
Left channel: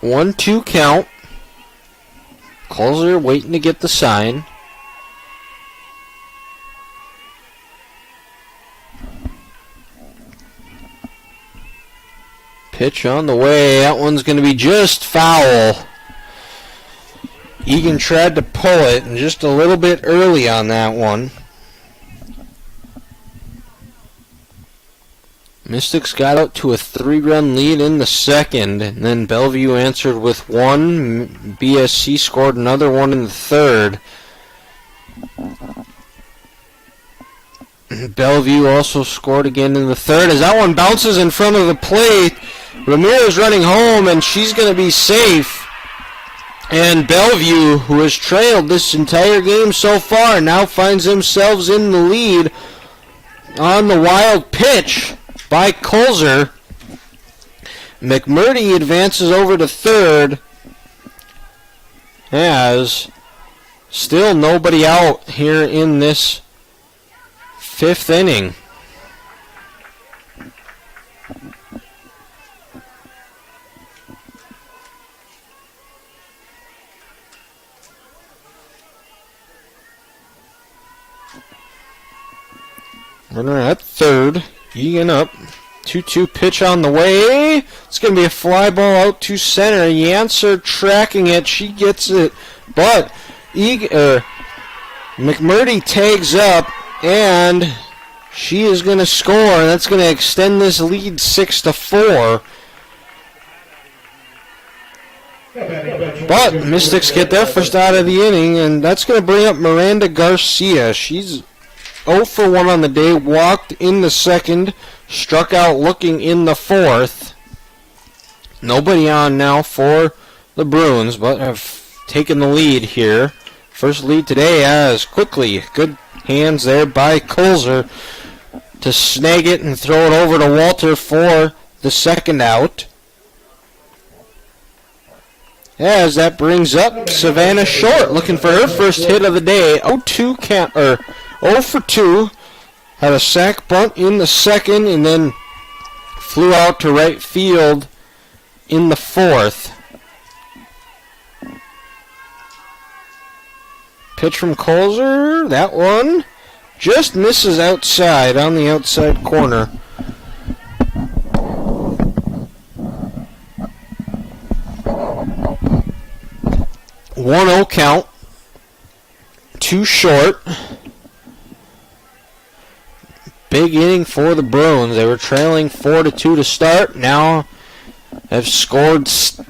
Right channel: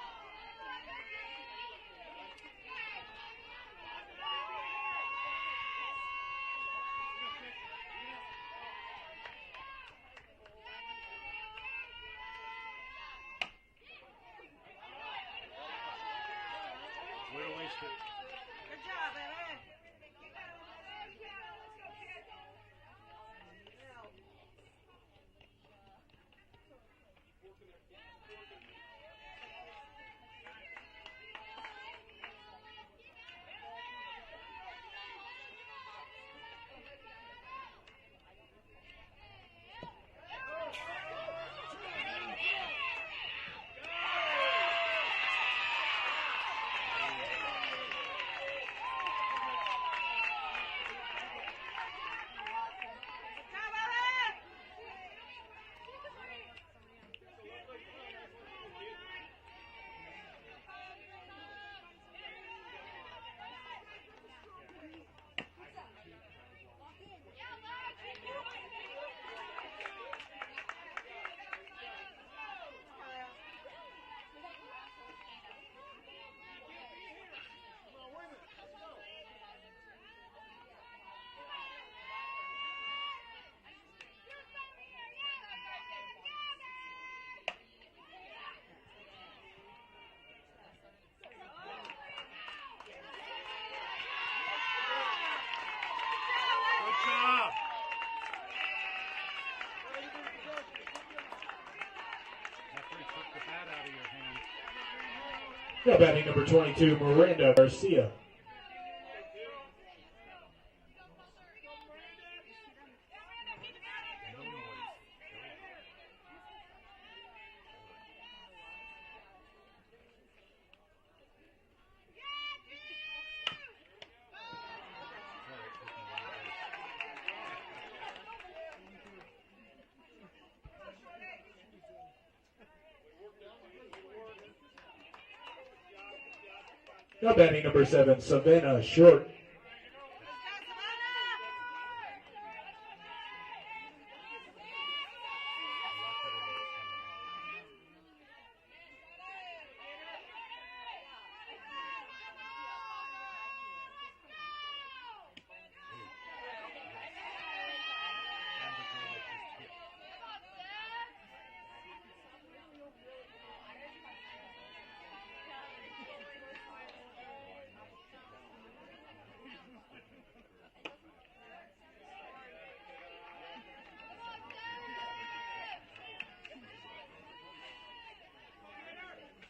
One, 2 count. Kolzer waiting to get the sign. Pitch on the way. That one's going to be just foul. Egan tried to pull it, and just a little bit early on that one. Mystics got out to a 3-run lead in the second, and then Bellevue answered with 1. BSC scored another one in the third. Bellevue also scored again in the third as that one bounces in front of the plate. Ramirez running home, and she's going to be safe. And Bellevue, who has trailed this entire game so far, now finds themselves in the lead on the wild pitch by Colzer. McMurdy advances over to third as still nobody out here in this fifth inning. Runner at third, Egan up. 2-2 pitch on the way. It's going to be a fly ball out to center. Yancer tracking it. She gets it. But McMurdy tags up, and she is going to score. And that's going to extend this lead 6-4. But the Mystics get their first out of the inning, and that's going to bring up Miranda Garcia. She's 0 for 1 on the day, walked in the second, struck out looking in the fourth. Nobody on now for the Bruins, but have taken the lead here. First lead today as quickly. Good hands there by Colzer to snag it and throw it over to Walter for the second out. As that brings up Savannah Short, looking for her first hit of the day. 0 for 2. Had a sac bunt in the second and then flew out to right field in the fourth. Pitch from Colzer. That one just misses outside on the outside corner. 1-0 count. 2 short. Big inning for the Bruins. They were trailing 4-2 to start. Now have scored 4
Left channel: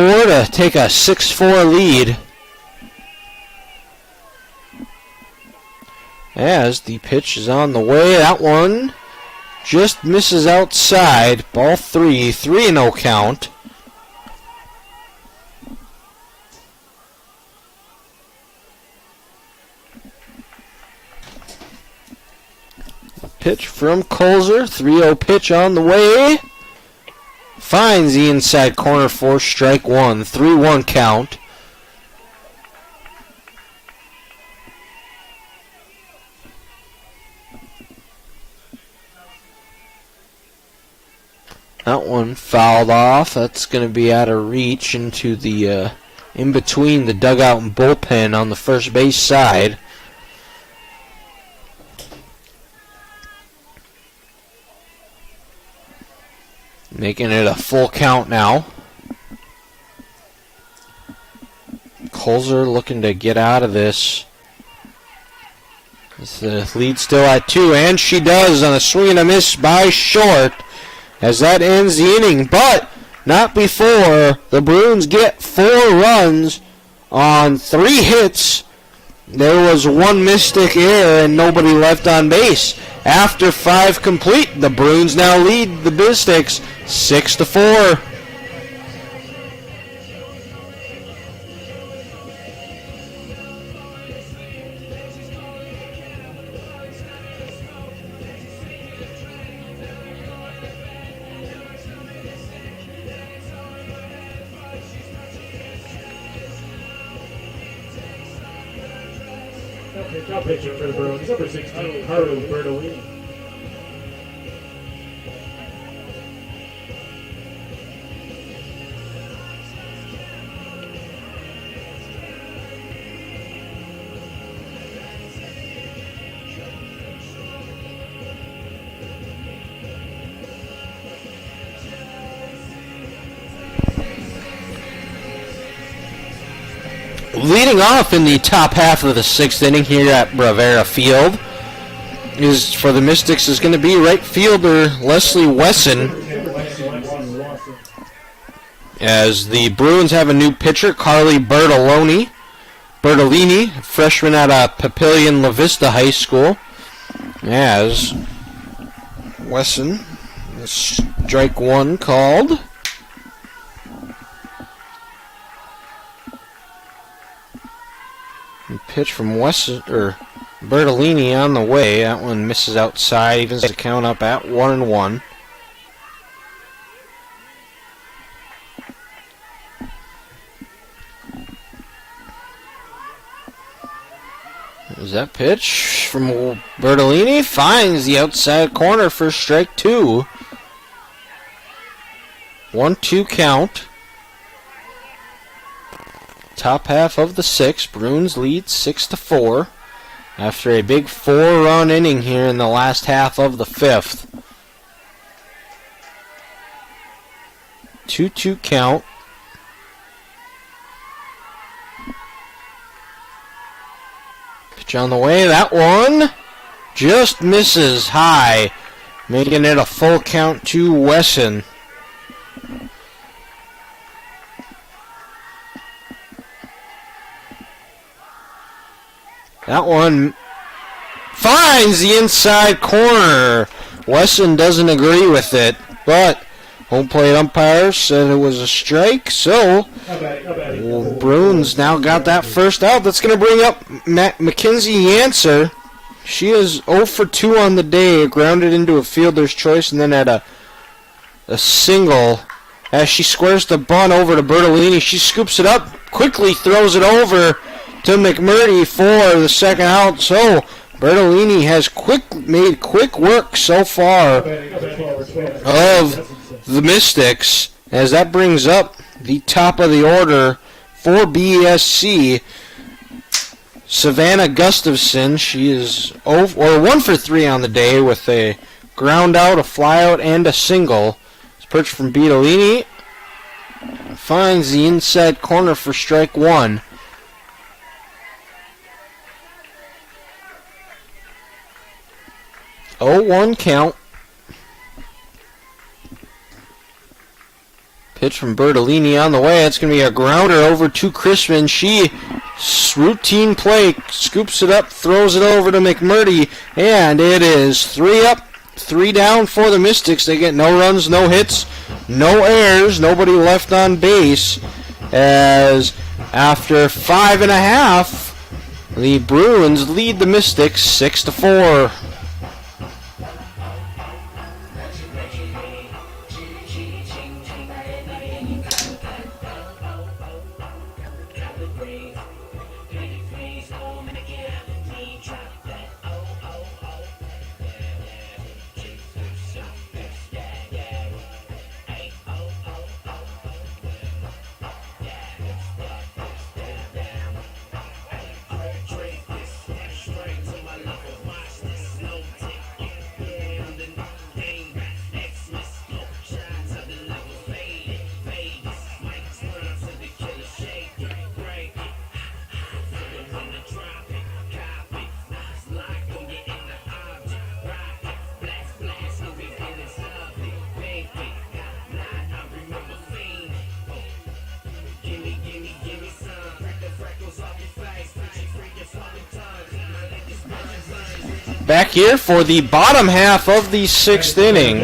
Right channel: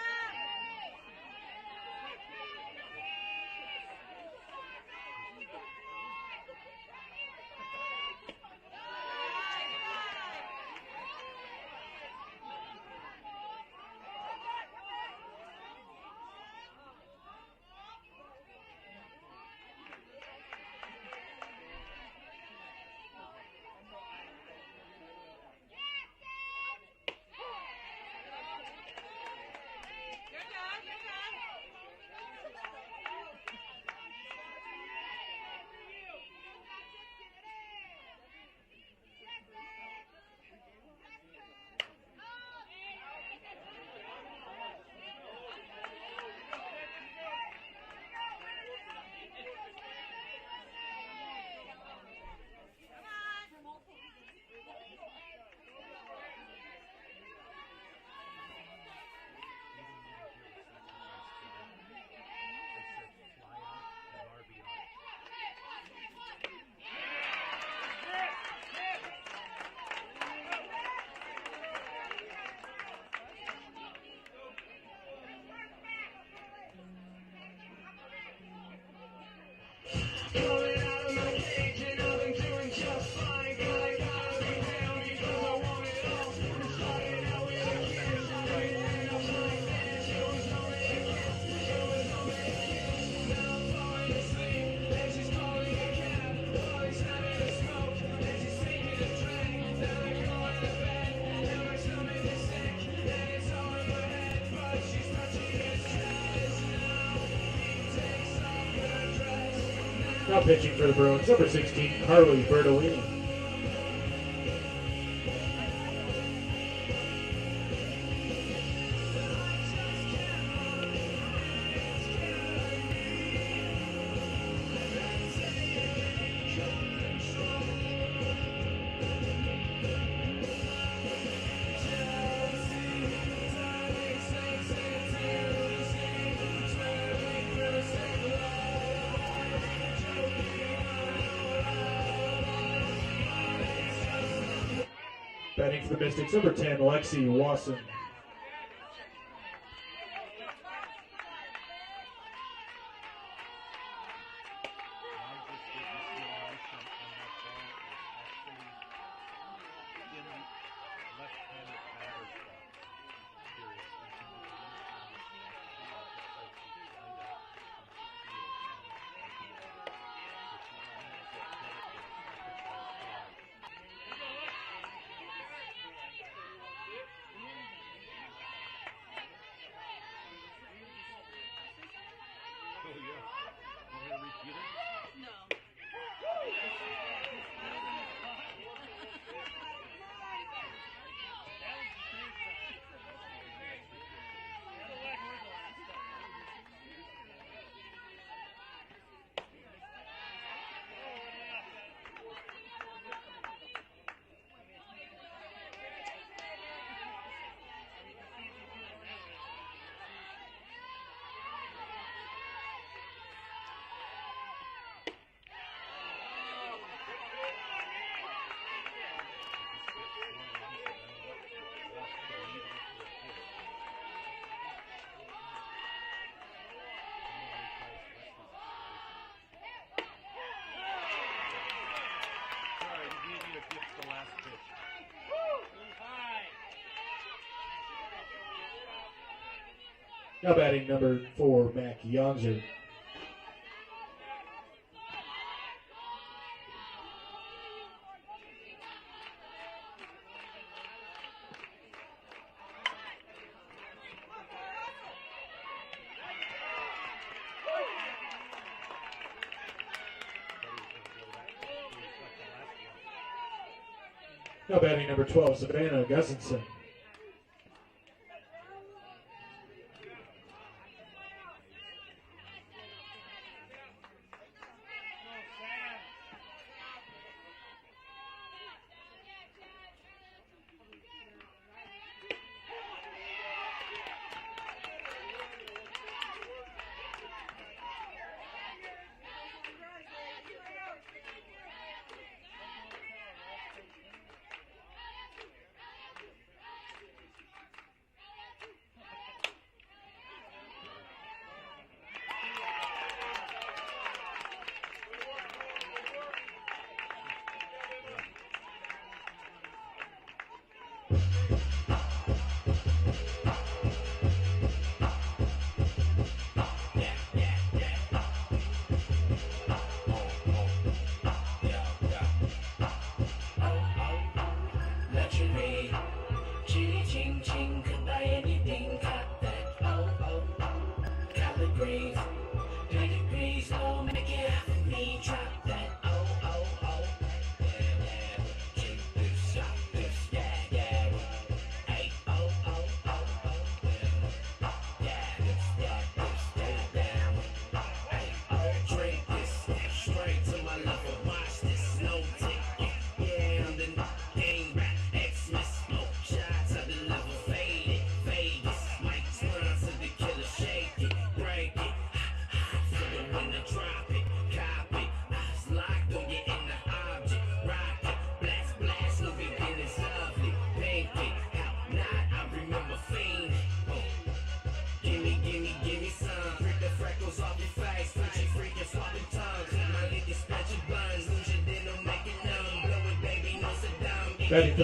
to take a 6-4 lead. As the pitch is on the way. That one just misses outside. Ball 3. 3-0 count. Pitch from Colzer. 3-0 pitch on the way. Finds the inside corner for strike one. 3-1 count. That one fouled off. That's going to be out of reach into the in between the dugout and bullpen on the first base side. Making it a full count now. Colzer looking to get out of this. The lead still at 2, and she does on a swing and a miss by Short as that ends the inning, but not before the Bruins get 4 runs on 3 hits. There was 1 Mystic error and nobody left on base. After 5 complete, the Bruins now lead the Mystics 6-4. Now pitching for the Bruins, number 16, Carly Bertolini. Leading off in the top half of the 6th inning here at Bravera Field is for the Mystics is going to be right fielder Leslie Wesson. As the Bruins have a new pitcher, Carly Bertolini, freshman out of Papillion La Vista High School. As Wesson, strike one called. And pitch from Wesson, or Bertolini on the way. That one misses outside, evens the count up at 1-1. Is that pitch from Bertolini? Finds the outside corner for strike two. 1-2 count. Top half of the sixth. Bruins lead 6-4 after a big 4-run inning here in the last half of the fifth. 2-2 count. Pitch on the way. That one just misses high, making it a full count to Wesson. That one finds the inside corner. Wesson doesn't agree with it, but home plate umpire said it was a strike, so Bruins now got that first out. That's going to bring up Mackenzie Yancer. She is 0 for 2 on the day, grounded into a fielder's choice, and then had a single. As she squares the bunt over to Bertolini, she scoops it up, quickly throws it over to McMurdy for the second out. So Bertolini has made quick work so far of the Mystics, as that brings up the top of the order for BSC. Savannah Gustafson, she is 1 for 3 on the day with a ground out, a fly out, and a single. It's perched from Bertolini. Finds the inside corner for strike one. 0-1 count. Pitch from Bertolini on the way. It's going to be a grounder over to Crispin. She, routine play, scoops it up, throws it over to McMurdy, and it is 3 up, 3 down for the Mystics. They get no runs, no hits, no errors, nobody left on base, as after 5.5, the Bruins lead the Mystics 6-4. Back here for the bottom half of the 6th inning,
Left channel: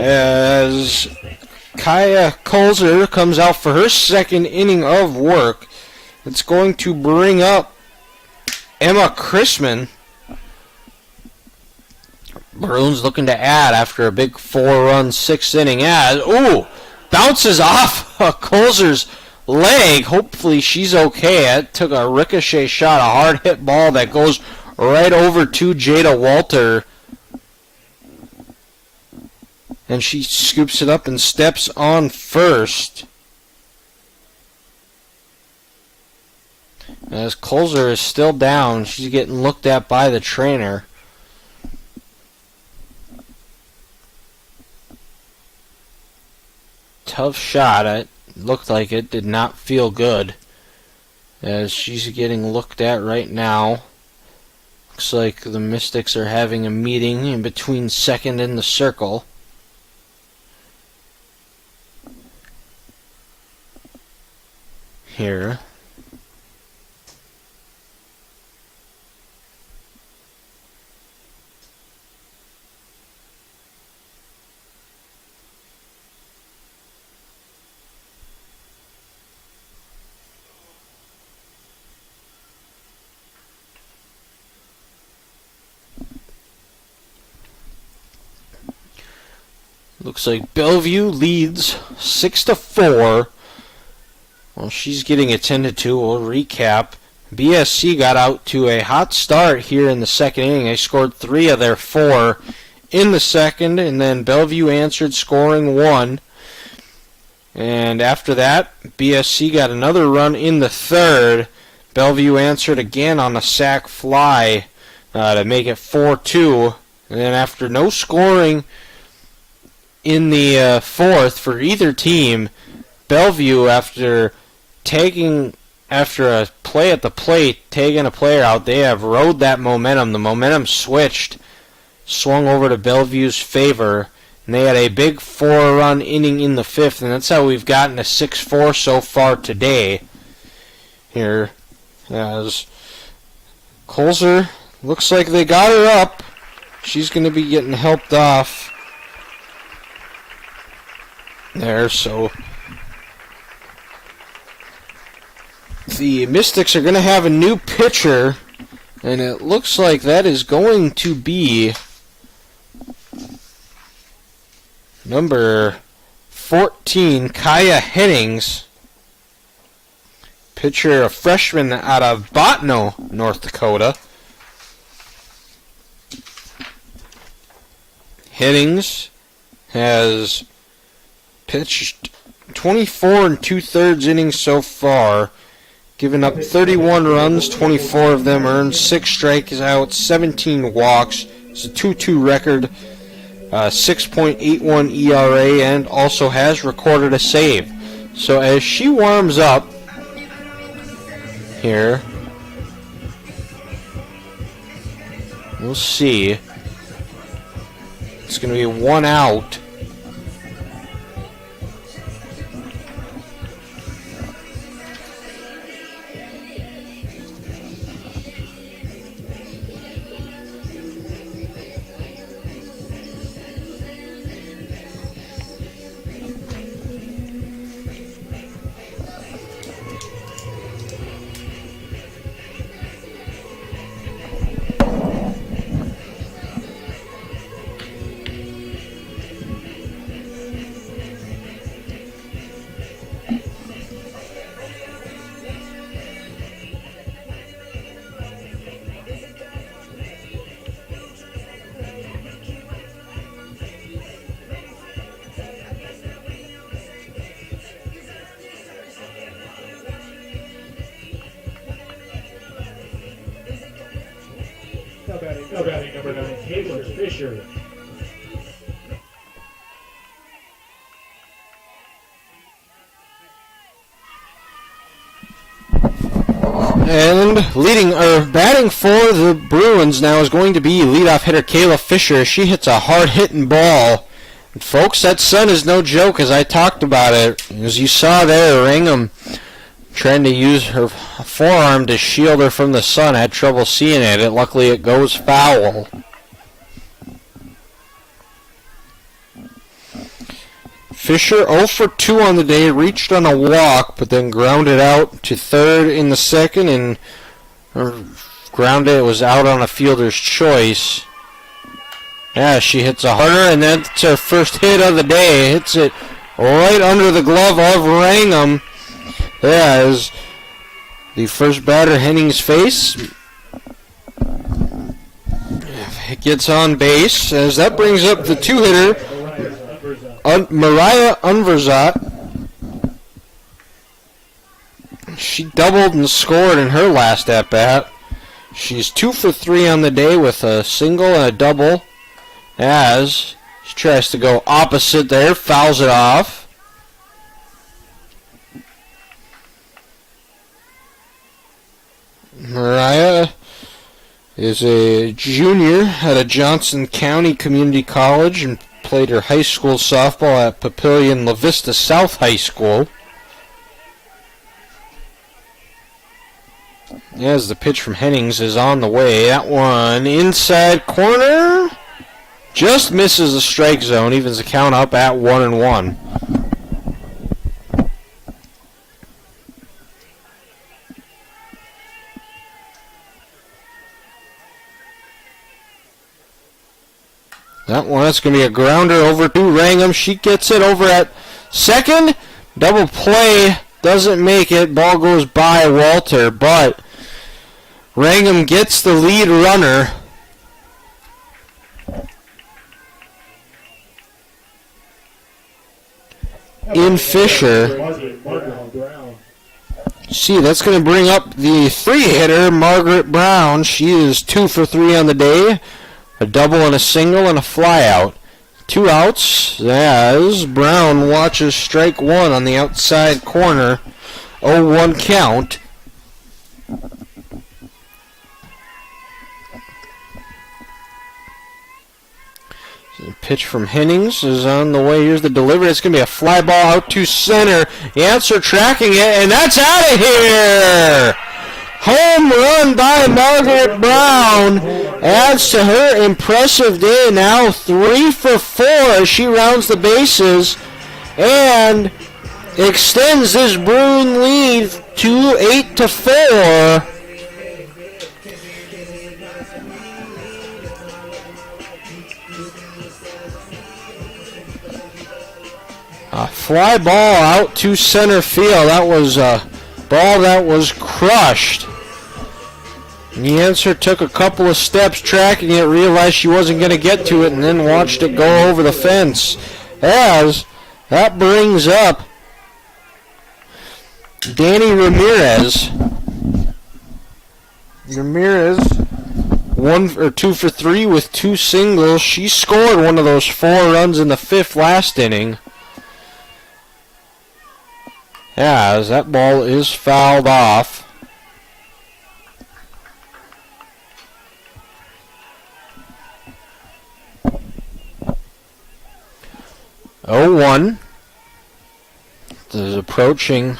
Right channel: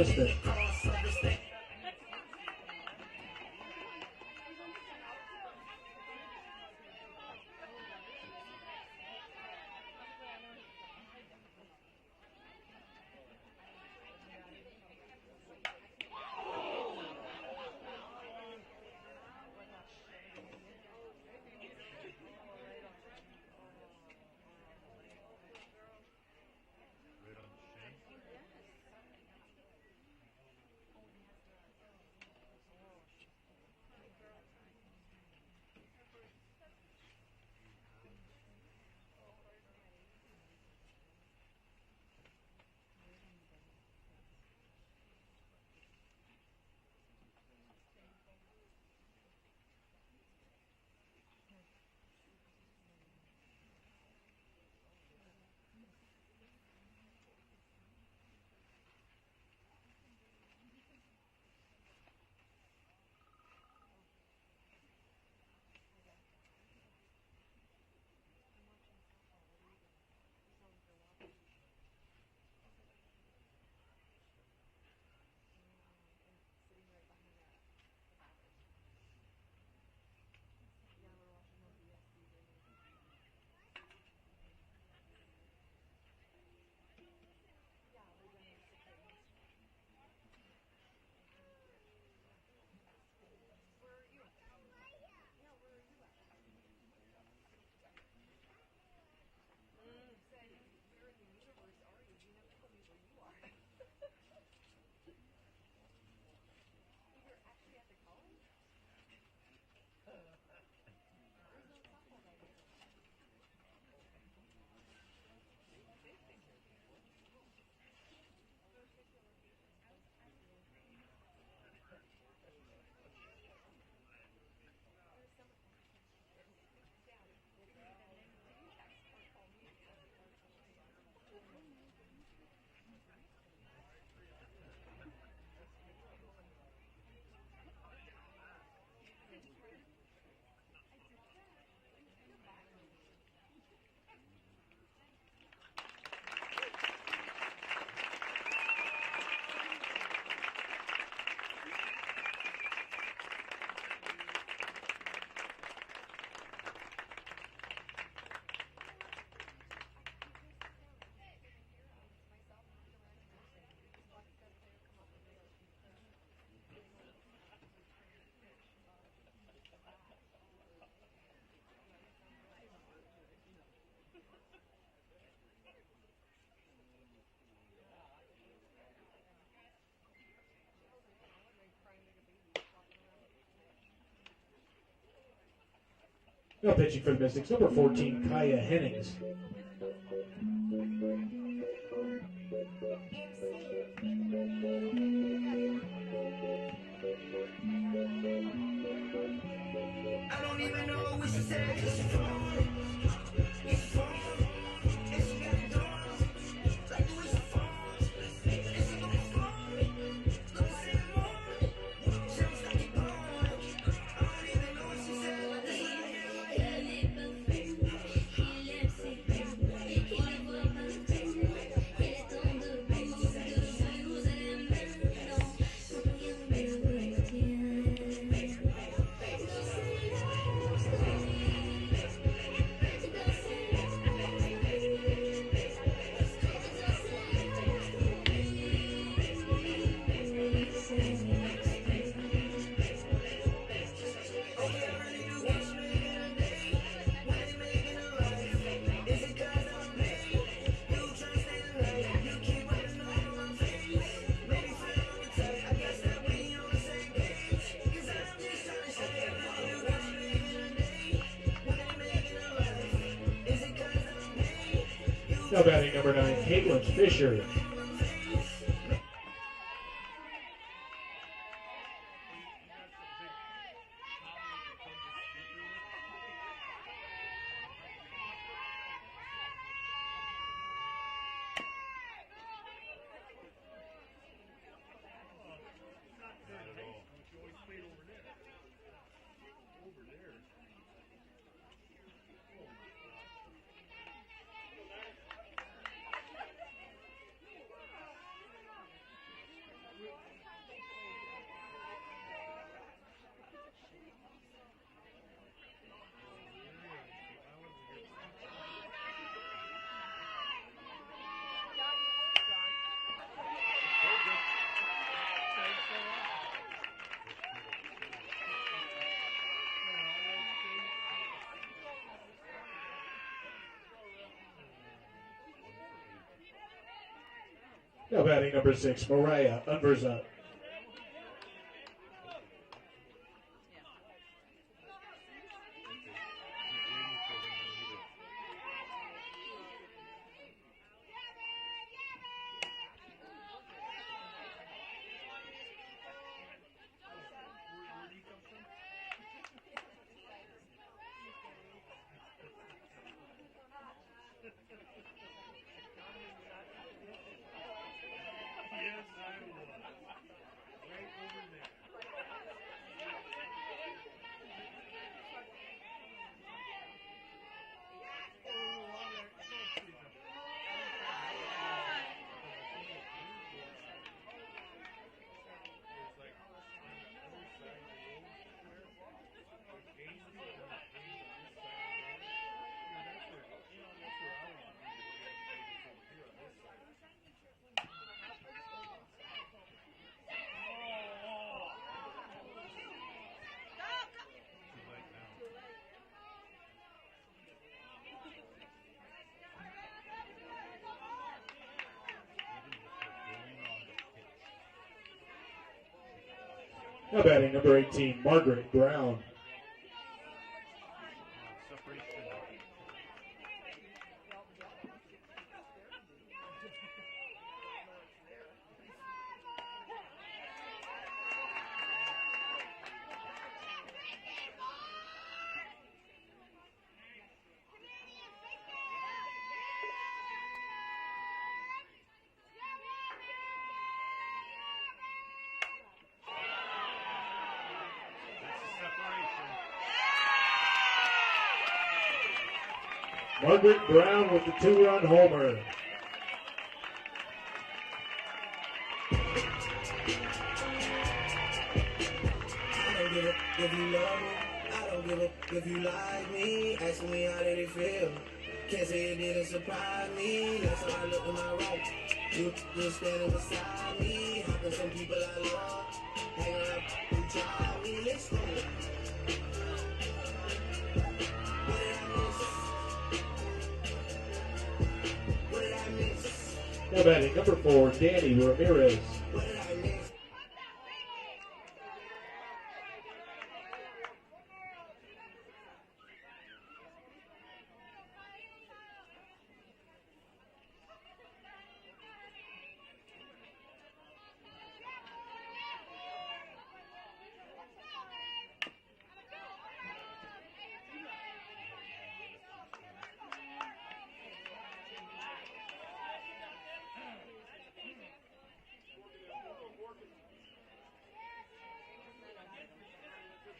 as Kaya Kolzer comes out for her second inning of work. It's going to bring up Emma Chrisman. Bruins looking to add after a big 4-run 6th inning. Bounces off Kolzer's leg. Hopefully she's okay. It took a ricochet shot, a hard hit ball that goes right over to Jada Walter. And she scoops it up and steps on first. As Kolzer is still down, she's getting looked at by the trainer. Tough shot. It looked like it did not feel good, as she's getting looked at right now. Looks like the Mystics are having a meeting in between second and the circle. Here. Looks like Bellevue leads 6-4. Well, she's getting attended to. We'll recap. BSC got out to a hot start here in the second inning. They scored 3 of their 4 in the second, and then Bellevue answered, scoring 1. And after that, BSC got another run in the third. Bellevue answered again on a sac fly to make it 4-2. And then after no scoring in the fourth for either team, Bellevue, after a play at the plate, taking a player out, they have rode that momentum. The momentum swung over to Bellevue's favor, and they had a big 4-run inning in the fifth, and that's how we've gotten a 6-4 so far today. Here, as Colzer, looks like they got her up. She's going to be getting helped off there, so the Mystics are going to have a new pitcher, and it looks like that is going to be number 14, Kaya Hennings. Pitcher, a freshman out of Botno, North Dakota. Hennings has pitched 24 2/3 innings so far, giving up 31 runs, 24 of them earned, 6 strikeouts, 17 walks. It's a 2-2 record, 6.81 ERA, and also has recorded a save. So as she warms up here, we'll see. It's going to be 1 out. Now batting number 9, Caitlin Fisher. And batting for the Bruins now is going to be leadoff hitter Kayla Fisher. She hits a hard-hitting ball. And folks, that sun is no joke, as I talked about it. As you saw there, Ringham trying to use her forearm to shield her from the sun, had trouble seeing it. Luckily, it goes foul. Fisher 0 for 2 on the day, reached on a walk, but then grounded out to third in the second, and grounded, it was out on a fielder's choice. Yeah, she hits a harder, and that's her first hit of the day. Hits it right under the glove of Wrangham. Yeah, as the first batter, Hennings' face. It gets on base, as that brings up the two-hitter, Mariah Unverzat. She doubled and scored in her last at-bat. She's 2 for 3 on the day with a single and a double, as she tries to go opposite there, fouls it off. Mariah is a junior at a Johnson County Community College and played her high school softball at Papillion La Vista South High School. As the pitch from Hennings is on the way, that one inside corner just misses the strike zone, evens the count up at 1-1. That's going to be a grounder over to Wrangham. She gets it over at second. Double play doesn't make it. Ball goes by Walter, but Wrangham gets the lead runner. In Fisher. See, that's going to bring up the 3-hitter, Margaret Brown. She is 2 for 3 on the day. A double and a single and a flyout. 2 outs as Brown watches strike 1 on the outside corner. 0-1 count. The pitch from Hennings is on the way. Here's the delivery. It's going to be a fly ball out to center. Yancer tracking it, and that's out of here! Home run by Margaret Brown adds to her impressive day. Now 3 for 4 as she rounds the bases and extends this Bruin lead to 8 to 4. A fly ball out to center field. That was a ball that was crushed. Yancer took a couple of steps tracking it, realized she wasn't going to get to it, and then watched it go over the fence. As that brings up Danny Ramirez. Ramirez 2 for 3 with 2 singles. She scored one of those 4 runs in the 5th last inning. As that ball is fouled off. Oh, 0-1. This is approaching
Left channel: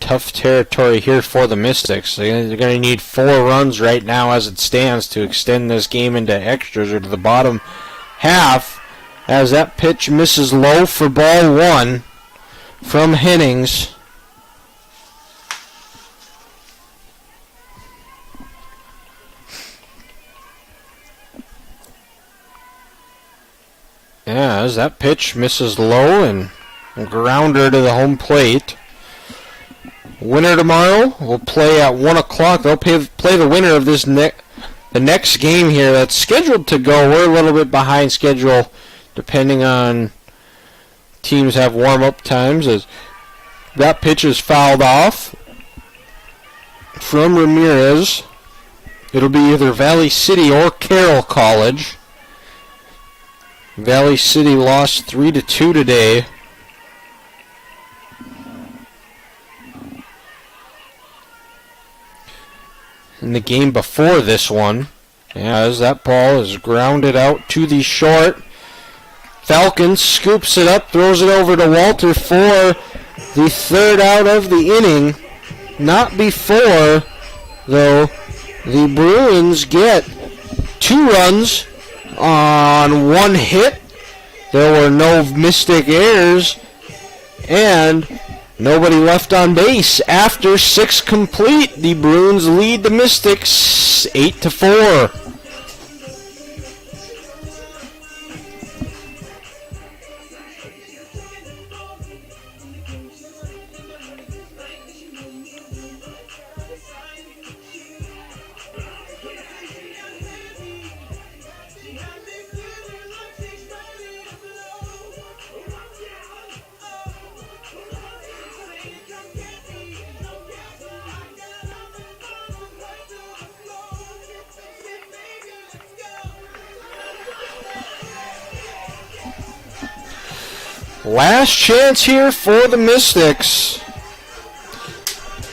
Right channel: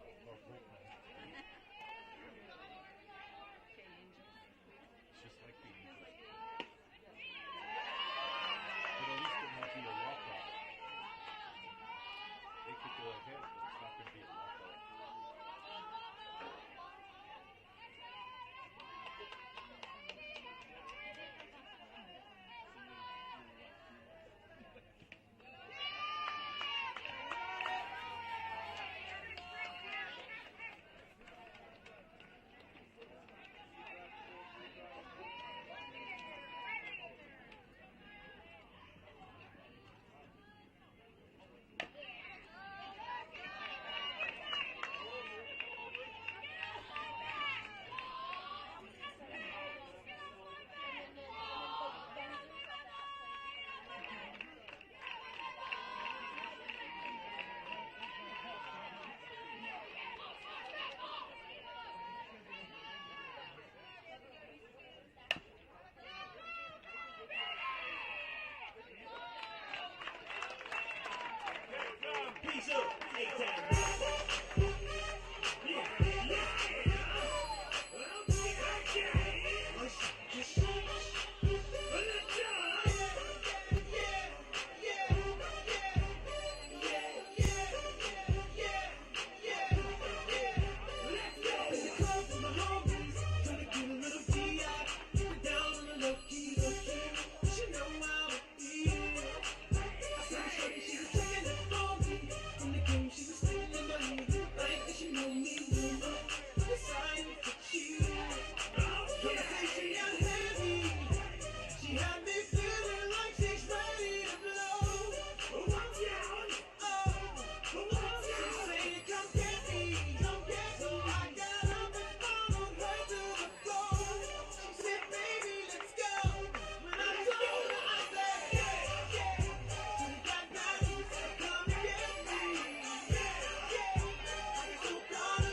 tough territory here for the Mystics. They're going to need 4 runs right now as it stands to extend this game into extras or to the bottom half. As that pitch misses low for ball 1 from Hennings. As that pitch misses low and a grounder to the home plate. Winner tomorrow will play at 1 o'clock. They'll play the winner of this the next game here that's scheduled to go. We're a little bit behind schedule depending on teams have warm-up times. As that pitch is fouled off from Ramirez. It'll be either Valley City or Carroll College. Valley City lost 3-2 today. In the game before this one, as that ball is grounded out to the short. Falcons scoops it up, throws it over to Walter for the 3rd out of the inning. Not before, though, the Bruins get 2 runs on 1 hit. There were no Mystic errors and nobody left on base. After 6 complete, the Bruins lead the Mystics 8 to 4. Last chance here for the Mystics.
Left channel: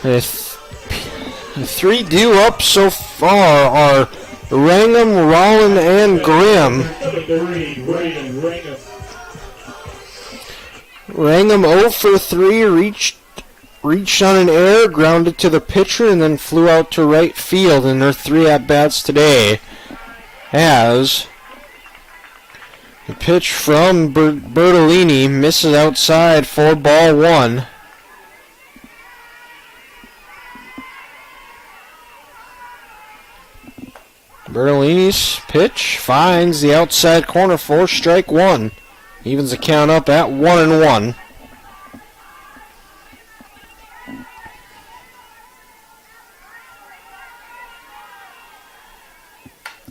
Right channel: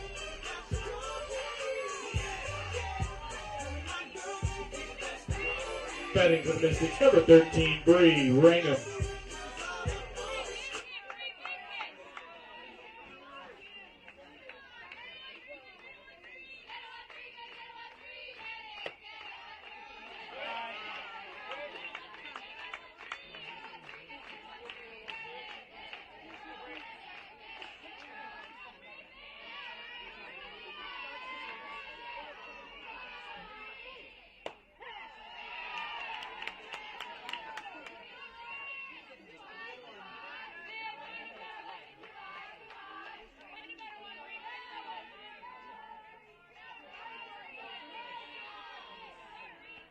The 3 due up so far are Wrangham, Rollin, and Grimm. Wrangham 0 for 3, reached on an error, grounded to the pitcher, and then flew out to right field in their 3 at-bats today. As the pitch from Bertolini misses outside for ball 1. Bertolini's pitch finds the outside corner for strike one. Evens the count up at 1-1.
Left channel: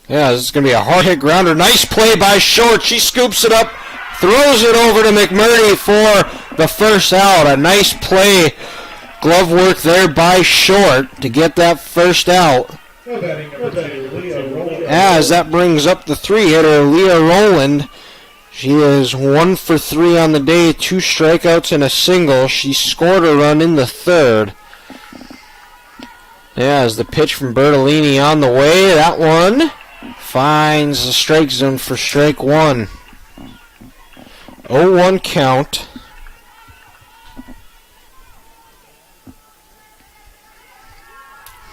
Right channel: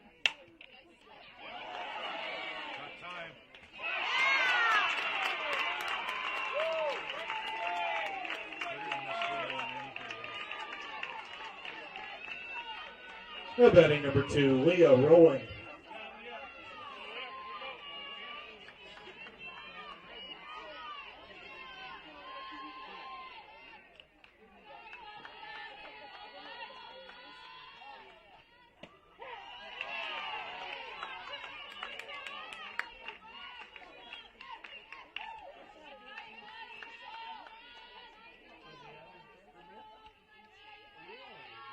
Yeah, this is going to be a hard hit grounder. Nice play by Short. She scoops it up, throws it over to McMurray for the first out. A nice play. Glove work there by Short to get that first out. As that brings up the three-hitter, Leah Rowland. She is 1 for 3 on the day, 2 strikeouts and a single. She scored a run in the third. As the pitch from Bertolini on the way, that one finds the strike zone for strike one. 0-1 count.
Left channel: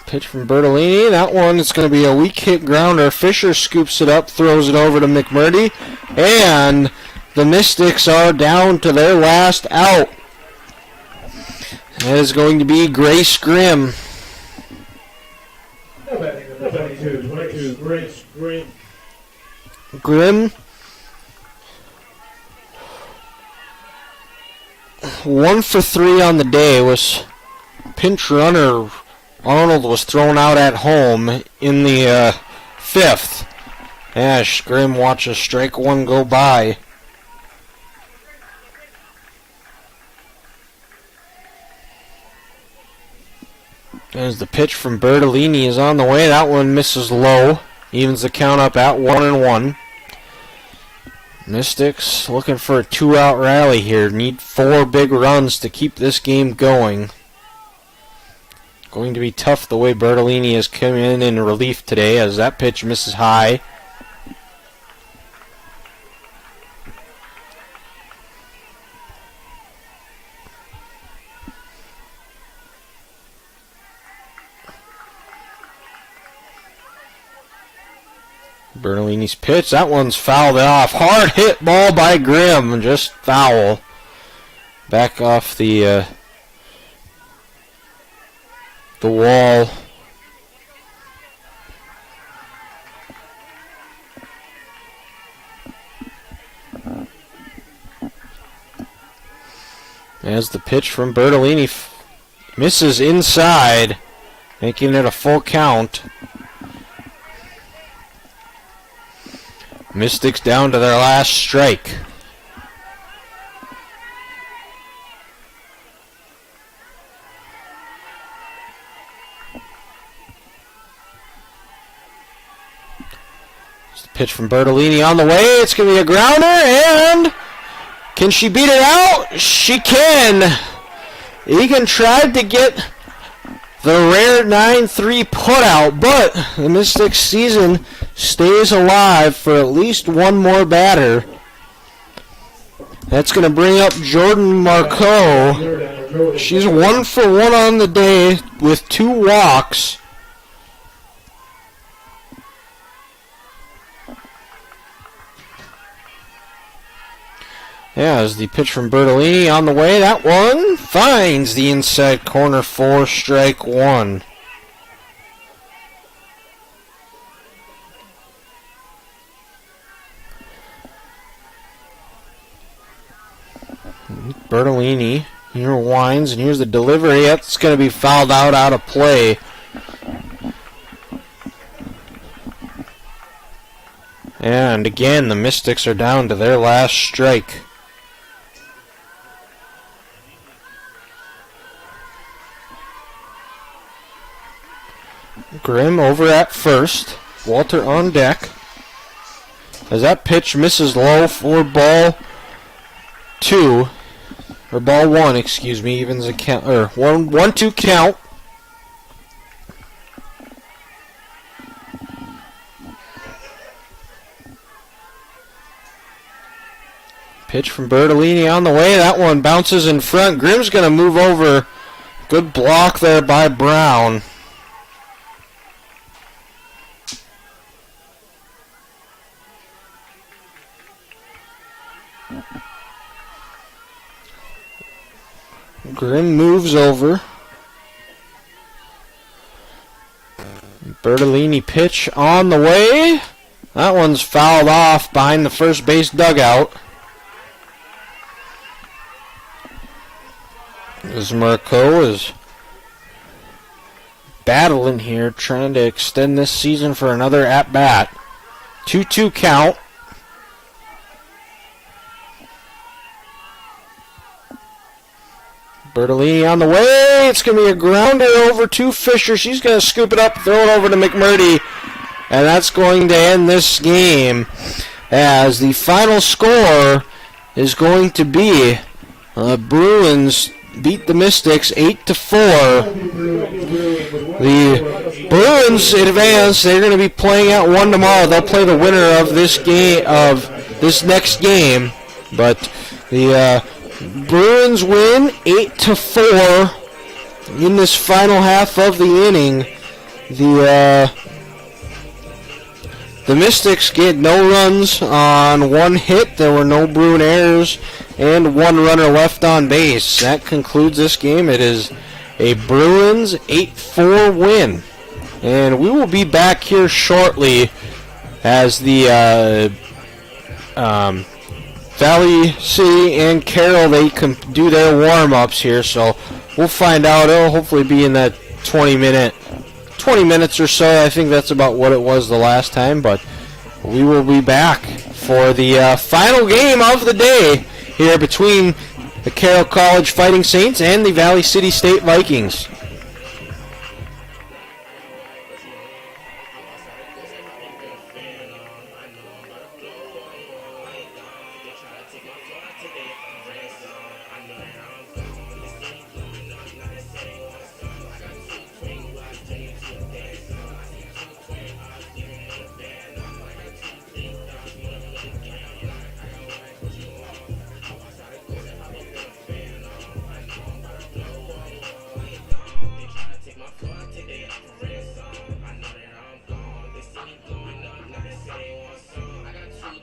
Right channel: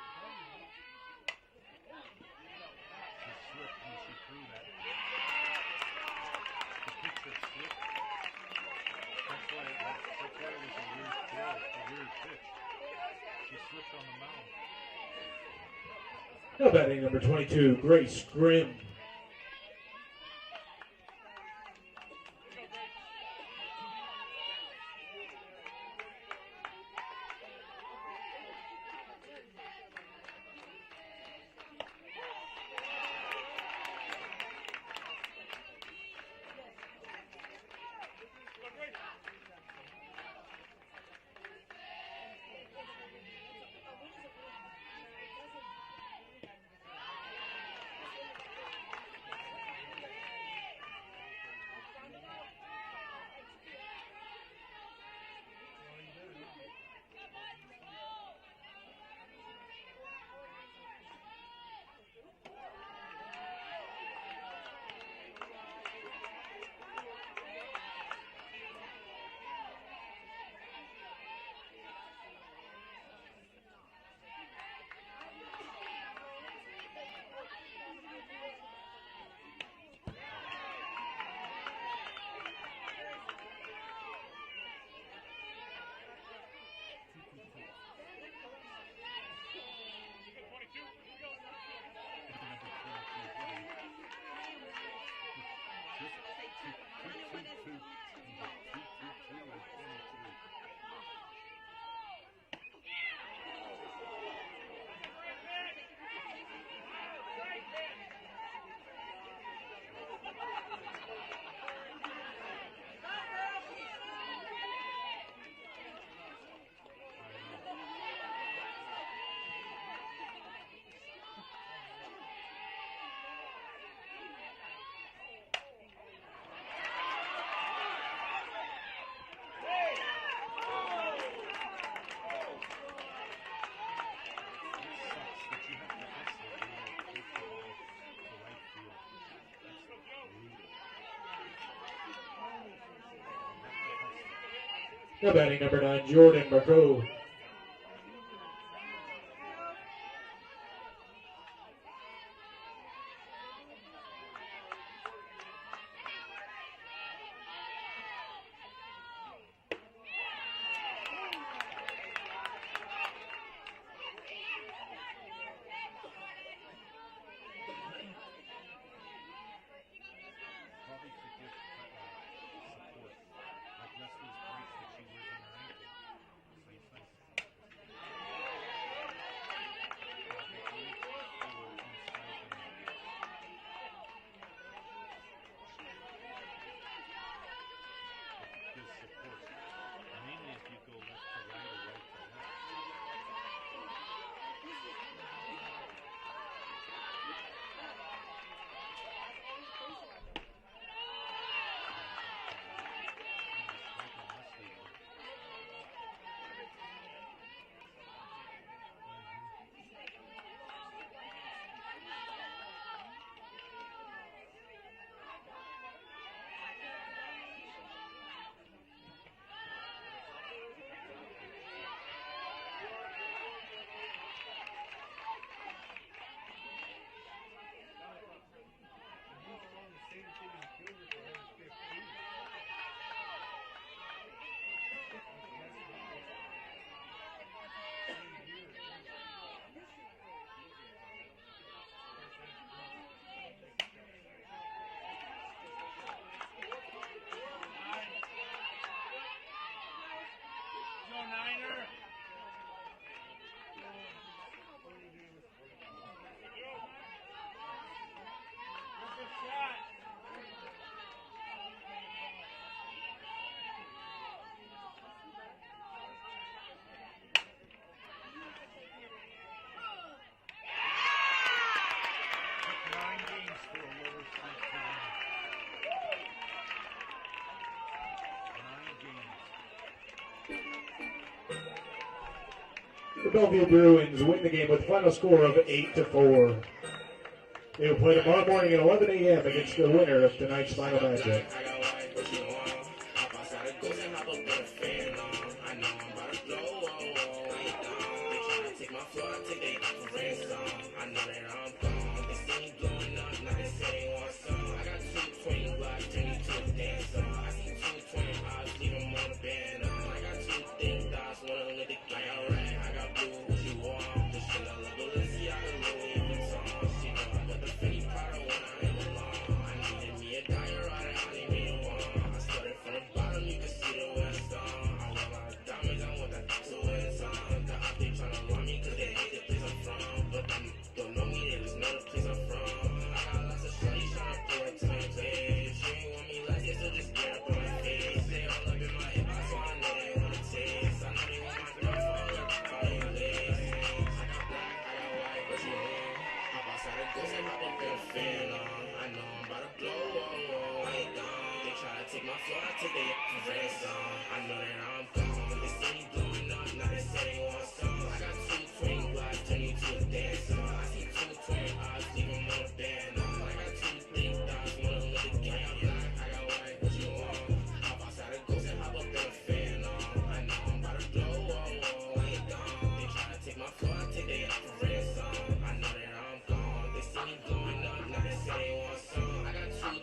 Pitch from Bertolini. That one is going to be a weak hit grounder. Fisher scoops it up, throws it over to McMurdy, and the Mystics are down to their last out. That is going to be Grace Grimm. Batting number 22, Grace Grimm. Grimm, 1 for 3 on the day. Was pinch runner Arnold was thrown out at home in the fifth. As Grimm watches strike one go by. As the pitch from Bertolini is on the way, that one misses low. Evens the count up at 1-1. Mystics looking for a 2-out rally here. Need 4 big runs to keep this game going. Going to be tough the way Bertolini has come in relief today, as that pitch misses high. Bertolini's pitch, that one's fouled off. Hard hit ball by Grimm, just foul. Back off the wall. As the pitch from Bertolini misses inside, making it a full count. Mystics down to their last strike. Pitch from Bertolini on the way. It's going to be a grounder, and can she beat it out? She can. Egan tried to get the rare 9-3 putout, but the Mystics season stays alive for at least one more batter. That's going to bring up Jordan Marcoux. She's 1 for 1 on the day with 2 walks. Yeah, as the pitch from Bertolini on the way, that one finds the inside corner for strike one. Bertolini here winds, and here's the delivery. That's going to be fouled out of play. And again, the Mystics are down to their last strike. Grimm over at first. Walter on deck. As that pitch misses low for ball 2. Or ball 1, excuse me. Evens a count. Or 1-2 count. Pitch from Bertolini on the way. That one bounces in front. Grimm's going to move over. Good block there by Brown. Grimm moves over. Bertolini pitch on the way. That one's fouled off behind the first base dugout. Bismarck is battling here, trying to extend this season for another at-bat. 2-2 count. Bertolini on the way. It's going to be a grounder over to Fisher. She's going to scoop it up, throw it over to McMurdy. And that's going to end this game, as the final score is going to be Bruins beat the Mystics 8-4. The Bruins advance. They're going to be playing at 1 tomorrow. They'll play the winner of this game, of this next game. But the Bruins win 8-4 in this final half of the inning. The Mystics get no runs on 1 hit. There were no Bruin errors and 1 runner left on base. That concludes this game. It is a Bruins 8-4 win. And we will be back here shortly as the Valley City and Carroll, they can do their warm-ups here. So we'll find out. It'll hopefully be in that 20 minutes or so. I think that's about what it was the last time, but we will be back for the final game of the day here between the Carroll College Fighting Saints and the Valley City State Vikings.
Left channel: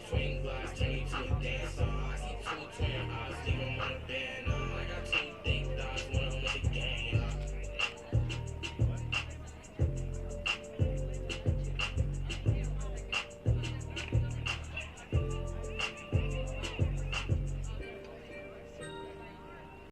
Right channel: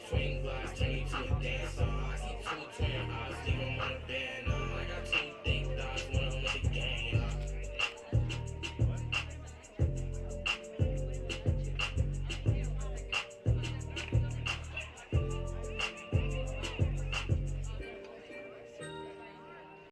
Twin glass, turn me to a dancer. I see 2 twin eyes, leave 'em on the bed.